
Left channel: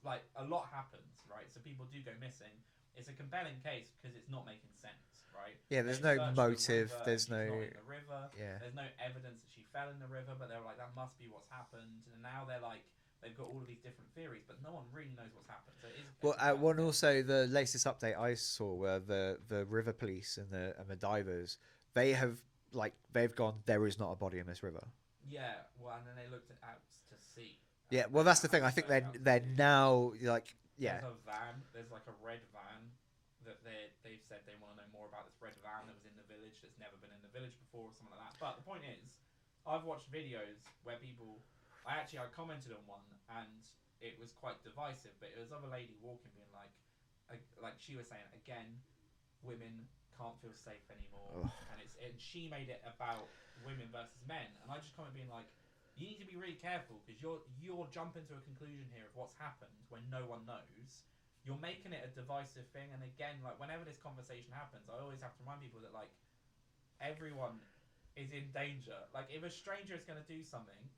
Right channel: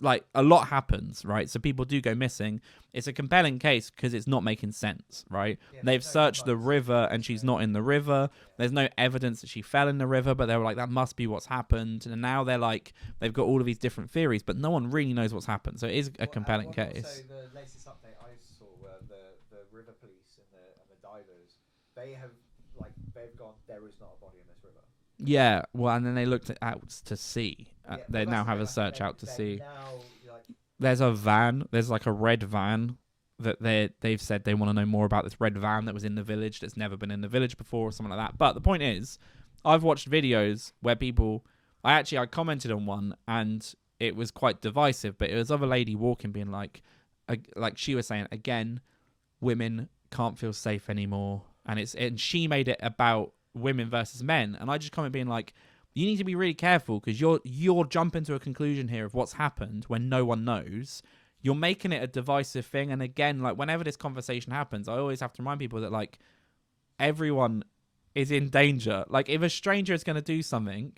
Like, a lot happens, right? So people do go missing. It's a compelling case because it's not making sense, right? Yeah, they've no searched motive, the river and there's she's no- not in the river. Yeah. There's no evidence that she fell in the river, but they were like, that must be what's happened. And now they're like, they've got all of these different theories, but no one really knows what's happened. So it is a compelling case. Also, the latest update I saw were the river police and the divers. They've gone, there is not a body in this river. Yeah, well, and then they looked out to sea. Yeah, They well, that's now the have thing. a I think search out to they're sea. now like. There's a van. There's like a red van that they've said they want to know more about this red van that was in the village that's never been in the village before or something like that. But the point is, I've watched videos where people, I commented on one and it was quite divisive, but it was of a lady walking being like she was saying, again, women can't feel safe anymore. And she made it about women versus men. And I just comment being like, you need to be really careful because you're jumping to a conclusion here of what's happened when no one knows. You're making it a divisive thing. And again, like, whenever this conversation happens, I always have to remind people that, like, everyone is in danger. Like, if a stranger is going to do something,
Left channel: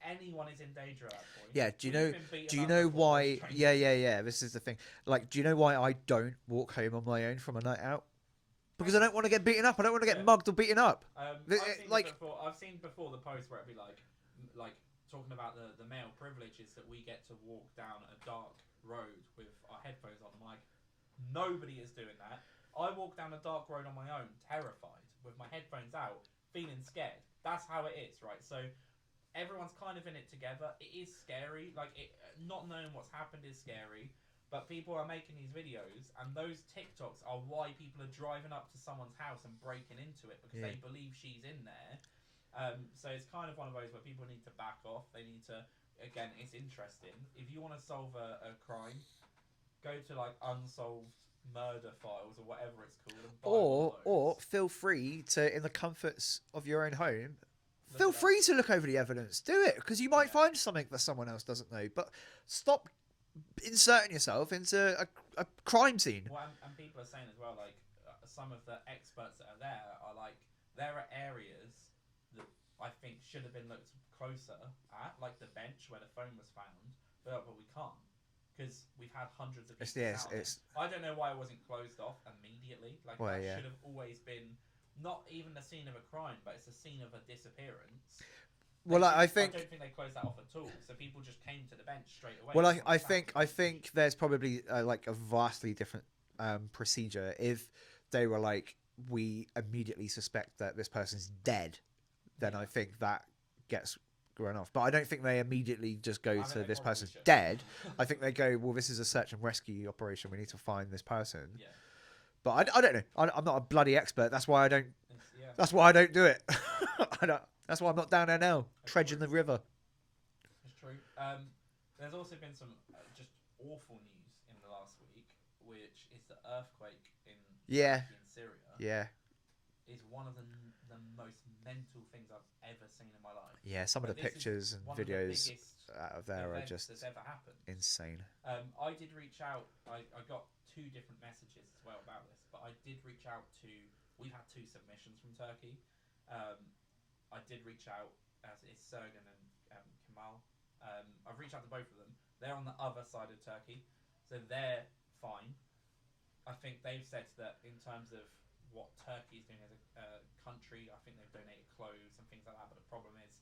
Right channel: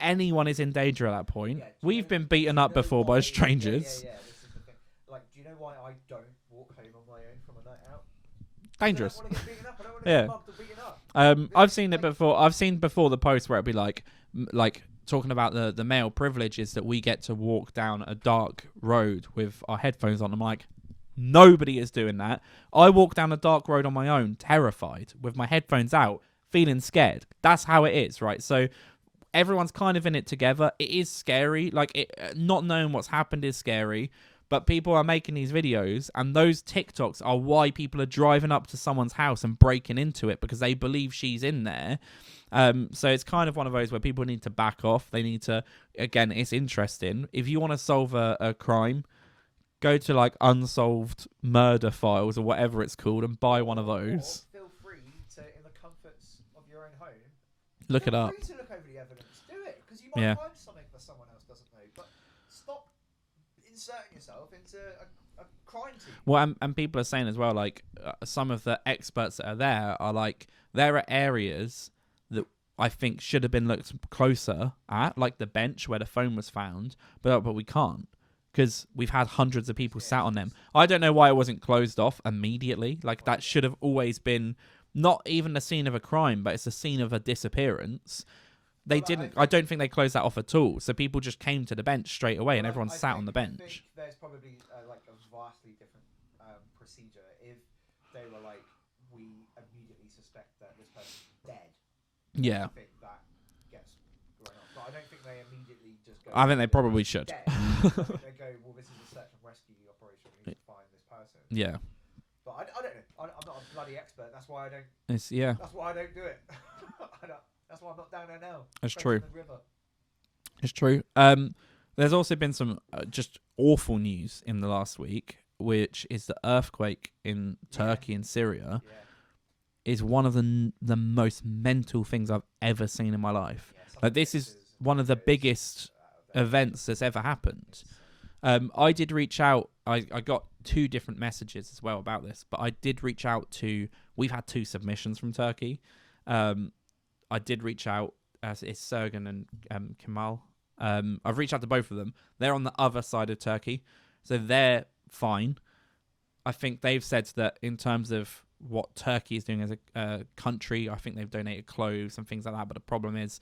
anyone is in danger at that point. Yeah, We've been beaten up before by strangers. Yeah. This is the thing. Like, do you know why I don't walk home on my own from a night out? Because I Dangerous. don't want to get beaten up. I don't want to get mugged or beaten up. I've seen like- it before. I've seen before the post where it'd be like talking about the male privileges that we get to walk down a dark road with our headphones on. I'm like, nobody is doing that. I walk down a dark road on my own, terrified, with my headphones out, feeling scared. That's how it is, right? So everyone's kind of in it together. It is scary. Like, not knowing what's happened is scary. But people are making these videos, and those TikToks are why people are driving up to someone's house and breaking into it because they believe she's in there. So it's kind of one of those where people need to back off. They need to, again, it's interesting. If you want to solve a crime, go to like Unsolved Murder Files or whatever it's called and buy one of those. Or feel free to, in the comforts of your own home, Look it feel up. free to look over the evidence. Do it, because you might Yeah. find something that someone else doesn't know. But stop inserting yourself into a crime scene. Well, and people are saying as well, like, some of the experts that are there are like, there are areas that I think should have been looked closer at, like the bench where the phone was found, but we can't because we've had hundreds of people sat on them. I don't know why it wasn't closed off immediately. Like, Well, that yeah. should have always been not even the scene of a crime, but it's a scene of a disappearance. They Well, didn't. I don't think they closed that off at all. So people just came to the bench straight away, and everyone sat on the bench. I think there's probably like a vastly different procedure if they were like, we immediately suspect that this person's dead. Then Yeah. I think that gets run off. But I don't think they immediately just go. I think to they this probably person's should. Dead. I think they go, well, this is a search and rescue operation. We need to find this person. Yeah. But I don't know. I'm not a bloody expert. That's why I don't. Yeah. That's why I don't do it. I don't. That's why I'm not down there now. That's Dredging true. the river. It's true. There's also been some just awful news in the last week, which is the earthquake in Yeah. Turkey and Syria Yeah. is one of the most mental things I've ever seen in my life. Yeah. Some Like, of the this is pictures and one of the videos biggest out of there are events just that's ever happened. insane. I did reach out. I got 2 different messages as well about this, but I did reach out to we've had 2 submissions from Turkey. I did reach out. It's Sergen and Kemal. I've reached out to both of them. They're on the other side of Turkey, so they're fine. I think they've said that in terms of what Turkey is doing as a country, I think they've donated clothes and things like that. But the problem is,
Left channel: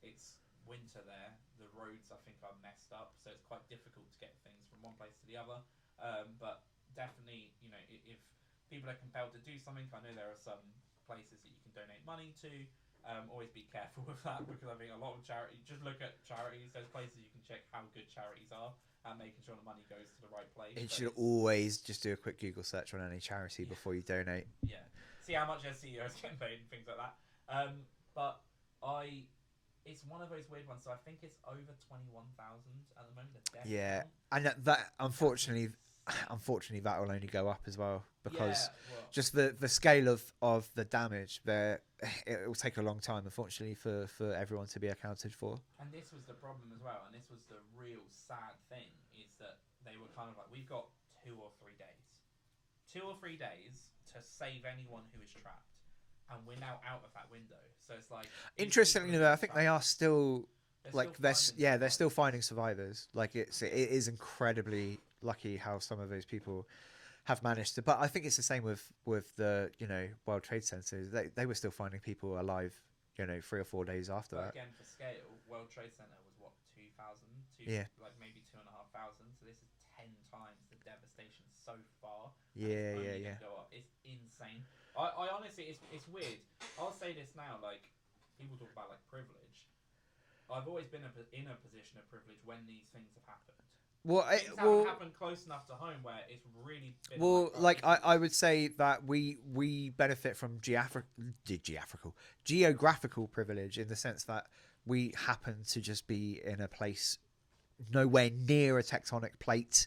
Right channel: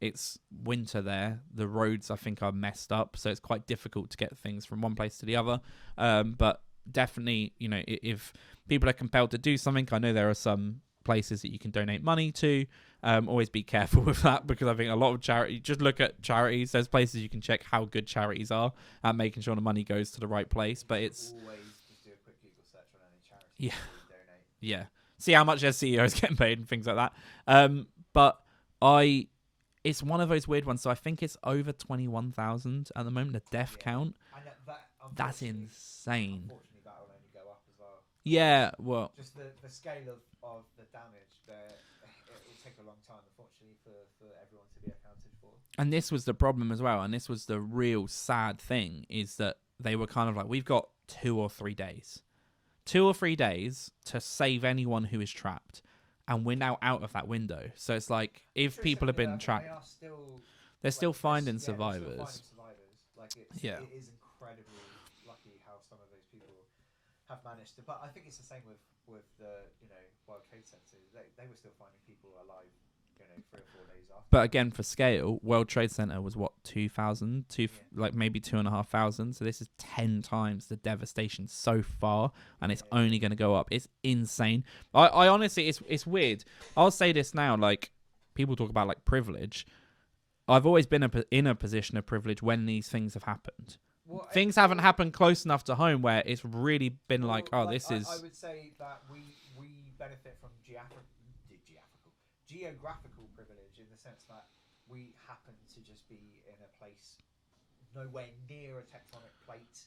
it's winter there. The roads, I think, are messed up, so it's quite difficult to get things from one place to the other. But definitely, you know, if people are compelled to do something, I know there are some places that you can donate money to. Always be careful with that, because I think a lot of charity, just look at charities. There's places you can check how good charities are at making sure the money goes to the right place. But it's always just do a quick Google search on any charity before you donate. Yeah, see how much their CEOs getting paid and things like that. But it's one of those weird ones. So I think it's over 21,000 at the moment, the death count. And that unfortunately, insane. Unfortunately, that will only go up as well. Yeah, well, just the scale of the damage there, it will take a long time, unfortunately, for everyone to be accounted for. And this was the problem as well. And this was the real sad thing, is that they were kind of like, we've got 2 or 3 days. 2 or 3 days to save anyone who is trapped. And we're now out of that window. So it's like, if people have been I think trapped, they are still... they're still finding survivors. Yeah, they're still finding survivors. Like, it is incredibly lucky how some of those people have managed to... But I think it's the same with the, you know, World Trade Centers. They were still finding people alive, you know, 3 or 4 days after. But again, for scale, World Trade Center was what, 2,000? Like maybe 2,500. So this is 10 times the devastation so far, and it's only going to go up. It's insane. I honestly, it's weird. I'll say this now, like, people talk about like privilege. I've always been in a position of privilege when these things have happened. Well, things haven't happened close enough to home where it's really been this is... I would say that we benefit from geographical privilege, in the sense that we happen to just be in a place nowhere near a tectonic plate.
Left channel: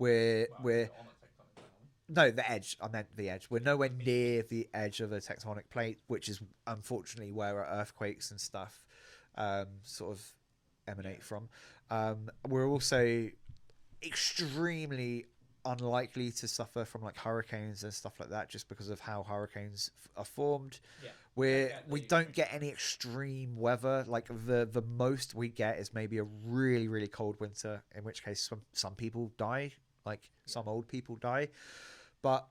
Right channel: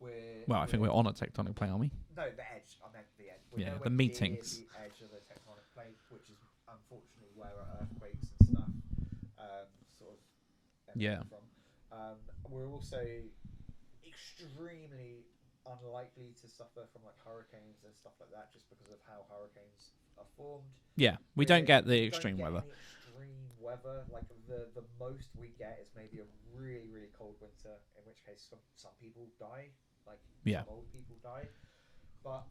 I think we're on a tectonic plate, aren't we? No, the edge. I meant the edge. We're nowhere near the edge of a tectonic plate, which is unfortunately where earthquakes and stuff sort of emanate from. We're also extremely unlikely to suffer from like hurricanes and stuff like that, just because of how hurricanes are formed. Yeah, we don't get any extreme weather. Like the most we get is maybe a really, really cold winter, in which case some people die, like some old people die. But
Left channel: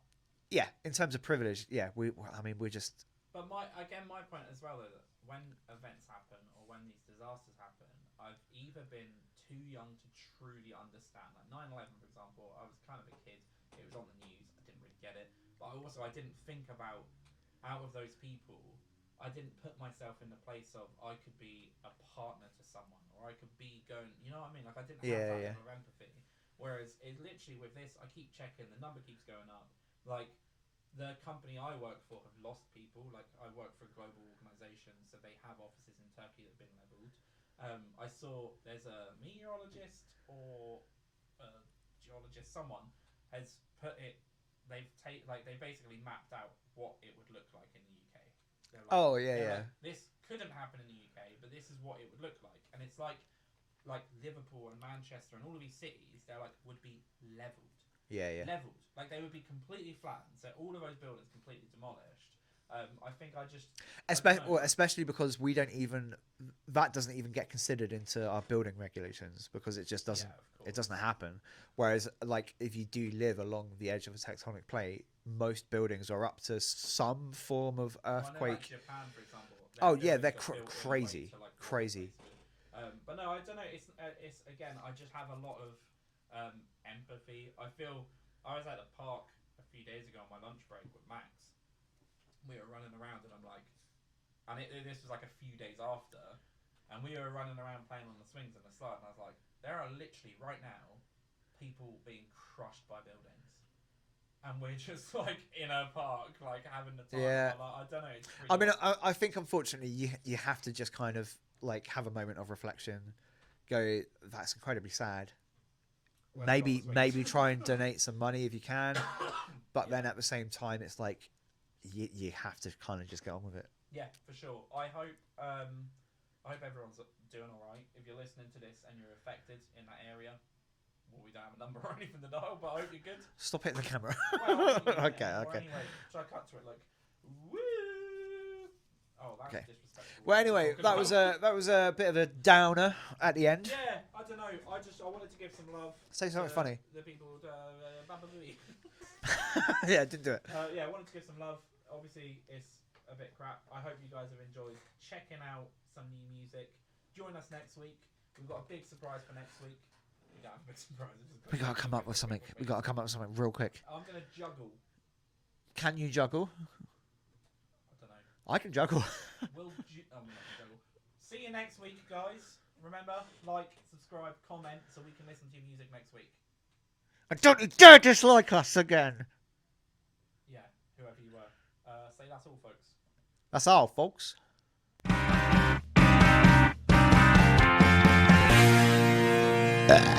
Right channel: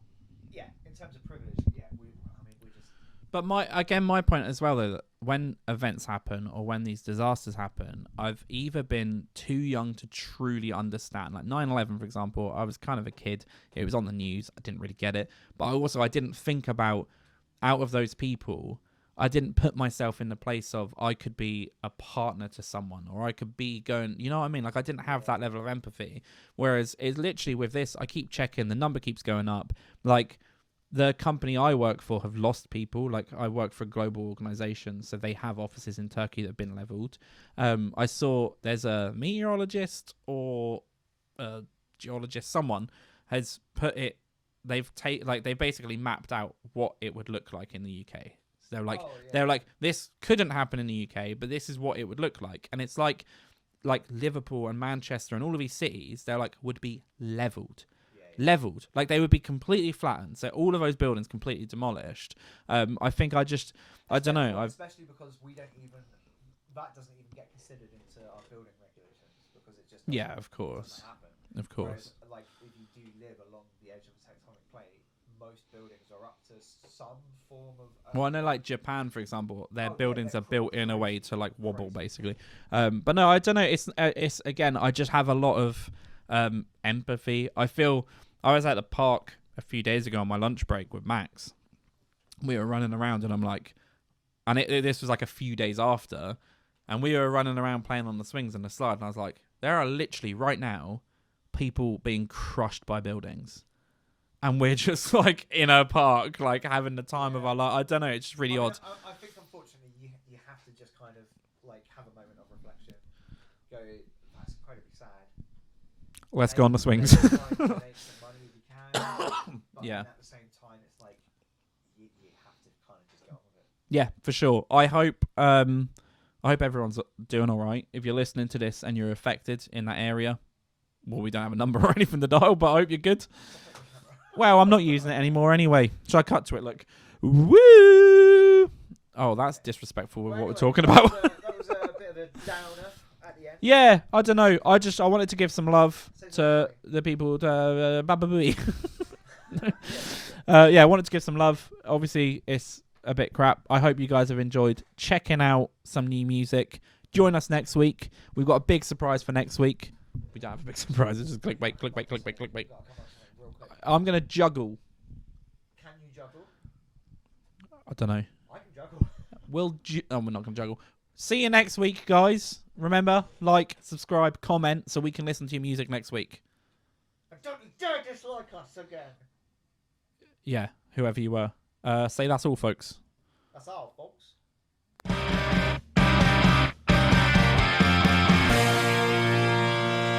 yeah, in terms of privilege, we're just... But my point as well, though, that when events happen or when these disasters happen, I've either been too young to truly understand. Like 9/11, for example, I was kind of a kid. It was on the news. I didn't really get it. But I didn't think about, out of those people, I didn't put myself in the place of I could be a partner to someone, or I could be going, you know what I mean? Like, I didn't have that level of empathy. Whereas it's literally with this, I keep checking, the number keeps going up. Like, the company I work for have lost people. Like, I work for a global organization, so they have offices in Turkey that have been leveled. I saw there's a meteorologist or a geologist, someone has put it, they basically mapped out what it would look like in the UK. So they're like, this couldn't happen in the UK, but this is what it would look like. And it's like Liverpool and Manchester and all of these cities, they're like, would be leveled. Leveled, like they would be completely flattened, so all of those buildings completely demolished. I think I don't know, especially because that doesn't even get considered into our building regulations, because it just doesn't. Of course, it doesn't happen. Of course. Whereas, like, if you do live along the edge of a tectonic plate, most buildings are up to some form of earthquake. Well, I know, like Japan, for example, their buildings are built in a way to like wobble, basically. But no, I don't know. It's again, I just have a lot of empathy. I was at the park a few days ago on my lunch break with Max. We were running around, and I'm like, this was like a few days after, and we were running around playing on the swings and the slide, and I was like, there are literally right now people being crushed by buildings, and we're just like in a park, like having the time of our life. I don't know, it's just really odd. I think unfortunately you have to just kind of like have a moment of reflection, go, that's incredibly sad. Let's go on the swings. Maybe try and donate some money if you can, but then at the same time, it's like you have to kind of just get on with it. Yeah, for sure. I hope everyone's doing all right. If you're listening to this and you're affected in that area, well, we don't have a number or anything to dial, but I hope you're good. Stop hitting the camera. Well, I'm not using it anymore anyway. Should I cut to it? Look. Woo! Oh, that's Okay. disrespectful. Well, What anyway, we're talking about. that was a bit of a downer at the end. Yeah, I don't know. I wanted to give some love Say something to the people. Bababooey. Yeah, just do it. Yeah, I wanted to give some love. Obviously, it's a bit crap. I hope you guys have enjoyed checking out some new music. Join us next week. We've got a big surprise for next week. We don't have a big surprise. It's just We've clickbait, gotta come clickbait, up with clickbait, something. clickbait. We've got to come up with something real quick. I'm gonna juggle. Can you juggle? I don't know. I can juggle. We're not gonna juggle. See you next week, guys. Remember, like, subscribe, comment, so we can listen to your music next week. And don't you dare dislike us again. Yeah, whoever you were. Say that's all, folks. That's all, folks. Ah.